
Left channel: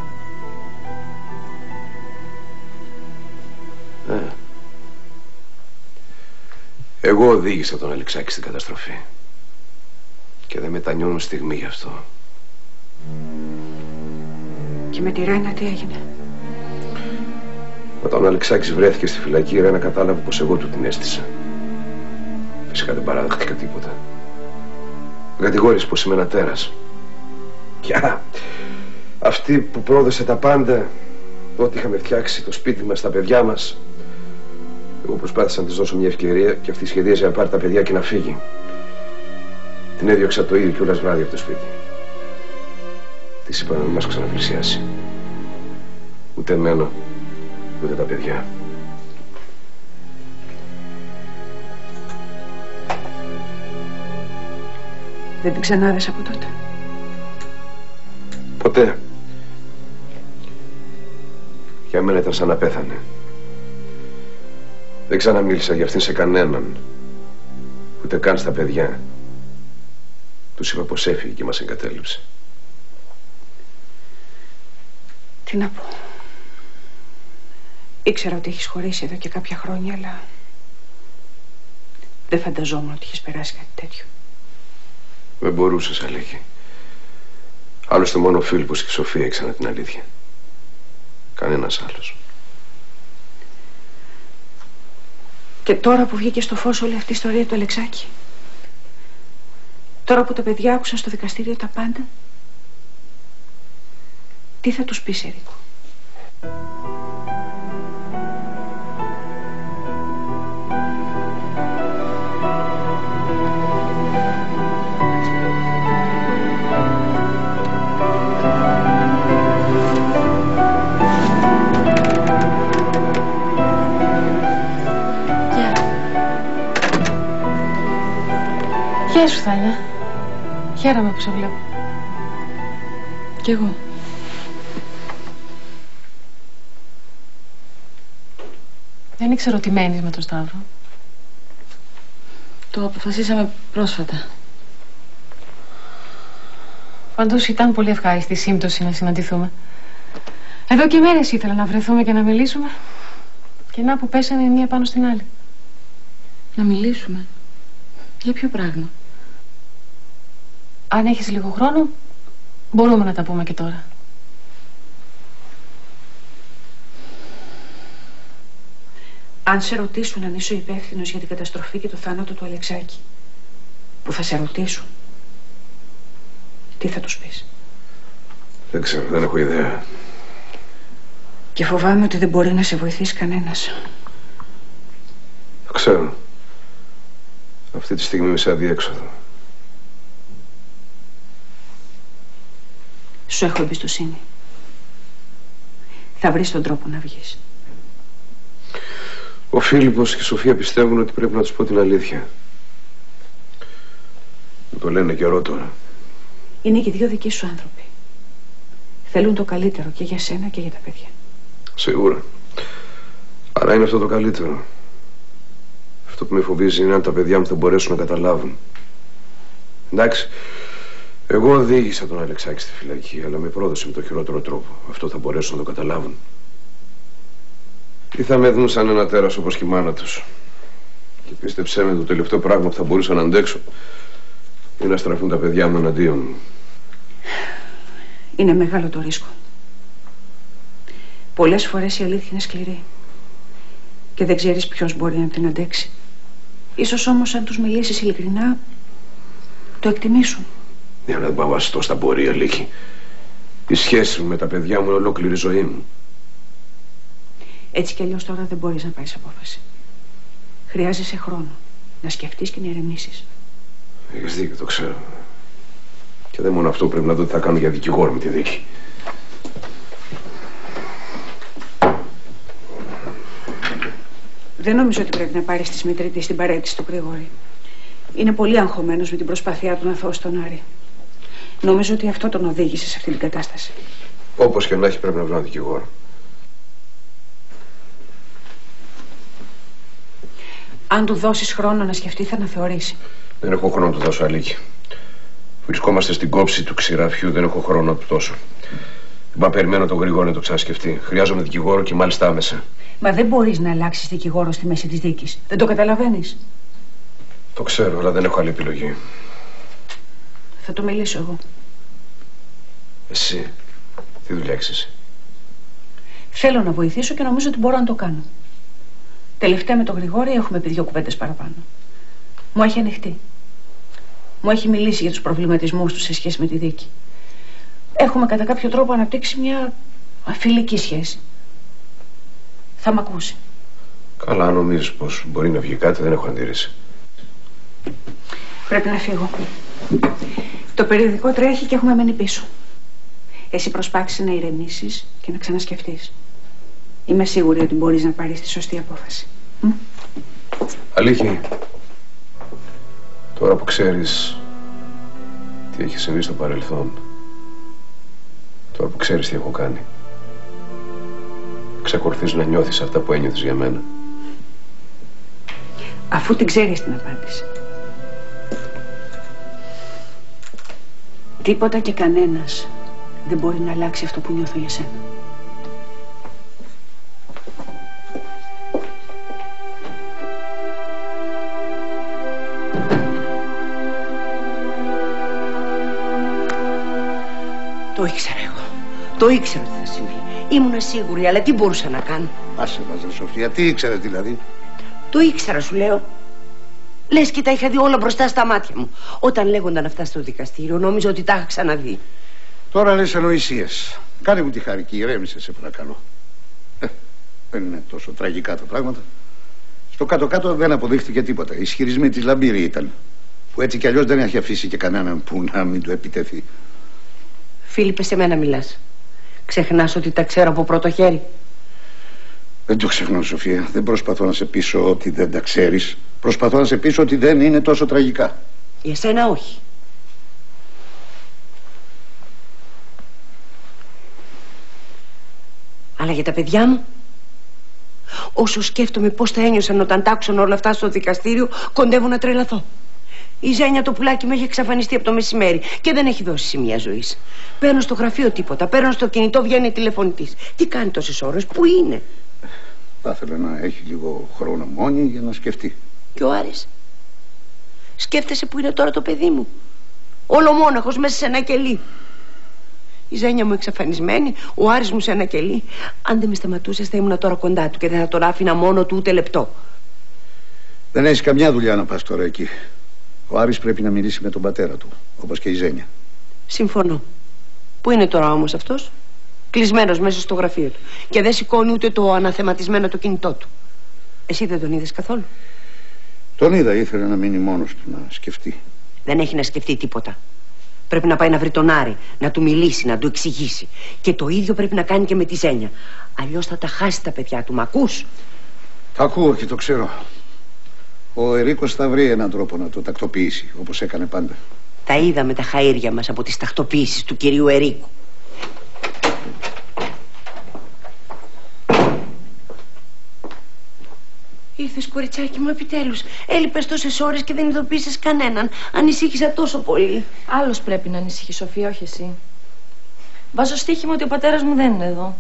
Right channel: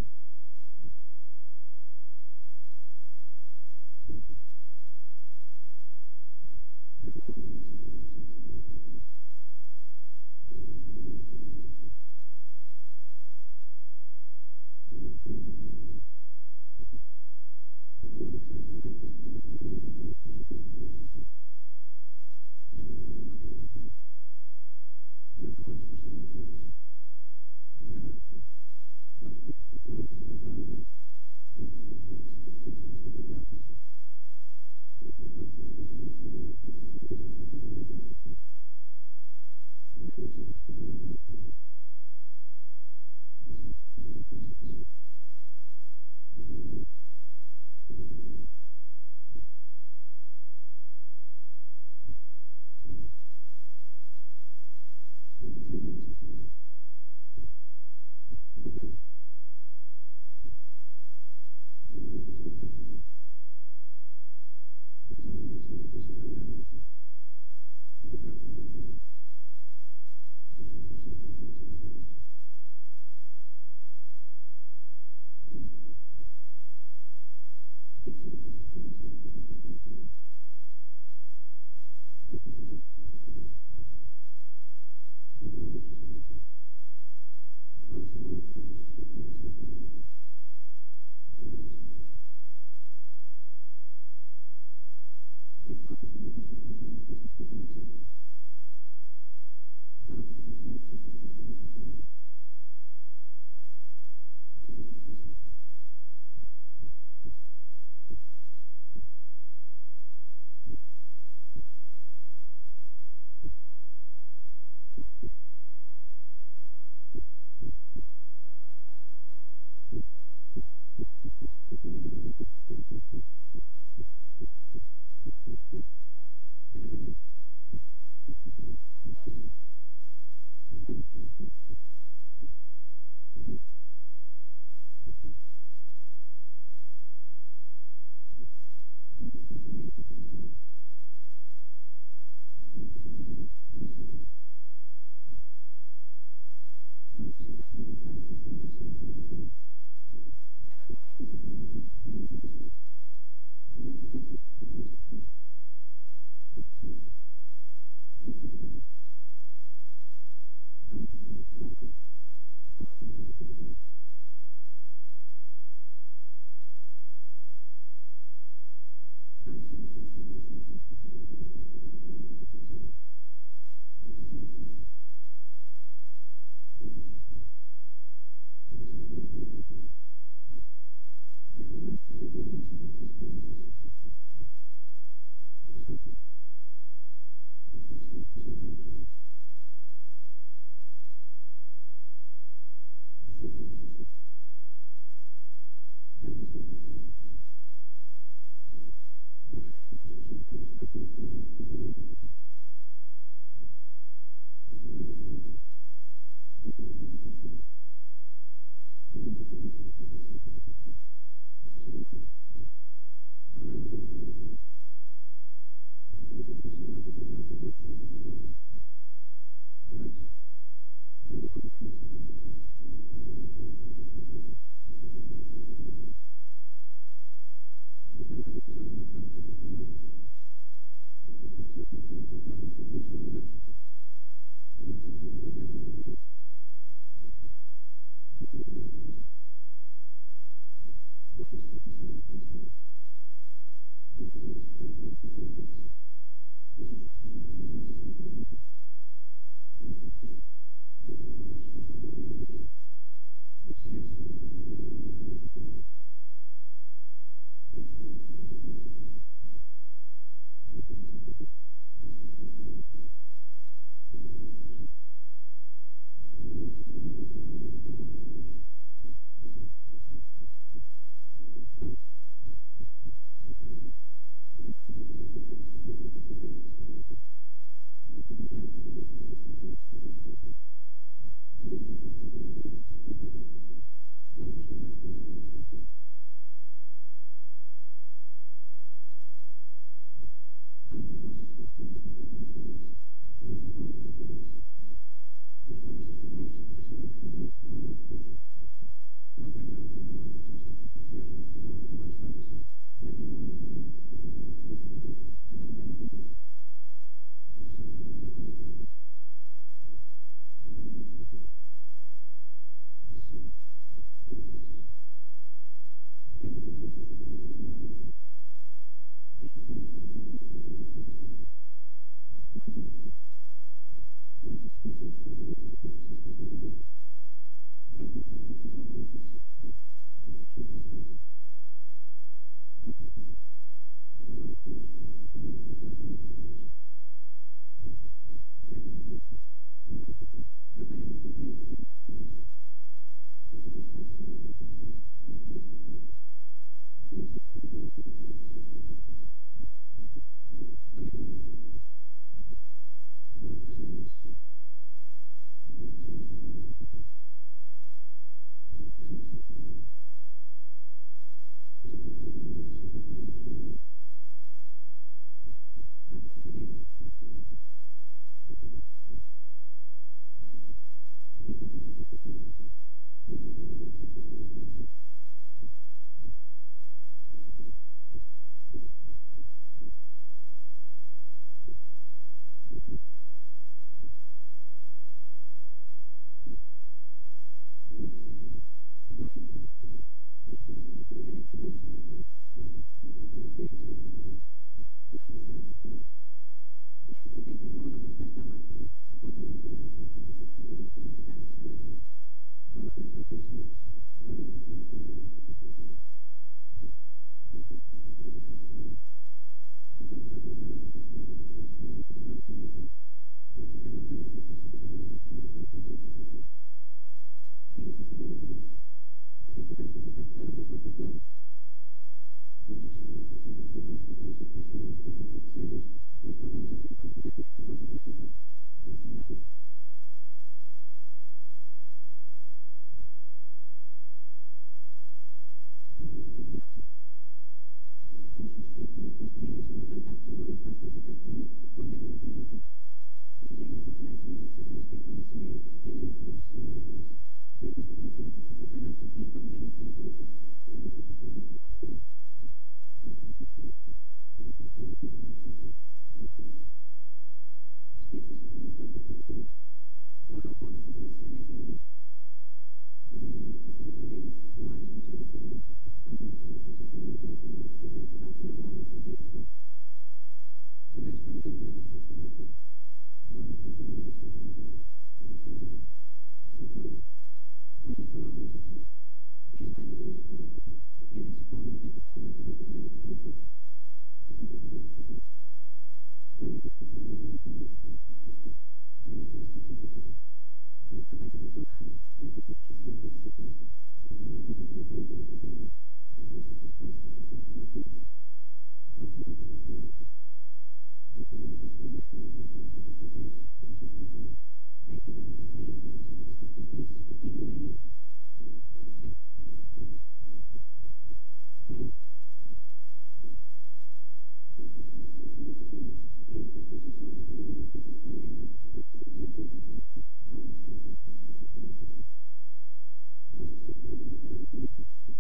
Εγώ οδήγησα τον Αλεξάκη στην καταστροφή. Και δεν μετανιώνω στιγμή γι' αυτό. Και με τη Ρένα τι έγινε? Όταν ο Αλεξάκης βρέθηκε στη φυλακή, η Ρένα κατάλαβε πως εγώ του την έστησα. Φυσικά δεν παραδέχτηκα τίποτα. Με κατηγόρησε πως είμαι ένα τέρας. Πια αυτή που πρόδωσε τα πάντα, ό,τι είχαμε φτιάξει, το σπίτι μας, τα παιδιά μας. Εγώ προσπάθησα να της δώσω μια ευκαιρία και αυτή σχεδίαζε να πάρει τα παιδιά και να φύγει. Την έδιωξα το ίδιο κιόλας βράδυ από το σπίτι. Της είπα να μην μας ξαναπλησιάσει. Ούτε εμένα, ούτε τα παιδιά. Δεν την ξανάρεσα από τότε? Ποτέ. Για μένα ήταν σαν να πέθανε. Δεν ξαναμίλησα για αυτήν σε κανέναν. Ούτε καν στα παιδιά. Τους είπα πως έφυγε και μας εγκατέλειψε. Τι να πω. Ήξερα ότι έχεις χωρίσει εδώ και κάποια χρόνια, αλλά δεν φανταζόμουν ότι έχεις περάσει κάτι τέτοιο. Δεν μπορούσες, Αλέκη. Άλλωστε μόνο ο Φίλιππος και η Σοφία ήξεραν την αλήθεια. Κανένας άλλος. Και τώρα που βγήκε στο φως όλη αυτή η ιστορία του Αλεξάκη, τώρα που τα παιδιά άκουσαν στο δικαστήριο τα πάντα, τι θα τους πεις, Ερίκο? Γεια σου, Θάνια. Χαίρομαι που σε βλέπω. Κι εγώ. Δεν ήξερα ότι μένεις με τον Σταύρο. Το αποφασίσαμε πρόσφατα. Πάντως ήταν πολύ ευχάριστη η σύμπτωση να συναντηθούμε. Εδώ και μέρες ήθελα να βρεθούμε και να μιλήσουμε. Και να που πέσανε η μία πάνω στην άλλη. Να μιλήσουμε? Για ποιο πράγμα? Αν έχεις λίγο χρόνο, μπορούμε να τα πούμε και τώρα. Αν σε ρωτήσουν αν είσαι ο υπεύθυνος για την καταστροφή και το θάνατο του Αλεξάκη, που θα σε ρωτήσουν, τι θα τους πεις? Δεν ξέρω, δεν έχω ιδέα. Και φοβάμαι ότι δεν μπορεί να σε βοηθήσει κανένας. Το ξέρω. Αυτή τη στιγμή είμαι σε αδιέξοδο. Σου έχω εμπιστοσύνη. Θα βρεις τον τρόπο να βγεις. Ο Φίλιππος και η Σοφία πιστεύουν ότι πρέπει να τους πω την αλήθεια. Μου το λένε καιρό τώρα. Είναι και δύο δικοί σου άνθρωποι. Θέλουν το καλύτερο και για σένα και για τα παιδιά. Σίγουρα. Άρα είναι αυτό το καλύτερο. Αυτό που με φοβίζει είναι αν τα παιδιά μου θα μπορέσουν να καταλάβουν. Εντάξει, εγώ οδήγησα τον Αλεξάκη στη φυλακή, αλλά με πρόδωσε με το χειρότερο τρόπο. Αυτό θα μπορέσουν να το καταλάβουν. Ή θα με δουν σαν ένα τέρας όπως και η μάνα τους. Και πίστεψέ με, το τελευταίο πράγμα που θα μπορούσα να αντέξω είναι να στραφούν τα παιδιά μου εναντίον μου. Είναι μεγάλο το ρίσκο. Πολλές φορές η αλήθεια είναι σκληρή και δεν ξέρεις ποιος μπορεί να την αντέξει. Ίσως όμως αν τους μιλήσεις ειλικρινά το εκτιμήσουν. Για να δεν πάω βαστώ στα πορεία, Λίκη. Η σχέση μου με τα παιδιά μου είναι ολόκληρη ζωή μου. Έτσι κι αλλιώς τώρα δεν μπορείς να πάρεις απόφαση. Χρειάζεσαι χρόνο να σκεφτείς και να ηρεμήσεις. Έχεις δίκιο, το ξέρω. Και δεν μόνο αυτό, πρέπει να δω τι θα κάνω για δικηγόρο με τη δίκη. Δεν νομίζω ότι πρέπει να πάρεις τη Σμιτρίτη στην παρέτηση του Γρηγόρη. Είναι πολύ αγχωμένος με την προσπάθειά του να θώσει τον Άρη. Νομίζω ότι αυτό τον οδήγησε σε αυτή την κατάσταση. Όπως και να έχει, πρέπει να βρω έναν δικηγόρο. Αν του δώσεις χρόνο να σκεφτεί, θα αναθεωρήσει. Δεν έχω χρόνο να του δώσω, Αλίκη. Βρισκόμαστε στην κόψη του ξηραφιού, δεν έχω χρόνο να του δώσω. Δεν πάω περιμένω τον Γρηγόρη να το ξανασκεφτεί. Χρειάζομαι δικηγόρο και μάλιστα άμεσα. Μα δεν μπορείς να αλλάξεις δικηγόρο στη μέση της δίκης. Δεν το καταλαβαίνεις? Το ξέρω, αλλά δεν έχω άλλη επιλογή. Θα το μιλήσω εγώ. Εσύ, τι δουλειά έχεις εσύ? Θέλω να βοηθήσω και νομίζω ότι μπορώ να το κάνω. Τελευταία με τον Γρηγόρη έχουμε πει 2 κουβέντες παραπάνω. Μου έχει ανοιχτεί. Μου έχει μιλήσει για τους προβληματισμούς του σε σχέση με τη δίκη. Έχουμε κατά κάποιο τρόπο αναπτύξει μια φιλική σχέση. Θα μ' ακούσει. Καλά, αν νομίζεις πως μπορεί να βγει κάτι, δεν έχω αντίρρηση. Πρέπει να φύγω. Το περιοδικό τρέχει και έχουμε μένει πίσω. Εσύ προσπάθησε να ηρεμήσεις και να ξανασκεφτείς. Είμαι σίγουρη ότι μπορείς να πάρεις τη σωστή απόφαση. Αλήθεια, τώρα που ξέρεις τι έχει συμβεί στο παρελθόν, τώρα που ξέρεις τι έχω κάνει, εξακολουθείς να νιώθεις αυτά που ένιωθες για μένα? Αφού την ξέρεις την απάντηση. Τίποτα και κανένας δεν μπορεί να αλλάξει αυτό που νιώθω για σένα. Το ήξερα εγώ. Το ήξερα ότι θα συμβεί. Ήμουνα σίγουρη, αλλά τι μπορούσα να κάνω? Άσε μας, Σοφία, τι ήξερες δηλαδή? Το ήξερα, σου λέω. Λες και τα είχα δει όλα μπροστά στα μάτια μου. Όταν λέγονταν αυτά στο δικαστήριο, νόμιζα ότι τα είχα ξαναδεί. Τώρα λες ανοησίες. Κάνε μου τη χάρη και ηρέμησε, σε παρακαλώ. Δεν είναι τόσο τραγικά τα πράγματα. Στο κάτω-κάτω δεν αποδείχτηκε τίποτα. Οι ισχυρισμοί της Λαμπύρη ήταν. Που έτσι κι αλλιώς δεν έχει αφήσει και κανέναν που να μην του επιτεθεί. Φίλιππε, σε μένα μιλάς. Ξεχνάς ότι τα ξέρω από πρώτο χέρι? Δεν το ξεχνώ, Σοφία. Δεν προσπαθώ να σε πείσω ότι δεν τα ξέρεις. Προσπαθώ να σε πείσω ότι δεν είναι τόσο τραγικά. Για σένα όχι. Αλλά για τα παιδιά μου, όσο σκέφτομαι πώς θα ένιωσαν όταν τ' άκουσαν όλα αυτά στο δικαστήριο, κοντεύω να τρελαθώ. Η Ζένια το πουλάκι μου έχει εξαφανιστεί από το μεσημέρι και δεν έχει δώσει σημεία ζωής. Παίρνω στο γραφείο τίποτα, παίρνω στο κινητό, βγαίνει τηλεφωνητής. Τι κάνει τόσες ώρες, πού είναι? Θα ήθελα να έχει λίγο χρόνο μόνη για να σκεφτεί. Και ο Άρης? Σκέφτεσαι που είναι τώρα το παιδί μου? Ολομόναχος μέσα σε ένα κελί. Η Ζένια μου εξαφανισμένη, ο Άρης μου σε ένα κελί. Αν δεν με σταματούσες θα ήμουν τώρα κοντά του και δεν θα τον άφηνα μόνο του ούτε λεπτό. Δεν έχεις καμιά δουλειά να πας τώρα εκεί. Ο Άρης πρέπει να μιλήσει με τον πατέρα του, όπως και η Ζένια. Συμφωνώ. Πού είναι τώρα όμως αυτός? Κλεισμένος μέσα στο γραφείο του. Και δεν σηκώνει ούτε το αναθεματισμένο το κινητό του. Εσύ δεν τον είδες καθόλου? Τον είδα, ήθελε να μείνει μόνος του να σκεφτεί. Δεν έχει να σκεφτεί τίποτα. Πρέπει να πάει να βρει τον Άρη, να του μιλήσει, να του εξηγήσει. Και το ίδιο πρέπει να κάνει και με τη Ζένια. Αλλιώς θα τα χάσει τα παιδιά του, μ' ακούς? Τα ακούω και το ξέρω. Ο Ερίκος θα βρει έναν τρόπο να το τακτοποιήσει, όπως έκανε πάντα. Τα είδαμε τα χαΐρια μας από τις τακτοποιήσεις του κυρίου Ερίκου. Ήρθες, κοριτσάκι μου, επιτέλους. Έλειπες τόσες ώρες και δεν ειδοποίησες κανέναν. Ανησύχησα τόσο πολύ. Άλλος πρέπει να ανησυχεί, Σοφία, όχι εσύ. Βάζω στοίχημα ότι ο πατέρας μου δεν είναι εδώ.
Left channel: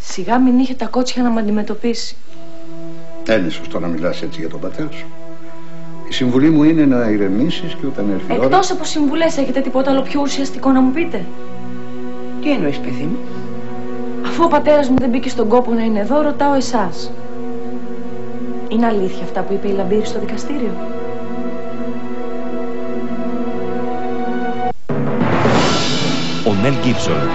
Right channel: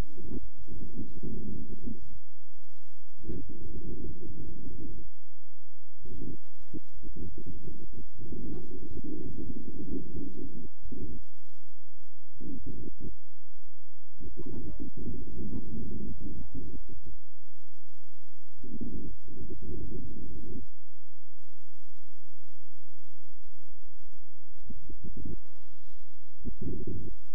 Σιγά μην είχε τα κότσια να με αντιμετωπίσει. Δεν είναι σωστό να μιλάς έτσι για τον πατέρα σου. Η συμβουλή μου είναι να ηρεμήσεις και όταν έρθει η ώρα... Εκτός από συμβουλές, έχετε τίποτα άλλο πιο ουσιαστικό να μου πείτε? Τι εννοείς, παιδί μου? Αφού ο πατέρας μου δεν μπήκε στον κόπο να είναι εδώ, ρωτάω εσάς. Είναι αλήθεια αυτά που είπε η Λαμπύρη στο δικαστήριο? Ο Μέλ Γκίψον.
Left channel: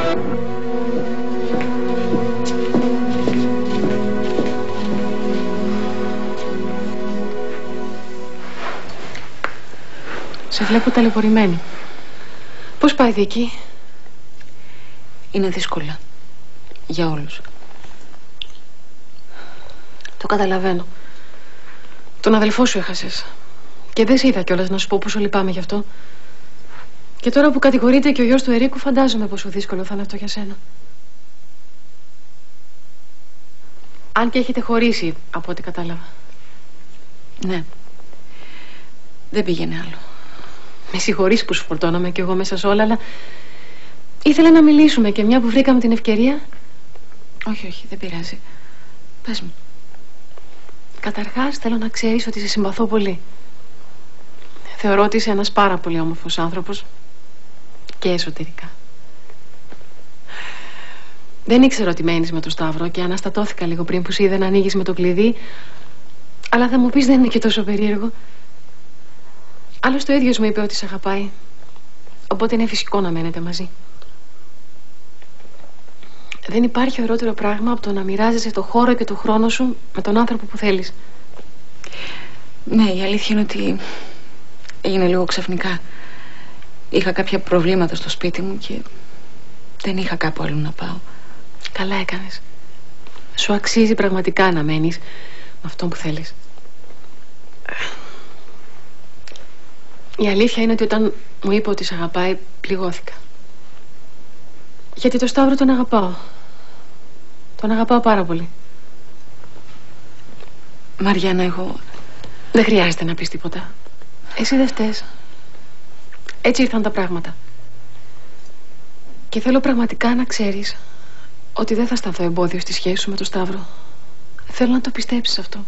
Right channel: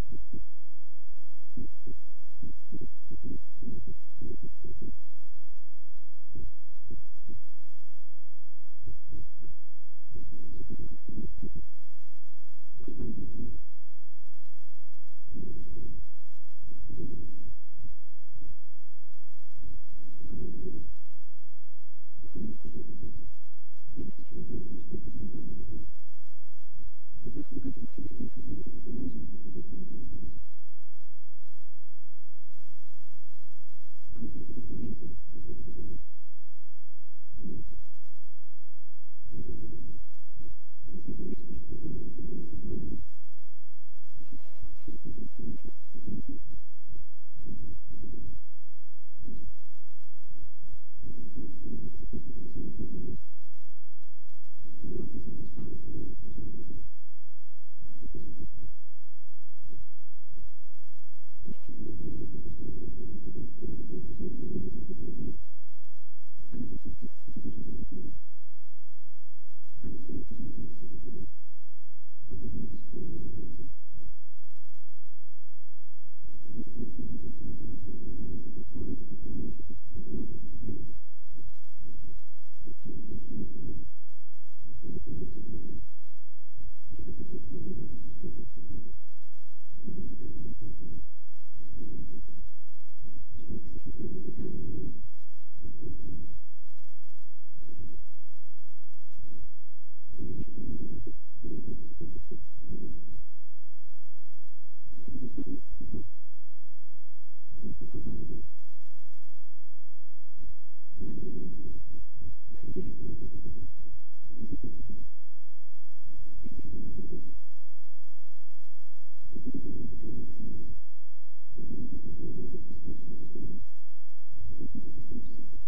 Σε βλέπω ταλαιπωρημένη. Πώς πάει η δίκη? Είναι δύσκολα. Για όλους. Το καταλαβαίνω. Τον αδελφό σου έχασες. Και δεν σε είδα κιόλας να σου πω πόσο λυπάμαι γι' αυτό. Και τώρα που κατηγορείται και ο γιος του Ερίκου, φαντάζομαι πόσο δύσκολο θα είναι αυτό για σένα. Αν και έχετε χωρίσει, από ό,τι κατάλαβα. Ναι. Δεν πήγαινε άλλο. Με συγχωρείς που σου φορτώναμε κι εγώ μέσα σε όλα, αλλά ήθελα να μιλήσουμε και μια που βρήκαμε την ευκαιρία. Όχι, δεν πειράζει. Πες μου. Καταρχάς θέλω να ξέρεις ότι σε συμπαθώ πολύ. Θεωρώ ότι είσαι ένας πάρα πολύ όμορφος άνθρωπος και εσωτερικά. Δεν ήξερα ότι μένεις με το Σταύρο και αναστατώθηκα λίγο πριν που σε είδα να ανοίγεις με το κλειδί. Αλλά θα μου πεις δεν είναι και τόσο περίεργο. Άλλωστε ο ίδιος μου είπε ότι σε αγαπάει. Οπότε είναι φυσικό να μένετε μαζί. Δεν υπάρχει ωραιότερο πράγμα από το να μοιράζεσαι το χώρο και το χρόνο σου με τον άνθρωπο που θέλεις. Ναι, η αλήθεια είναι ότι έγινε λίγο ξαφνικά. Είχα κάποια προβλήματα στο σπίτι μου και δεν είχα κάπου αλλού να πάω. Καλά έκανες. Σου αξίζει πραγματικά να μένεις με αυτόν που θέλεις. Η αλήθεια είναι ότι όταν μου είπε ότι σε αγαπάει, πληγώθηκα. Γιατί το Σταύρο τον αγαπάω. Τον αγαπάω πάρα πολύ. Μαριάννα, εγώ... Δεν χρειάζεται να πεις τίποτα. Εσύ δεν φταίς. Έτσι ήρθαν τα πράγματα. Και θέλω πραγματικά να ξέρεις ότι δεν θα σταθώ εμπόδιο στη σχέση σου με τον Σταύρο. Θέλω να το πιστέψεις αυτό.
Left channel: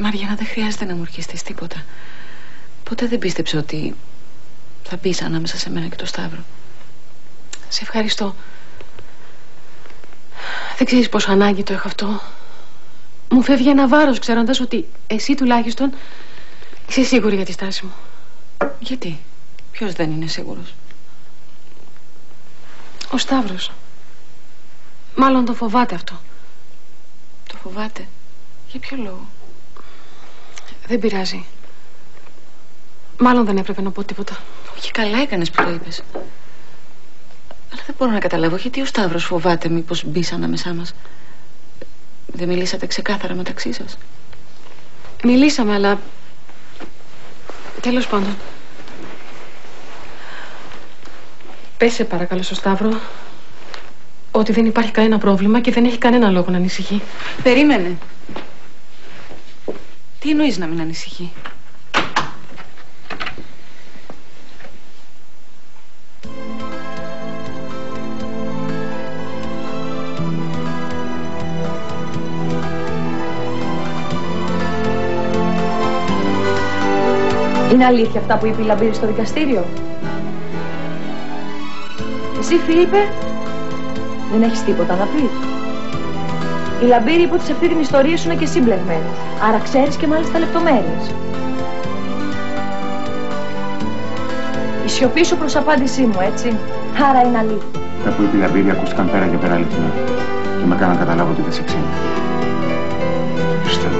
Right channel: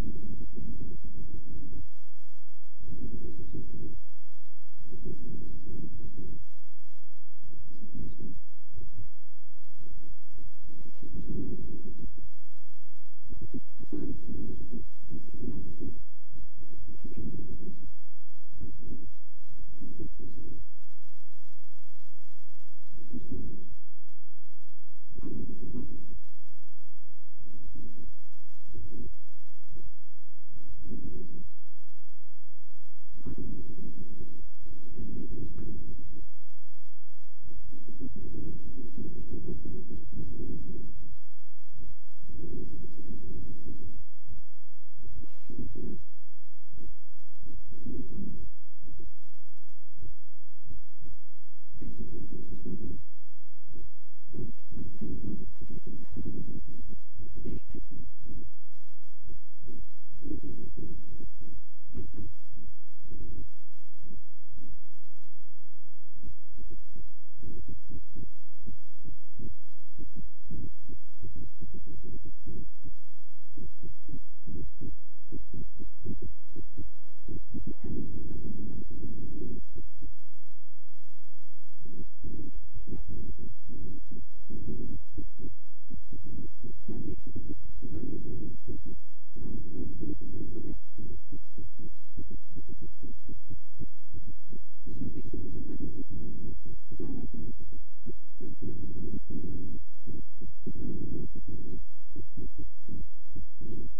Μαριάννα, δεν χρειάζεται να μου ορκιστείς τίποτα. Ποτέ δεν πίστεψα ότι θα μπεις ανάμεσα σε μένα και τον Σταύρο. Σε ευχαριστώ. Δεν ξέρεις πόσο ανάγκη το έχω αυτό. Μου φεύγει ένα βάρος ξέροντας ότι εσύ τουλάχιστον είσαι σίγουρη για τη στάση μου. Γιατί? Ποιος δεν είναι σίγουρος? Ο Σταύρος. Μάλλον το φοβάται αυτό. Το φοβάται? Για ποιο λόγο? Δεν πειράζει. Μάλλον δεν έπρεπε να πω τίποτα. Όχι, καλά έκανες που το είπες. Αλλά δεν μπορώ να καταλάβω γιατί ο Σταύρος φοβάται μήπως μπεις ανάμεσά μας. Δεν μιλήσατε ξεκάθαρα μεταξύ σας? Μιλήσαμε, αλλά... Τέλος πάντων. Πες σε παρακαλώ στο Σταύρο ότι δεν υπάρχει κανένα πρόβλημα και δεν έχει κανένα λόγο να ανησυχεί. Περίμενε. Τι εννοείς να μην ανησυχεί? Είναι αλήθεια αυτά που είπε η Λαμπύρη στο δικαστήριο? Εσύ, Φίλιππε, δεν έχεις τίποτα να πεις? Η Λαμπύρη είπε ότι σε αυτή την ιστορία σου είναι και εσύ μπλεγμένος. Άρα ξέρεις και μάλιστα λεπτομέρειες. Η σιωπή σου προς απάντησή μου, έτσι. Άρα είναι αλήθεια. Αυτά που είπε η Λαμπύρη ακούστηκαν πέρα και πέρα αληθινά. Και με έκαναν να καταλάβω ότι δεν σε ξύνει. Πιστεύω.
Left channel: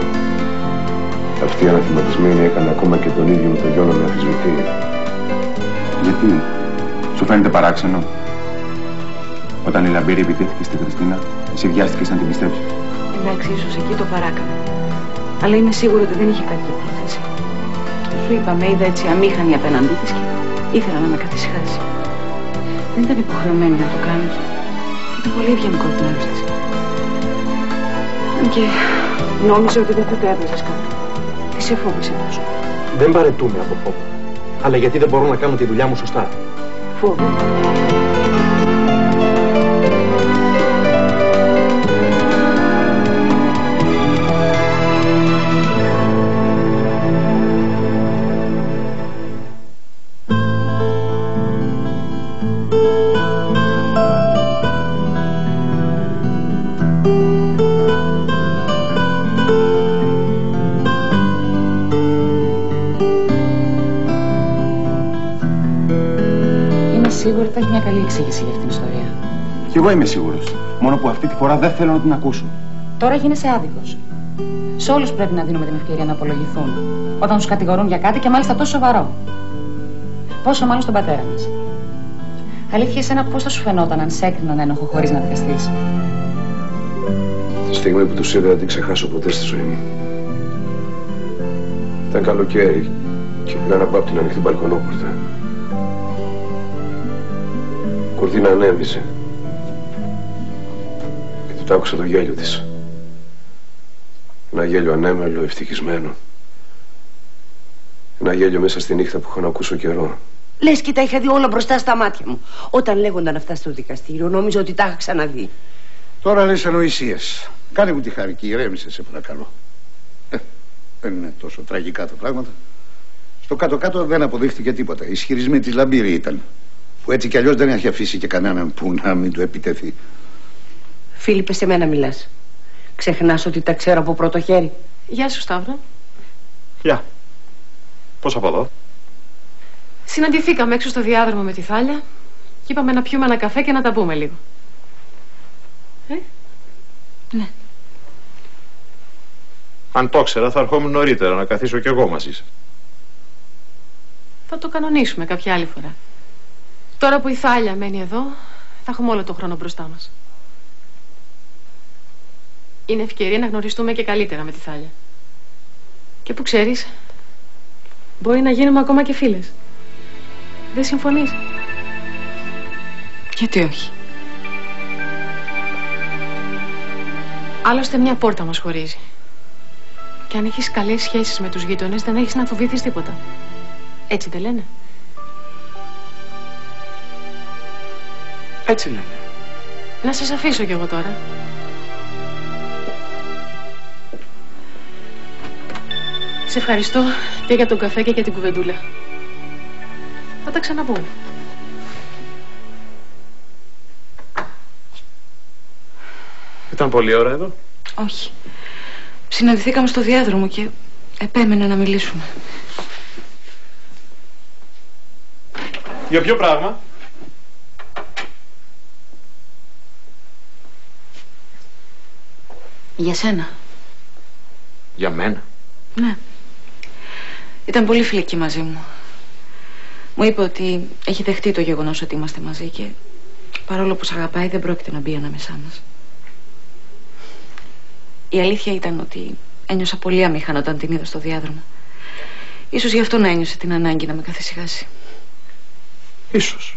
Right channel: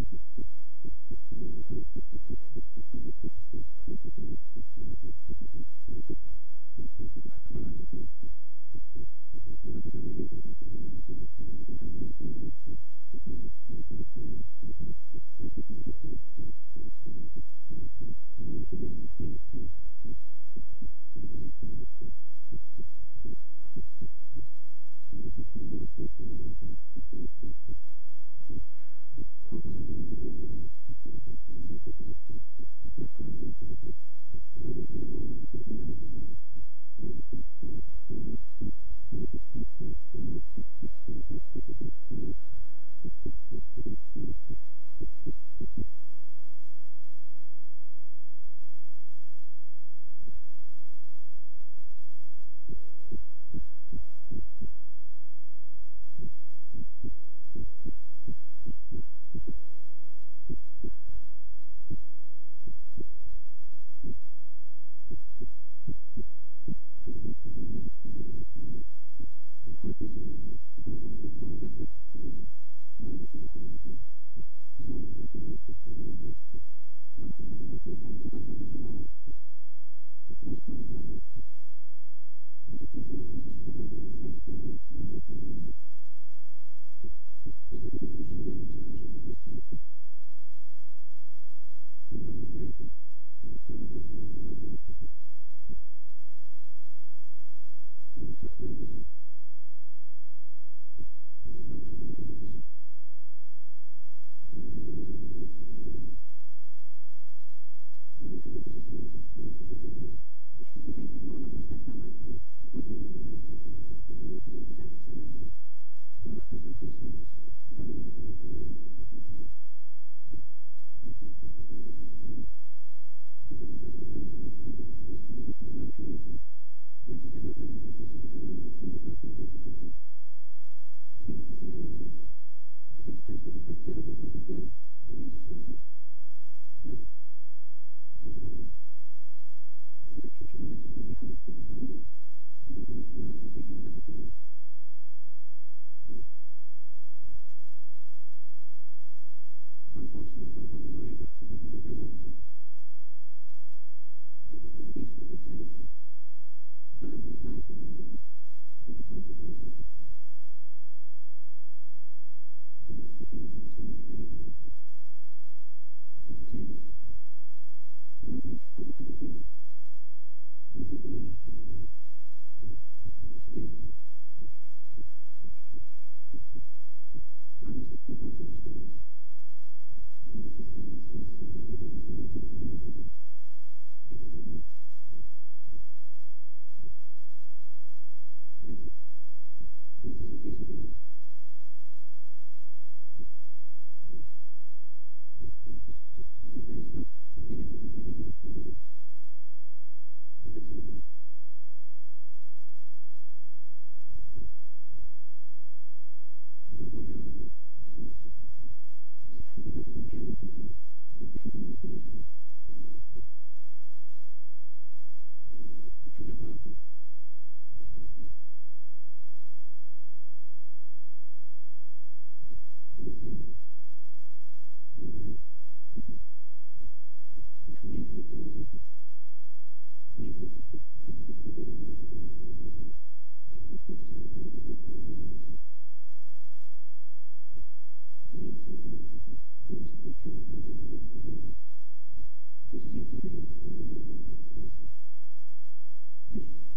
Αυτή η αναθυματισμένη έκανε ακόμα και τον ίδιο με τον γιο να με αμφισβητεί. Γιατί? Σου φαίνεται παράξενο? Όταν η Λαμπύρη επιτέθηκε στην Χριστίνα, εσύ βιάστηκες να την πιστέψεις. Εντάξει, ίσως εκεί το παράκανα. Αλλά είμαι σίγουρη ότι δεν είχε κακή πρόθεση. Σου είπα, με είδα έτσι αμήχανη απέναντί της και ήθελα να με καθησυχάσει. Δεν ήταν υποχρεωμένη να το κάνει και ήταν πολύ ευγενικό την άρρωσταση. Και νόμιζα ότι δεν θα το έβγαζες κάτω. Τι σε φόβησε τόσο? Δεν παρετούμε από φόβο. Αλλά γιατί δεν μπορώ να κάνω τη δουλειά μου σωστά. Φόβο. Σίγουρη θα έχει μια καλή εξήγηση για αυτήν την ιστορία. Κι εγώ είμαι σίγουρος. Μόνο που αυτή τη φορά δεν θέλω να την ακούσω. Τώρα γίνεσαι άδικος. Σε όλους πρέπει να δίνουμε την ευκαιρία να απολογηθούν όταν τους κατηγορούν για κάτι και μάλιστα τόσο σοβαρό. Πόσο μάλλον στον πατέρα μας. Αλήθεια, εσένα πώς θα σου φαινόταν αν σε έκριναν ένοχο χωρίς να δικαστείς? Τη στιγμή που τους είδα δεν την ξεχάσω ποτέ στη ζωή μου. Ήταν καλοκαίρι και πήραν από την ανοιχτή μπαλκονόπορτα. Η κουρτίνα ανέβησε και του άκουσα το γέλιο της. Ένα γέλιο ανέμελο, ευτυχισμένο. Ένα γέλιο μέσα στη νύχτα που είχα να ακούσω καιρό. Λες και τα είχα δει όλα μπροστά στα μάτια μου. Όταν λέγονταν αυτά στο δικαστήριο, νόμιζα ότι τα είχα ξαναδεί. Τώρα λες ανοησίες. Κάνε μου τη χάρη και ηρέμησε, σε παρακαλώ. Δεν είναι τόσο τραγικά τα πράγματα. Στο κάτω-κάτω δεν αποδείχτηκε τίποτα. Οι ισχυρισμοί της Λαμπύρη ήταν. Που έτσι κι αλλιώς δεν έχει αφήσει και κανέναν που να μην του επιτεθεί. Φίλιππε, σε μένα μιλάς. Ξεχνάς ότι τα ξέρω από πρώτο χέρι. Γεια σου, Σταύρο. Γεια. Πώς από εδώ? Συναντηθήκαμε έξω στο διάδρομο με τη Θάλια και είπαμε να πιούμε ένα καφέ και να τα πούμε λίγο. Ναι. Αν το ήξερα θα ερχόμουν νωρίτερα να καθίσω κι εγώ μαζί σας. Θα το κανονίσουμε κάποια άλλη φορά. Τώρα που η Θάλια μένει εδώ, θα έχουμε όλο τον χρόνο μπροστά μας. Είναι ευκαιρία να γνωριστούμε και καλύτερα με τη Θάλια. Και που ξέρεις, μπορεί να γίνουμε ακόμα και φίλες. Δεν συμφωνείς? Γιατί όχι? Άλλωστε μια πόρτα μας χωρίζει. Και αν έχεις καλές σχέσεις με τους γείτονες, δεν έχεις να φοβηθείς τίποτα. Έτσι δεν λένε? Έτσι λένε. Να σας αφήσω κι εγώ τώρα. Σε ευχαριστώ και για τον καφέ και για την κουβεντούλα. Θα τα ξαναπούμε. Ήταν πολλή ώρα εδώ? Όχι. Συναντηθήκαμε στο διάδρομο και επέμενα να μιλήσουμε. Για ποιο πράγμα? Για σένα. Για μένα? Ναι. Ήταν πολύ φιλική μαζί μου. Μου είπε ότι έχει δεχτεί το γεγονός ότι είμαστε μαζί και παρόλο που σ' αγαπάει δεν πρόκειται να μπει ανάμεσά μας. Η αλήθεια ήταν ότι ένιωσα πολύ αμήχανα όταν την είδα στο διάδρομο. Ίσως γι' αυτό να ένιωσε την ανάγκη να με καθησυχάσει. Ίσως.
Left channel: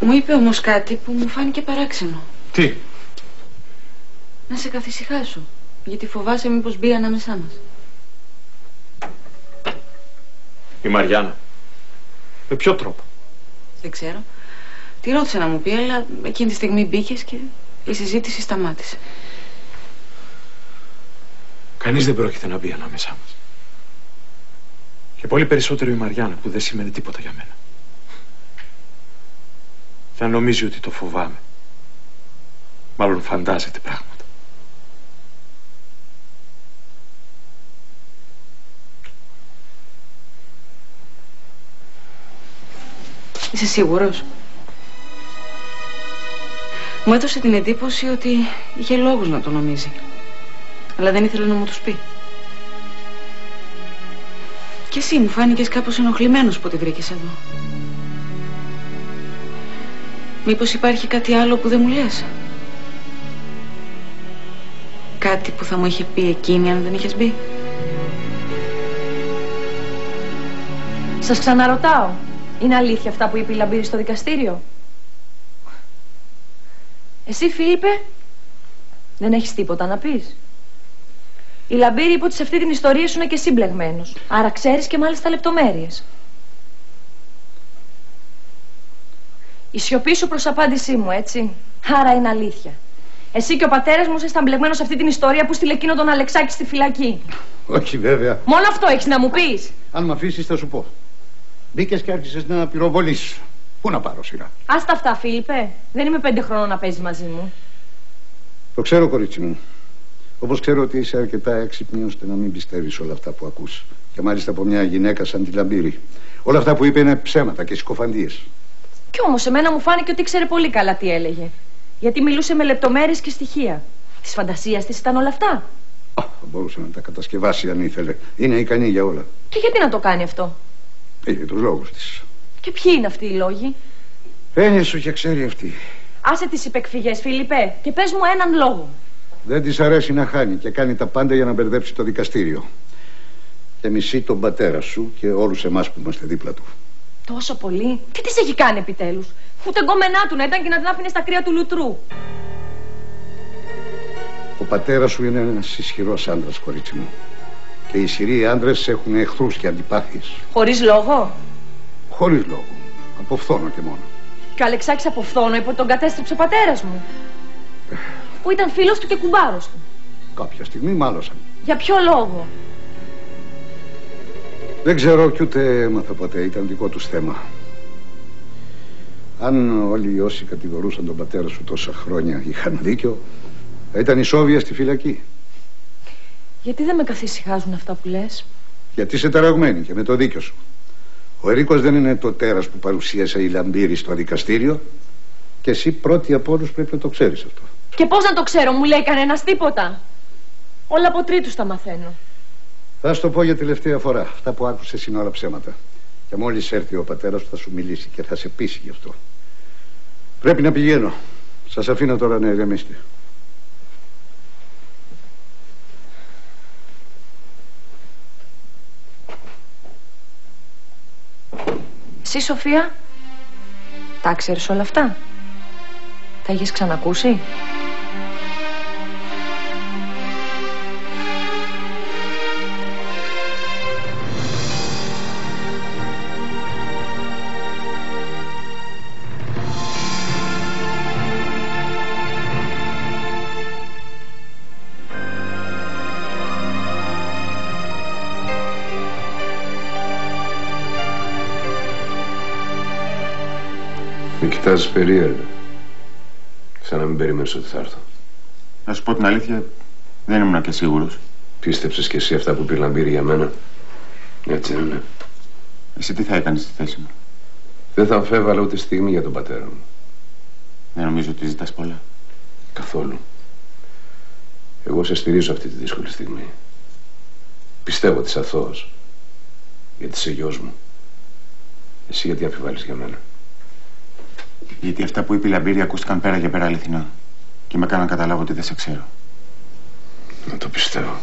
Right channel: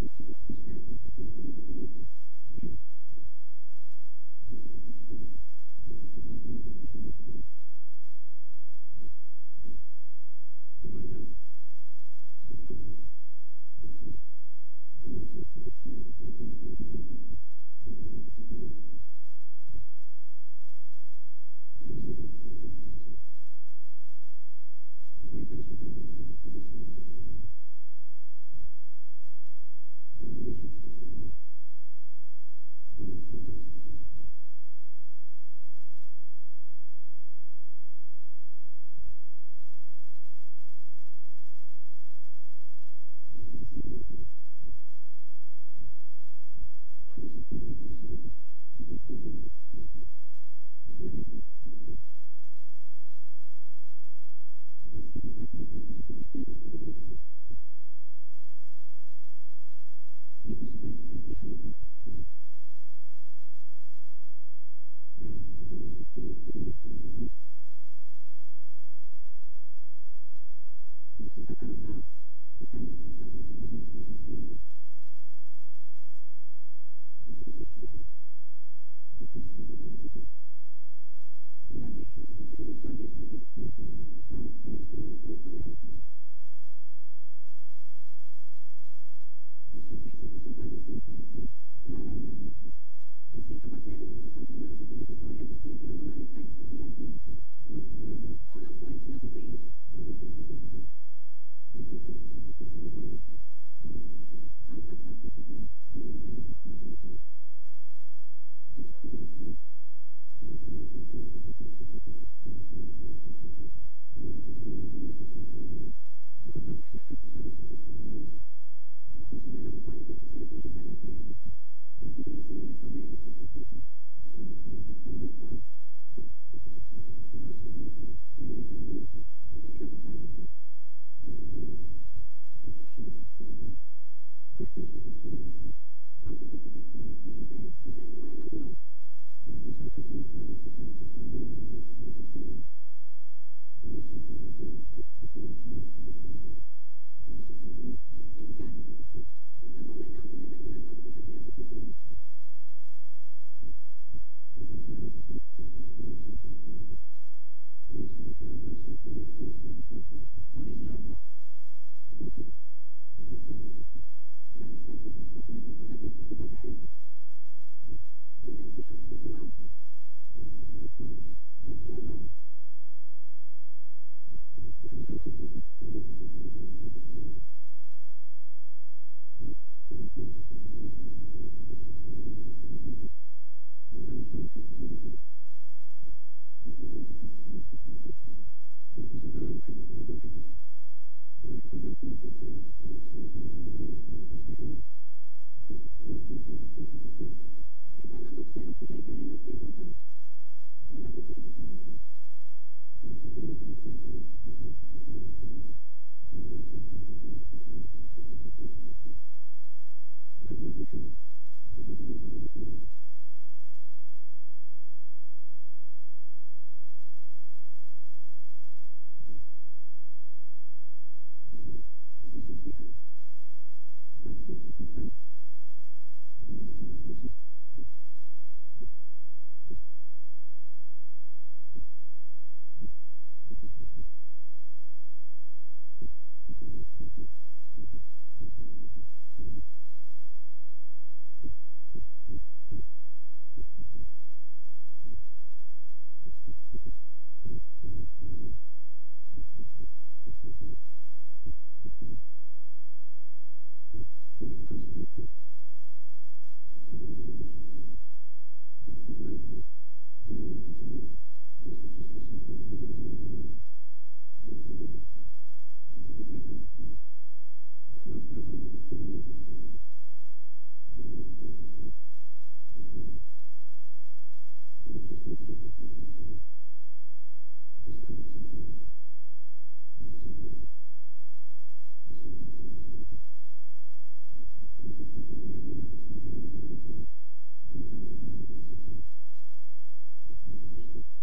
Μου είπε όμως κάτι που μου φάνηκε παράξενο. Τι? Να σε καθησυχάσω, γιατί φοβάσαι μήπως μπει ανάμεσά μας. Η Μαριάννα. Με ποιο τρόπο? Δεν ξέρω. Τη ρώτησα να μου πει, αλλά εκείνη τη στιγμή μπήκες και η συζήτηση σταμάτησε. Κανείς δεν πρόκειται να μπει ανάμεσά μας. Και πολύ περισσότερο η Μαριάννα που δεν σημαίνει τίποτα για μένα. Θα νομίζει ότι το φοβάμαι. Μάλλον φαντάζεται πράγματα. Είσαι σίγουρος? Μου έδωσε την εντύπωση ότι είχε λόγους να το νομίζει. Αλλά δεν ήθελε να μου τους πει. Και εσύ μου φάνηκες κάπως ενοχλημένος που τη βρήκες εδώ. Μήπως υπάρχει κάτι άλλο που δεν μου λες? Κάτι που θα μου είχε πει εκείνη αν δεν είχες μπει? Σας ξαναρωτάω. Είναι αλήθεια αυτά που είπε η Λαμπύρη στο δικαστήριο? Εσύ, Φίλιππε, δεν έχεις τίποτα να πεις? Η Λαμπύρη είπε ότι σε αυτή την ιστορία ήσουν και εσύ μπλεγμένος. Άρα ξέρεις και μάλιστα λεπτομέρειες. Η σιωπή σου προς απάντησή μου, έτσι. Άρα είναι αλήθεια. Εσύ και ο πατέρας μου ήσασταν μπλεγμένος σε αυτή την ιστορία που στείλε εκείνο τον Αλεξάκη στη φυλακή. Όχι, βέβαια. Μόνο αυτό έχεις να μου πεις? Αν με αφήσεις θα σου πω. Μπήκες και άρχισες να πυροβολείς. Πού να πάρω σειρά? Άστα αυτά, Φίλιππε. Δεν είμαι 5 χρόνων να παίζεις μαζί μου. Το ξέρω, κορίτσι μου. Όπως ξέρω ότι είσαι αρκετά έξυπνη ώστε να μην πιστεύεις όλα αυτά που ακούς. Και μάλιστα από μια γυναίκα σαν τη Λαμπύρη. Όλα αυτά που είπε είναι ψέματα και συκοφαντίες. Κι όμως εμένα μου φάνηκε ότι ήξερε πολύ καλά τι έλεγε. Γιατί μιλούσε με λεπτομέρειες και στοιχεία. Της φαντασίας της ήταν όλα αυτά. Μπορούσε να τα κατασκευάσει αν ήθελε. Είναι ικανή για όλα. Και γιατί να το κάνει αυτό? Για τους λόγους της. Και ποιοι είναι αυτοί οι λόγοι? Έννοια σου και ξέρει αυτή. Άσε τις υπεκφυγές, Φίλιππε, και πες μου έναν λόγο. Δεν της αρέσει να χάνει και κάνει τα πάντα για να μπερδέψει το δικαστήριο. Και μισεί τον πατέρα σου και όλους εμάς που είμαστε δίπλα του. Τόσο πολύ? Τι της έχει κάνει επιτέλους? Ούτε γκόμενά του να ήταν και να την άφηνε στα κρύα του λουτρού. Ο πατέρας σου είναι ένας ισχυρός άντρας, κορίτσι μου. Και οι ισχυροί άντρες έχουν εχθρούς και αντιπάθειες. Χωρίς λόγο? Χωρίς λόγο. Από φθόνο και μόνο. Και ο Αλεξάκης από φθόνο είπε ότι τον κατέστρεψε ο πατέρας μου. Που ήταν φίλος του και κουμπάρος του. Κάποια στιγμή μάλωσαν. Για ποιο λόγο? Δεν ξέρω κι ούτε έμαθα ποτέ. Ήταν δικό τους θέμα. Αν όλοι όσοι κατηγορούσαν τον πατέρα σου τόσα χρόνια είχαν δίκιο, θα ήταν ισόβια στη φυλακή. Γιατί δεν με καθησυχάζουν αυτά που λες? Γιατί είσαι ταραγμένη και με το δίκιο σου. Ο Ερίκος δεν είναι το τέρας που παρουσίασε η Λαμπύρη στο δικαστήριο. Και εσύ πρώτη από όλους πρέπει να το ξέρεις αυτό. Και πώς να το ξέρω, μου λέει κανένας τίποτα? Όλα από τρίτους τα μαθαίνω. Θα σου το πω για τελευταία φορά. Αυτά που άκουσες είναι όλα ψέματα. Και μόλις έρθει ο πατέρας σου θα σου μιλήσει και θα σε πείσει γι' αυτό. Πρέπει να πηγαίνω. Σας αφήνω τώρα να ηρεμήσετε. Εσύ, Σοφία, τα ξέρεις όλα αυτά? Τα έχεις ξανακούσει? Με κοιτάζεις περίεργα. Σαν να μην περίμενες ότι θα έρθω. Να σου πω την αλήθεια, δεν ήμουν και σίγουρος. Πίστεψες κι εσύ αυτά που είπε η Λαμπύρη για μένα? Έτσι δεν είναι? Εσύ τι θα έκανες στη θέση μου? Δεν θα αμφέβαλα ούτε στιγμή για τον πατέρα μου. Δεν νομίζω ότι ζητάς πολλά. Καθόλου. Εγώ σε στηρίζω αυτή τη δύσκολη στιγμή. Πιστεύω ότι είσαι αθώος. Γιατί είσαι γιος μου. Εσύ γιατί αμφιβάλλεις για μένα? Γιατί αυτά που είπε η Λαμπύρη ακούστηκαν πέρα και πέρα αληθινά. Και με έκαναν να καταλάβω ότι δεν σε ξέρω. Να το πιστεύω.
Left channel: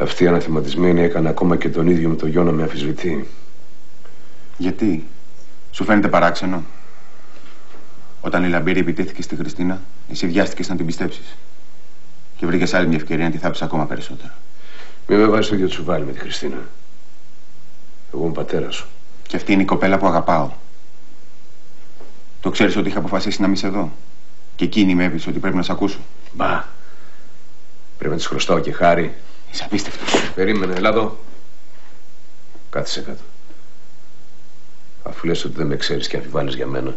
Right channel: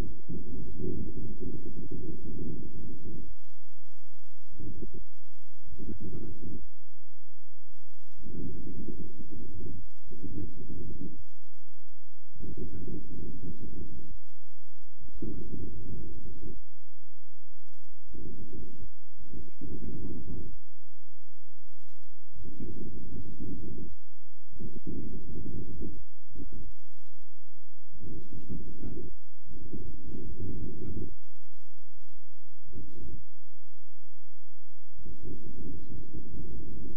Αυτή η αναθεματισμένη έκανε ακόμα και τον ίδιο με το γιο να με αμφισβητεί. Γιατί? Σου φαίνεται παράξενο? Όταν η Λαμπύρη επιτέθηκε στη Χριστίνα, εσύ βιάστηκες να την πιστέψεις. Και βρήκες άλλη μια ευκαιρία να τη θάψεις ακόμα περισσότερο. Μην με βάζεις το ίδιο τσουβάλι με τη Χριστίνα. Εγώ είμαι πατέρας σου. Και αυτή είναι η κοπέλα που αγαπάω. Το ξέρεις ότι είχα αποφασίσει να μην σε δω? Και εκείνη με έπεισε ότι πρέπει να σε ακούσω. Μπα. Πρέπει να της χρωστάω και χάρη. Είσαι απίστευτος. Περίμενε, έλα εδώ. Κάθισε κάτω. Αφού λες ότι δεν με ξέρεις και αμφιβάλλεις για μένα,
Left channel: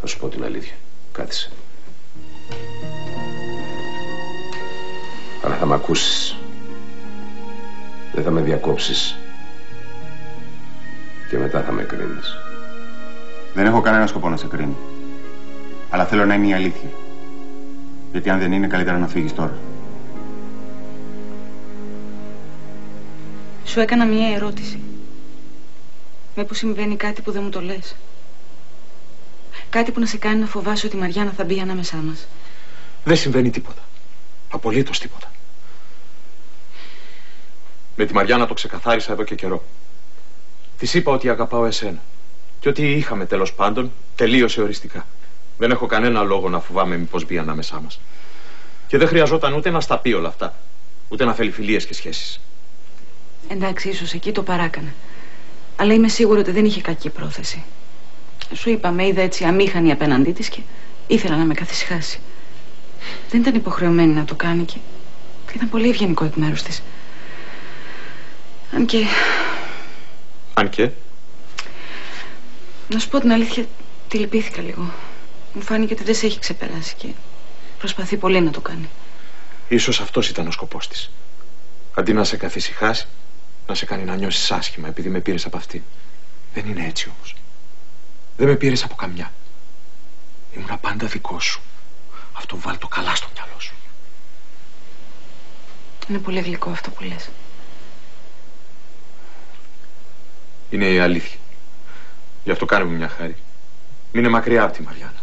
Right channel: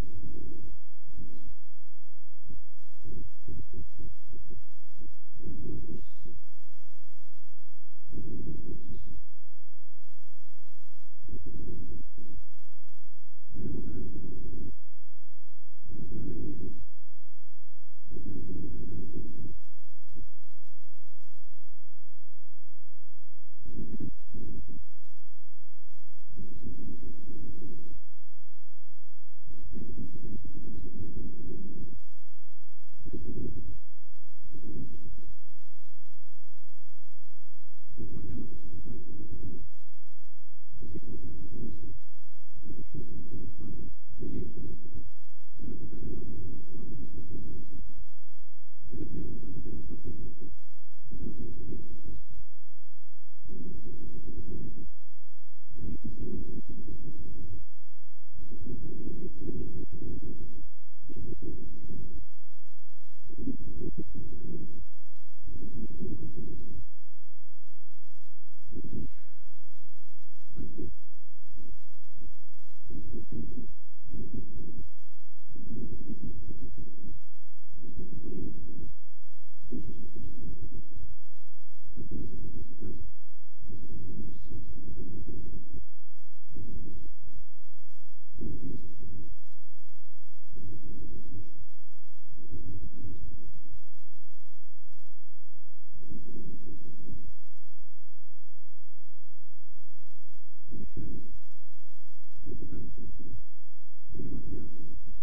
θα σου πω την αλήθεια. Κάθισε. Αλλά θα μ' ακούσεις. Δεν θα με διακόψεις. Και μετά θα με κρίνεις. Δεν έχω κανένα σκοπό να σε κρίνω. Αλλά θέλω να είναι η αλήθεια. Γιατί αν δεν είναι, καλύτερα να φύγεις τώρα. Σου έκανα μία ερώτηση. Μήπως συμβαίνει κάτι που δεν μου το λες? Κάτι που να σε κάνει να φοβάσαι ότι η Μαριάννα θα μπει ανάμεσά μας. Δεν συμβαίνει τίποτα. Απολύτως τίποτα. Με τη Μαριάννα το ξεκαθάρισα εδώ και καιρό. Της είπα ότι αγαπάω εσένα. Και ότι είχαμε τέλος πάντων τελείωσε οριστικά. Δεν έχω κανένα λόγο να φοβάμαι μήπως μπει ανάμεσά μας. Και δεν χρειαζόταν ούτε να στα πει όλα αυτά, ούτε να θέλει φιλίες και σχέσεις. Εντάξει, ίσως εκεί το παράκανα. Αλλά είμαι σίγουρη ότι δεν είχε κακή πρόθεση. Σου είπα, με είδα έτσι αμήχανη απέναντί της και ήθελα να με καθησυχάσει. Δεν ήταν υποχρεωμένη να το κάνει και ήταν πολύ ευγενικό εκ μέρους της. Αν και... Αν και... Να σου πω την αλήθεια, τη λυπήθηκα λίγο. Μου φάνηκε ότι δεν σε έχει ξεπεράσει και προσπαθεί πολύ να το κάνει. Ίσως αυτός ήταν ο σκοπός της. Αντί να σε καθησυχάσει, να σε κάνει να νιώσεις άσχημα επειδή με πήρες από αυτή. Δεν είναι έτσι όμως. Δεν με πήρες από καμιά. Ήμουνα πάντα δικό σου. Αυτό βάλ' το καλά στο μυαλό σου. Είναι πολύ γλυκό αυτό που λες. Είναι η αλήθεια. Γι' αυτό κάνε μου μια χάρη. Μείνε μακριά από τη Μαριάννα.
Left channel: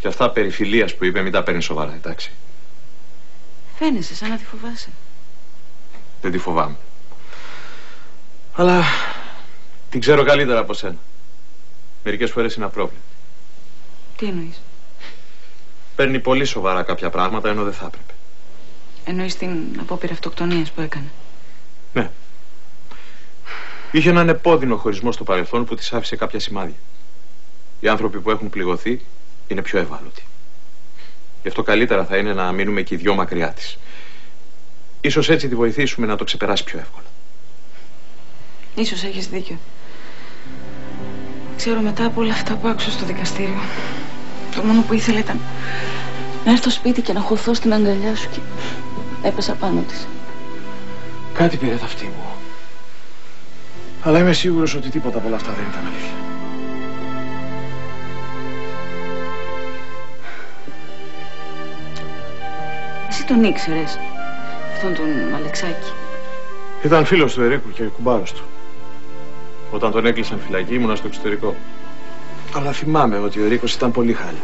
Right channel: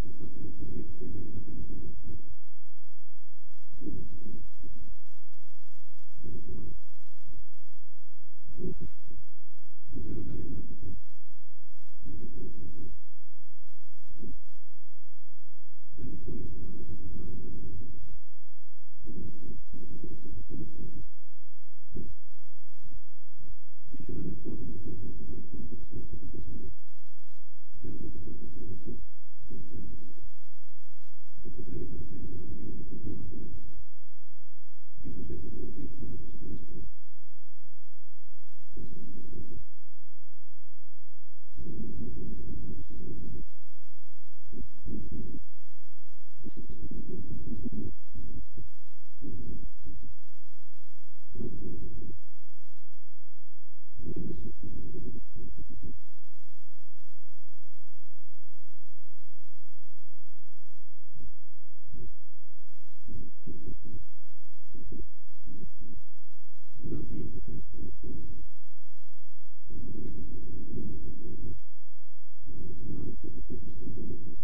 Και αυτά περί φιλίας που είπε μην τα παίρνεις σοβαρά, εντάξει. Φαίνεσαι σαν να τη φοβάσαι. Δεν τη φοβάμαι. Αλλά την ξέρω καλύτερα από σένα. Μερικές φορές είναι απρόβλεπτη. Τι εννοείς? Παίρνει πολύ σοβαρά κάποια πράγματα ενώ δεν θα έπρεπε. Εννοείς την απόπειρα αυτοκτονίας που έκανε? Ναι. Είχε έναν επώδυνο χωρισμό στο παρελθόν που της άφησε κάποια σημάδια. Οι άνθρωποι που έχουν πληγωθεί είναι πιο ευάλωτοι. Γι' αυτό καλύτερα θα είναι να μείνουμε και οι δυο μακριά της. Ίσως έτσι τη βοηθήσουμε να το ξεπεράσει πιο εύκολα. Ίσως έχεις δίκιο. Ξέρω μετά από όλα αυτά που άκουσα στο δικαστήριο, το μόνο που ήθελα ήταν να έρθω στο σπίτι και να χωθώ στην αγκαλιά σου και έπεσα πάνω της. Κάτι πήρε τα αυτή μου. Αλλά είμαι σίγουρος ότι τίποτα από όλα αυτά δεν ήταν αλήθεια. Εσύ τον ήξερες, αυτόν τον Αλεξάκη? Ήταν φίλος του Ερίκου και κουμπάρος του. Όταν τον έκλεισαν φυλακή ήμουνα στο εξωτερικό. Αλλά θυμάμαι ότι ο Ερίκος ήταν πολύ χάλια.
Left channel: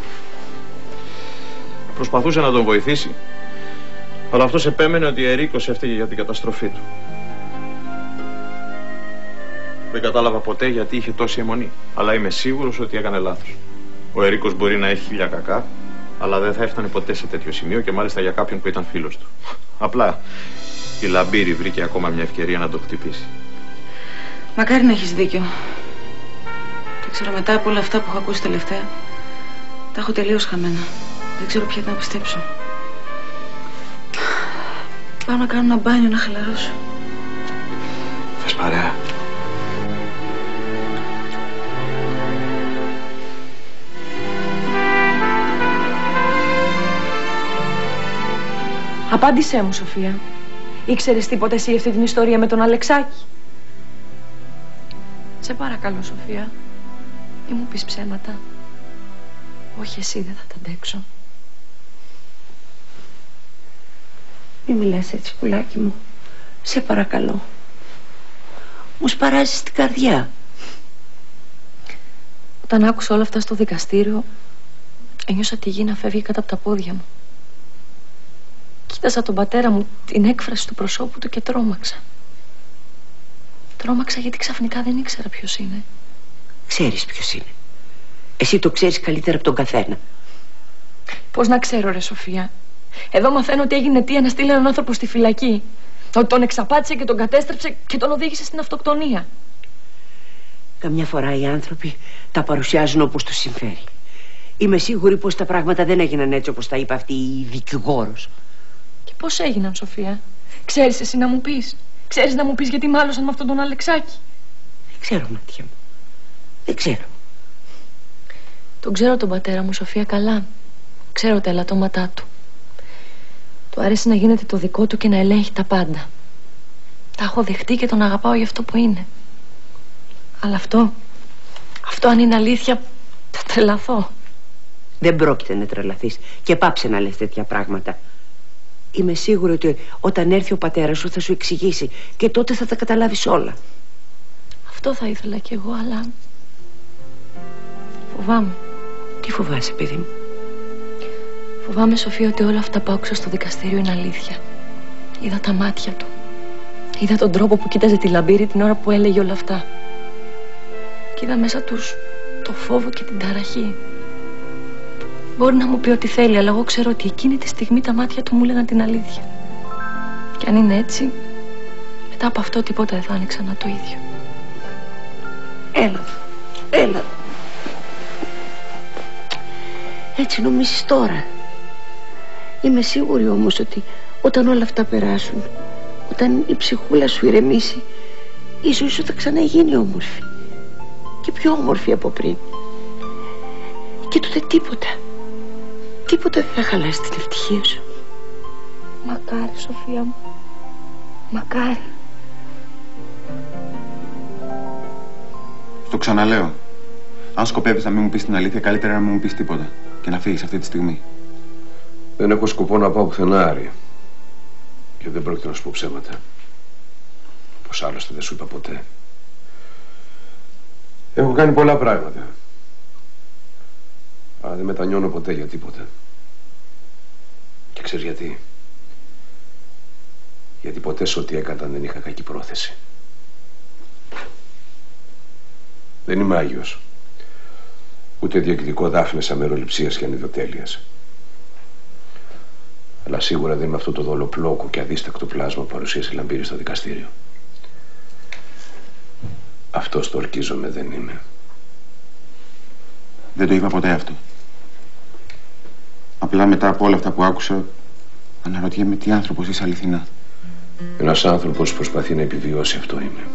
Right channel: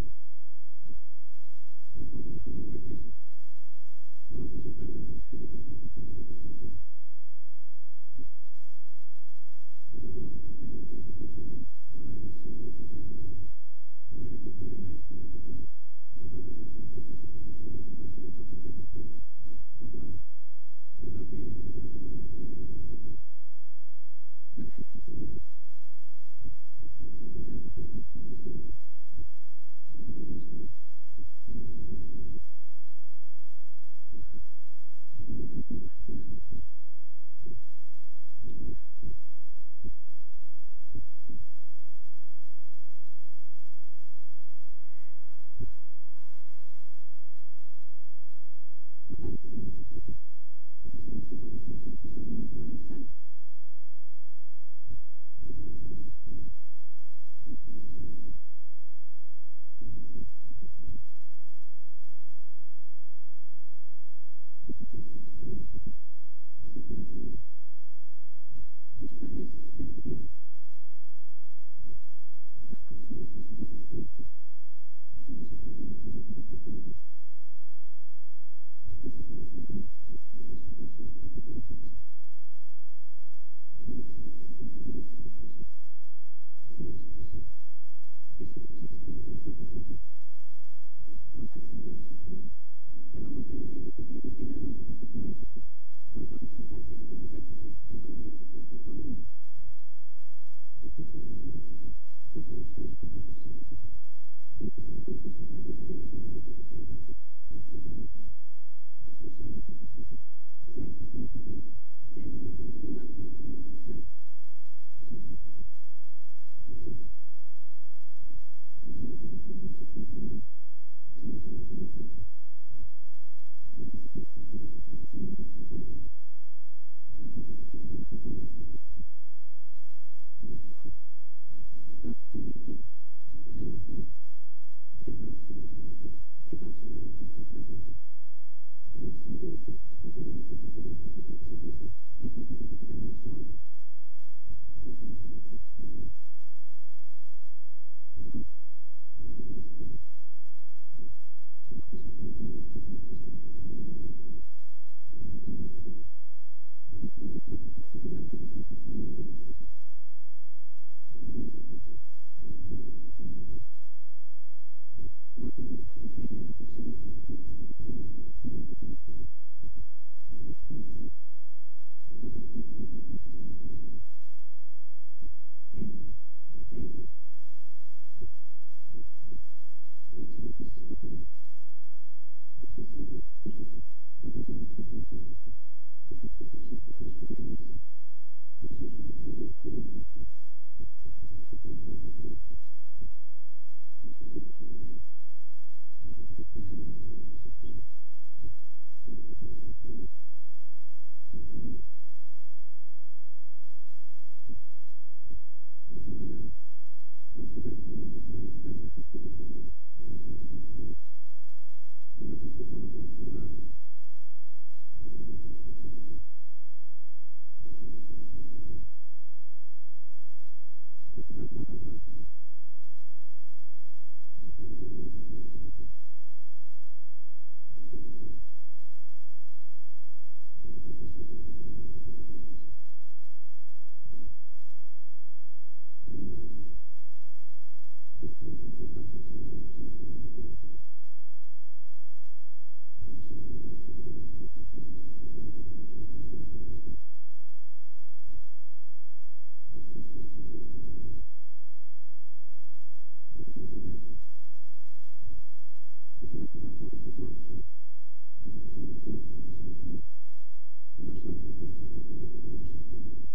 Προσπαθούσε να τον βοηθήσει, αλλά αυτός επέμενε ότι ο Ερίκος έφταιγε για την καταστροφή του. Δεν κατάλαβα ποτέ γιατί είχε τόση αιμονή, αλλά είμαι σίγουρος ότι έκανε λάθος. Ο Ερίκος μπορεί να έχει χίλια κακά, αλλά δεν θα έφτανε ποτέ σε τέτοιο σημείο και μάλιστα για κάποιον που ήταν φίλος του. Απλά η Λαμπύρη βρήκε ακόμα μια ευκαιρία να το χτυπήσει. Μακάρι να έχεις δίκιο. Δεν ξέρω, μετά από όλα αυτά που έχω ακούσει τελευταία, τα έχω τελείως χαμένα. Δεν ξέρω πια τι να πιστέψω. Πάω να κάνω ένα μπάνιο να χαλαρώσω. Θες παρέα? Απάντησέ μου, Σοφία. Ήξερες τίποτα εσύ αυτή την ιστορία με τον Αλεξάκη? Σε παρακαλώ, Σοφία. Μη μου πεις ψέματα. Όχι, εσύ δεν θα τα αντέξω. Μη μιλάς έτσι, πουλάκι μου. Σε παρακαλώ. Μου σπαράζεις την καρδιά. Όταν άκουσα όλα αυτά στο δικαστήριο, ένιωσα τη γη να φεύγει κάτω από τα πόδια μου. Κοίταζα τον πατέρα μου, την έκφραση του προσώπου του και τρόμαξα. Τρόμαξα γιατί ξαφνικά δεν ήξερα ποιος είναι. Ξέρεις ποιος είναι. Εσύ το ξέρεις καλύτερα από τον καθένα. Πώς να ξέρω, ρε Σοφία? Εδώ μαθαίνω ότι έγινε αιτία να στείλει έναν άνθρωπο στη φυλακή. Ότι τον εξαπάτησε και τον κατέστρεψε και τον οδήγησε στην αυτοκτονία. Καμιά φορά οι άνθρωποι τα παρουσιάζουν όπως τους συμφέρει. Είμαι σίγουρη πως τα πράγματα δεν έγιναν έτσι όπως τα είπε αυτή η δικηγόρος. Και πώς έγιναν, Σοφία? Ξέρεις εσύ να μου πεις? Ξέρεις να μου πεις γιατί μάλωσαν με αυτόν τον Αλεξάκη? Δεν ξέρω, Μάτια μου. Δεν ξέρω. Τον ξέρω τον πατέρα μου, Σοφία, καλά. Ξέρω τα ελαττώματά του. Του αρέσει να γίνεται το δικό του και να ελέγχει τα πάντα. Τα έχω δεχτεί και τον αγαπάω για αυτό που είναι. Αλλά αυτό αν είναι αλήθεια, θα τρελαθώ. Δεν πρόκειται να τρελαθείς και πάψε να λες τέτοια πράγματα. Είμαι σίγουρη ότι όταν έρθει ο πατέρας σου θα σου εξηγήσει και τότε θα τα καταλάβεις όλα. Αυτό θα ήθελα κι εγώ, αλλά Φοβάμαι. Τι φοβάσαι, παιδί μου? Φοβάμαι, Σοφία, ότι όλα αυτά που άκουσα στο δικαστήριο είναι αλήθεια. Είδα τα μάτια του. Είδα τον τρόπο που κοίταζε τη Λαμπύρη την ώρα που έλεγε όλα αυτά. Και είδα μέσα τους το φόβο και την ταραχή. Μπορεί να μου πει ό,τι θέλει, αλλά εγώ ξέρω ότι εκείνη τη στιγμή τα μάτια του μου λέγαν την αλήθεια. Και αν είναι έτσι, μετά από αυτό τίποτα δεν θα είναι ξανά το ίδιο. Έλα, έλα. Έτσι νομίζεις τώρα. Είμαι σίγουρη όμως ότι όταν όλα αυτά περάσουν, όταν η ψυχούλα σου ηρεμήσει, η ζωή σου θα ξαναγίνει όμορφη. Και πιο όμορφη από πριν. Και τότε τίποτα δεν θα χαλάσει την ευτυχία σου. Μακάρι, Σοφία μου. Μακάρι. Στο ξαναλέω. Αν σκοπεύεις να μην μου πεις την αλήθεια, καλύτερα να μην μου πεις τίποτα. Και να φύγεις αυτή τη στιγμή. Δεν έχω σκοπό να πάω πουθενά, Άρη. Και δεν πρόκειται να σου πω ψέματα. Πως άλλωστε δεν σου είπα ποτέ. Έχω κάνει πολλά πράγματα. Αλλά δεν μετανιώνω ποτέ για τίποτα. Και ξέρεις γιατί? Γιατί ποτέ σε ό,τι έκανα δεν είχα κακή πρόθεση. Δεν είμαι Άγιος. Ούτε διεκδικώ δάφνες αμεροληψίας και ανιδοτέλειας. Αλλά σίγουρα δεν είμαι αυτό το δολοπλόκο και αδίστακτο πλάσμα που παρουσίασε η Λαμπύρη στο δικαστήριο. Αυτός το ορκίζομαι δεν είμαι. Δεν το είπα ποτέ αυτό. Απλά μετά από όλα αυτά που άκουσα, αναρωτιέμαι τι άνθρωπος είσαι αληθινά. Ένας άνθρωπος που προσπαθεί να επιβιώσει, αυτό είμαι.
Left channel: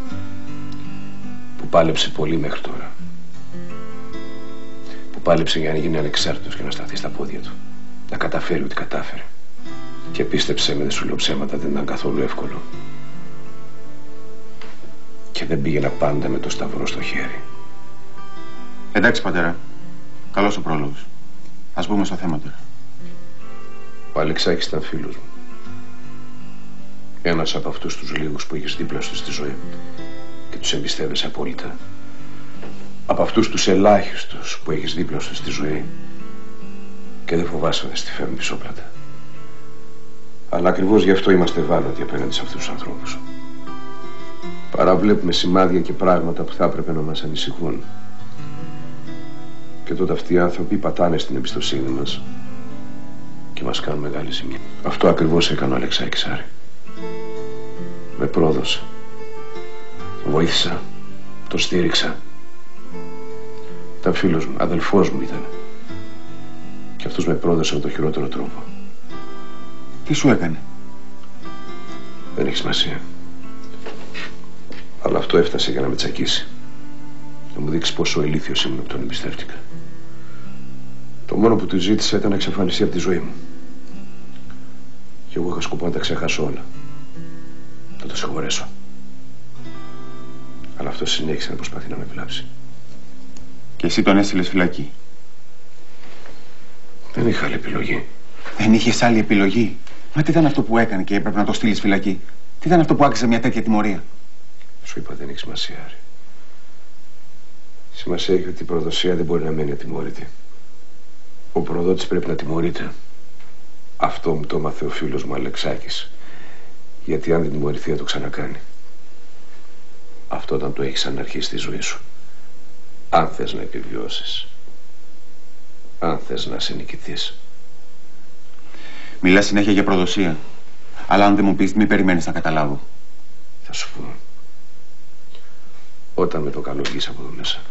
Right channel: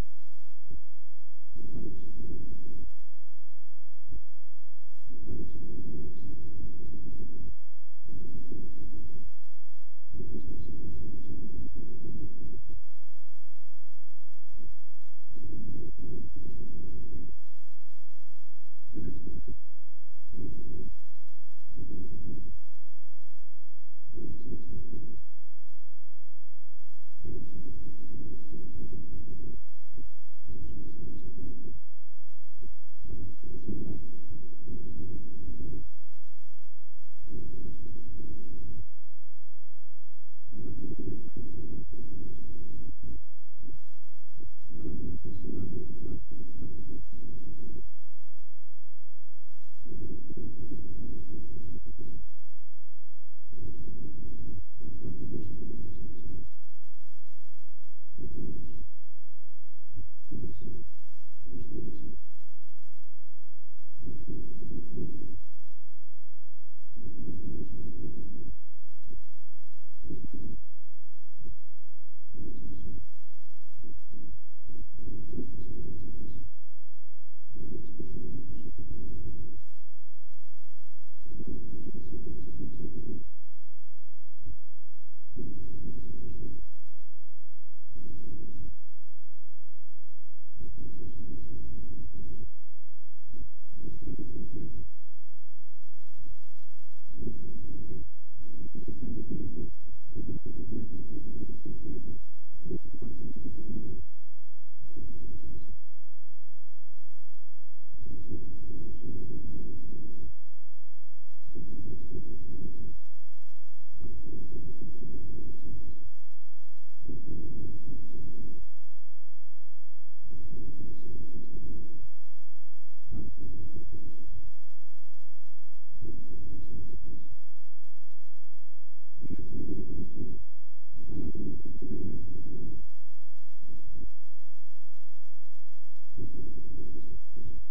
Που πάλεψε πολύ μέχρι τώρα. Που πάλεψε για να γίνει ανεξάρτητος και να σταθεί στα πόδια του. Να καταφέρει ό,τι κατάφερε. Και πίστεψε με, δεν σου λέω ψέματα, δεν ήταν καθόλου εύκολο. Και δεν πήγαινα πάντα με το σταυρό στο χέρι. Εντάξει, πατέρα. Καλός ο πρόλογος. Ας μπούμε στο θέμα τώρα. Ο Αλεξάκης ήταν φίλος μου. Ένας από αυτούς τους λίγους που είχες δίπλα σου στη ζωή και τους εμπιστεύεσαι απόλυτα. Από αυτούς τους ελάχιστους που έχεις δίπλα σου στη ζωή και δεν φοβάσαι να στη φέρουν πισόπλατα. Αλλά ακριβώς γι' αυτό είμαστε ευάλωτοι απέναντι σε αυτούς τους ανθρώπους. Παραβλέπουμε σημάδια και πράγματα που θα έπρεπε να μας ανησυχούν. Και τότε αυτοί οι άνθρωποι πατάνε στην εμπιστοσύνη μας και μας κάνουν μεγάλη ζημιά. Αυτό ακριβώς έκανε ο Αλεξάκης, Άρη. Με πρόδωσε. Τον βοήθησα. Τον στήριξα. Ήταν φίλος μου, αδελφός μου ήταν. Και αυτός με πρόδωσε με τον χειρότερο τρόπο. Τι σου έκανε? Δεν έχει σημασία. Αλλά αυτό έφτασε για να με τσακίσει. Να μου δείξει πόσο ηλίθιος ήμουν που τον εμπιστεύτηκα. Το μόνο που του ζήτησα ήταν να εξαφανιστεί από τη ζωή μου. Και εγώ είχα σκοπό να τα ξεχάσω όλα. Να το συγχωρέσω. Αλλά αυτό συνέχισε να προσπαθεί να με βλάψει. Και εσύ τον έστειλες φυλακή? Δεν είχα άλλη επιλογή. Δεν είχες άλλη επιλογή? Μα τι ήταν αυτό που έκανε και έπρεπε να το στείλεις φυλακή? Τι ήταν αυτό που άξιζε μια τέτοια τιμωρία? Σου είπα, δεν έχει σημασία, Άρη. Σημασία έχει ότι η προδοσία δεν μπορεί να μένει ατιμωρητή. Ο προδότης πρέπει να τιμωρείται. Αυτό μου το έμαθε ο φίλος μου Αλεξάκης. Γιατί αν δεν τιμωρηθεί θα το ξανακάνει. Αυτό όταν το έχεις σαν αρχή στη ζωή σου. Αν θες να επιβιώσεις. Αν θες να σε νικηθείς. Μιλάς συνέχεια για προδοσία. Αλλά αν δεν μου πεις, μη περιμένεις να καταλάβω. Θα σου πω. Όταν με το καλό βγεις από εδώ μέσα.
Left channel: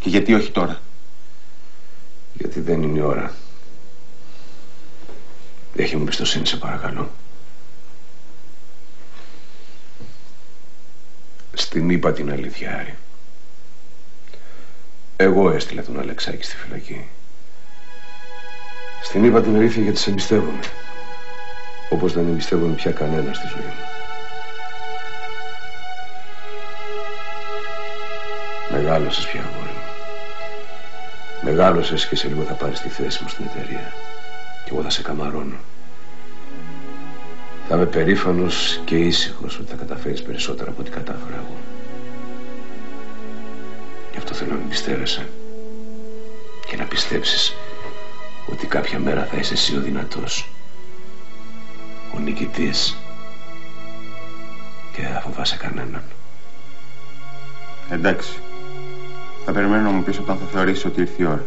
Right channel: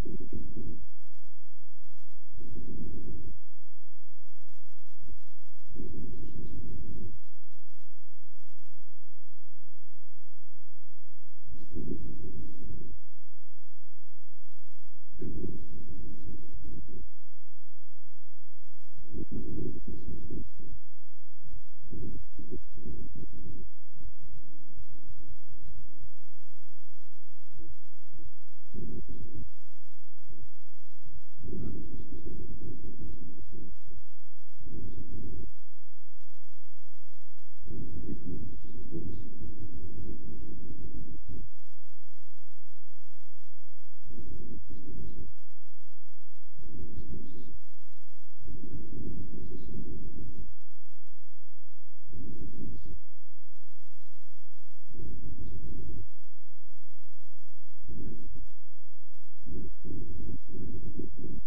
Και γιατί όχι τώρα? Γιατί δεν είναι η ώρα. Έχει μου εμπιστοσύνη, σε παρακαλώ. Στην είπα την αλήθεια, Άρη. Εγώ έστειλα τον Αλεξάκη στη φυλακή. Στην είπα την αλήθεια γιατί σε εμπιστεύομαι. Όπως δεν εμπιστεύομαι πια κανένα στη ζωή μου. Μεγάλωσες πια, αγόρι μου. Μεγάλωσες και σε λίγο θα πάρεις τη θέση μου στην εταιρεία. Και εγώ θα σε καμαρώνω. Θα είμαι περήφανος και ήσυχος ότι θα καταφέρεις περισσότερα από ό,τι κατάφερα εγώ. Γι' αυτό θέλω να με πιστεύεσαι. Και να πιστέψεις ότι κάποια μέρα θα είσαι εσύ ο δυνατός, ο νικητής, και δεν θα φοβάσαι κανέναν. Εντάξει. Θα περιμένω να μου πεις όταν θα θεωρήσεις ότι ήρθε η ώρα.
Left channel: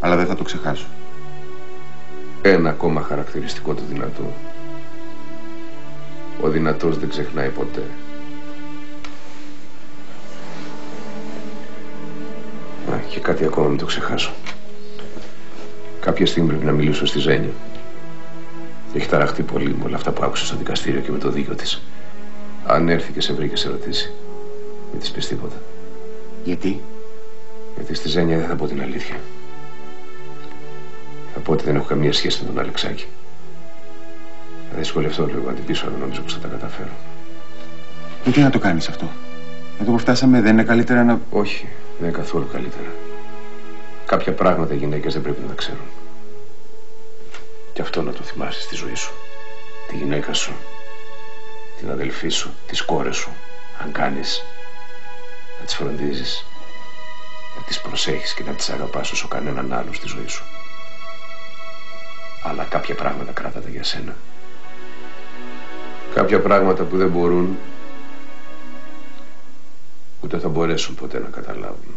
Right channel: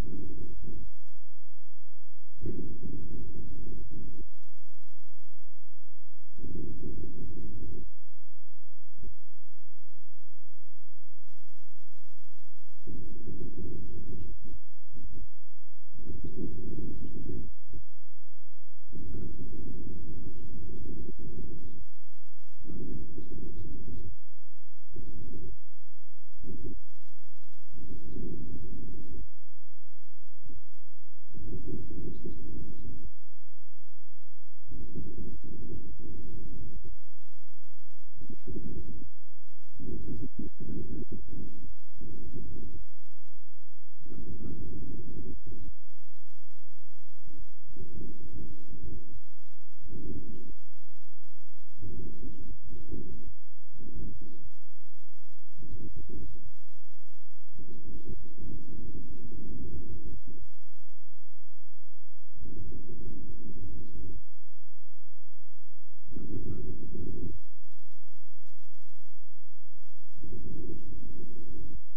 Αλλά δεν θα το ξεχάσω. Ένα ακόμα χαρακτηριστικό του δυνατού. Ο δυνατός δεν ξεχνάει ποτέ. Και κάτι ακόμα μην το ξεχάσω. Κάποια στιγμή πρέπει να μιλήσω στη Ζένια. Έχει ταραχτεί πολύ με όλα αυτά που άκουσε στο δικαστήριο και με το δίκιο της. Αν έρθει και σε βρει και σε ρωτήσει, μην της πεις τίποτα. Γιατί? Γιατί στη Ζένια δεν θα πω την αλήθεια. Θα πω ότι δεν έχω καμία σχέση με τον Αλεξάκη. Θα δυσκολευτώ λίγο να την πείσω, αλλά νομίζω πως θα τα καταφέρω. Γιατί να το κάνεις αυτό? Εδώ που φτάσαμε δεν είναι καλύτερα να... Όχι, δεν είναι καθόλου καλύτερα. Κάποια πράγματα οι γυναίκες δεν πρέπει να τα ξέρουν. Και αυτό να το θυμάσαι στη ζωή σου. Τη γυναίκα σου, την αδελφή σου, τις κόρες σου. Αν κάνεις, να τις φροντίζεις, να τις προσέχεις και να τις αγαπάς όσο κανέναν άλλο στη ζωή σου. Αλλά κάποια πράγματα κράτατα για σένα. Κάποια πράγματα που δεν μπορούν, ούτε θα μπορέσουν ποτέ να καταλάβουν.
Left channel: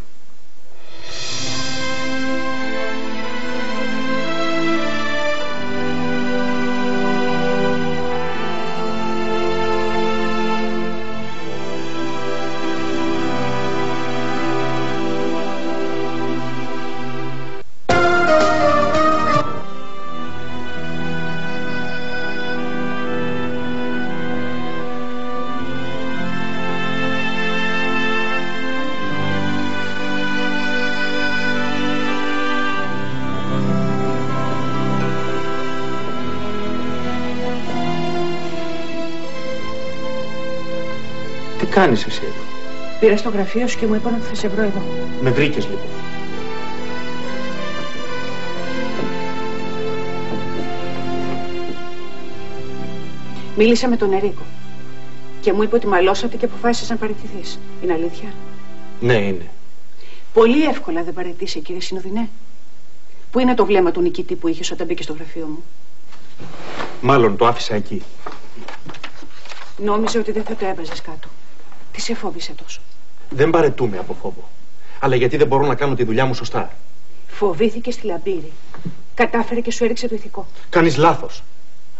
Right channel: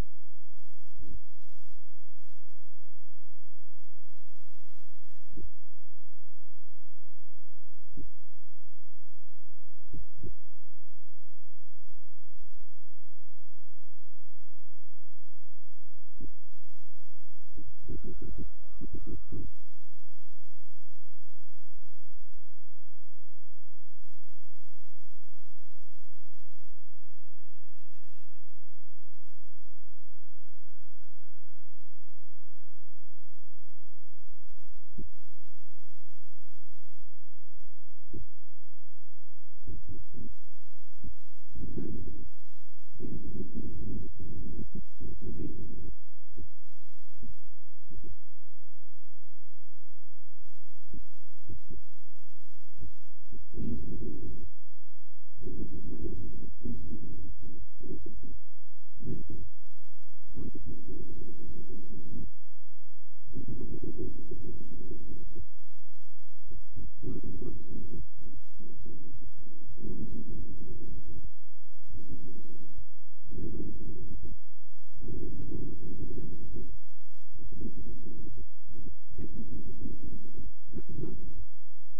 Τι κάνεις εσύ εδώ? Πήρα στο γραφείο σου και μου είπαν ότι θα σε βρω εδώ. Με βρήκες λοιπόν? Μίλησα με τον Ερίκο και μου είπε ότι μαλώσατε και αποφάσισες να παραιτηθείς. Είναι αλήθεια? Ναι, είναι. Πολύ εύκολα δεν παραιτείσαι, κύριε Συνοδεινέ. Πού είναι το βλέμμα του νικητή που είχες όταν μπήκε στο γραφείο μου? Μάλλον το άφησα εκεί. Νόμιζε ότι δεν θα το έβαζες κάτω. Τι σε φόβησε τόσο? Δεν παραιτούμε από φόβο. Αλλά γιατί δεν μπορώ να κάνω τη δουλειά μου σωστά. Φοβήθηκε στη λαμπύρη. Κατάφερε και σου έριξε το ηθικό. Κάνεις λάθος.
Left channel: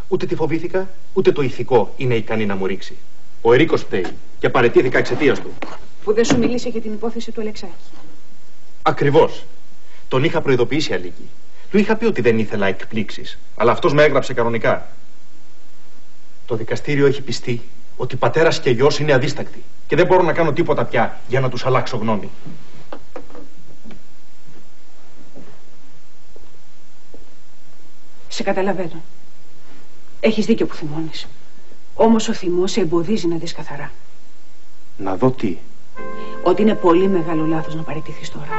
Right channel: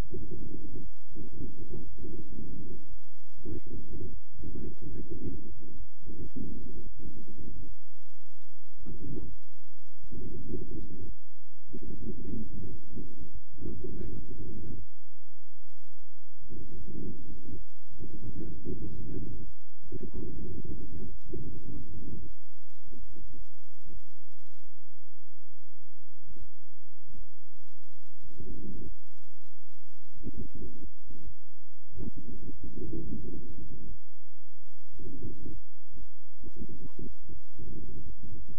Ούτε τη φοβήθηκα, ούτε το ηθικό είναι ικανή να μου ρίξει. Ο Ερίκος φταίει και παραιτήθηκα εξαιτίας του. Που δεν σου μίλησε για την υπόθεση του Αλεξάκη. Ακριβώς. Τον είχα προειδοποιήσει Αλίκη. Του είχα πει ότι δεν ήθελα εκπλήξεις. Αλλά αυτός με έγραψε κανονικά. Το δικαστήριο έχει πιστεί ότι πατέρας και γιος είναι αδίστακτοι και δεν μπορώ να κάνω τίποτα πια για να τους αλλάξω γνώμη. Σε καταλαβαίνω. Έχεις δίκιο που θυμώνεις. Όμως ο θυμός σε εμποδίζει να δεις καθαρά. Να δω τι? Ότι είναι πολύ μεγάλο λάθος να παραιτηθείς τώρα.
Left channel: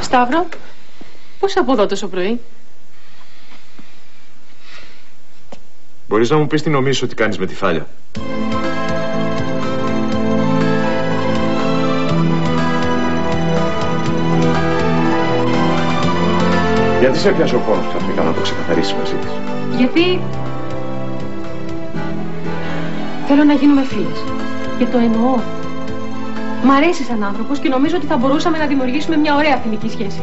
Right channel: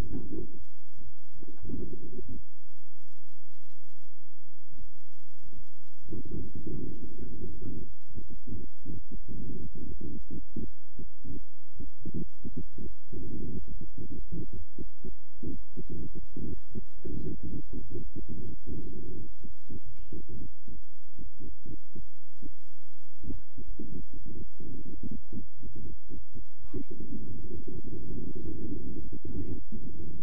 Σταύρο, πώς από εδώ τόσο πρωί? Μπορείς να μου πεις τι νομίζεις ότι κάνεις με τη Φάλια? Γιατί σε έπιασε ο πόνος ξαφνικά να το ξεκαθαρίσεις μαζί της? Γιατί θέλω να γίνουμε φίλες. Και το εννοώ. Μ' αρέσει σαν άνθρωπος και νομίζω ότι θα μπορούσαμε να δημιουργήσουμε μια ωραία φιλική σχέση.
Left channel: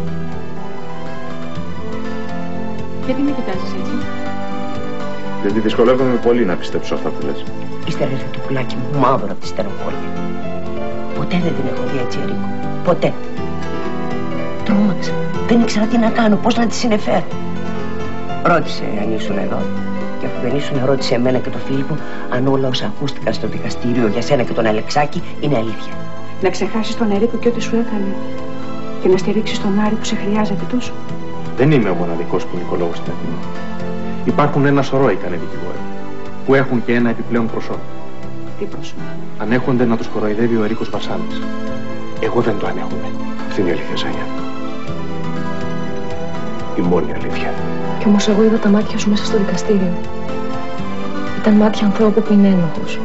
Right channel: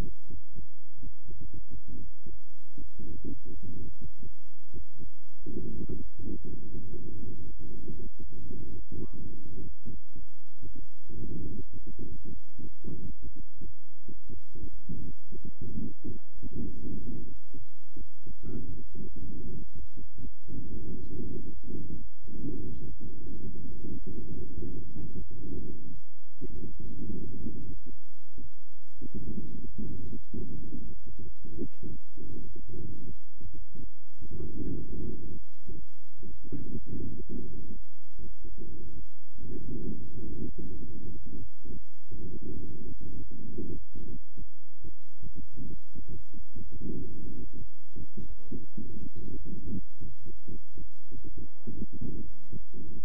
Γιατί με κοιτάζεις έτσι? Γιατί δυσκολεύομαι πολύ να πιστέψω αυτά που λες. Ύστερα ήρθε το πουλάκι μου μαύρο από τη στενοχώρια. Ποτέ δεν την έχω δει έτσι, Ερίκο. Ποτέ. Τρόμαξα. Δεν ήξερα τι να κάνω, πώς να τη συνεφέρω. Ρώτησε αν ήσουν εδώ. Και αφού δεν ήσουν, ρώτησε εμένα και τον Φίλιππο αν όλα όσα ακούστηκαν στο δικαστήριο για σένα και τον Αλεξάκη είναι αλήθεια. Να ξεχάσεις τον Ερίκο και ό,τι σου έκανε. Και να στηρίξεις τον Άρη που σε χρειάζεται τόσο. Δεν είμαι ο μοναδικός ποινικολόγος στην Αθήνα. Υπάρχουν ένα σωρό ικανοί δικηγόροι που έχουν και ένα επιπλέον προσώπο. Τι πρόσωπο? Ανέχονται να τους κοροϊδεύει ο Ερίκος Βασάνης. Εγώ δεν το ανέχομαι. Αυτή είναι η αλήθεια, Ζάνια. Η μόνη αλήθεια. Κι όμως εγώ είδα τα μάτια σου μέσα στο δικαστήριο. Ήταν μάτια ανθρώπου που είναι ένοχος.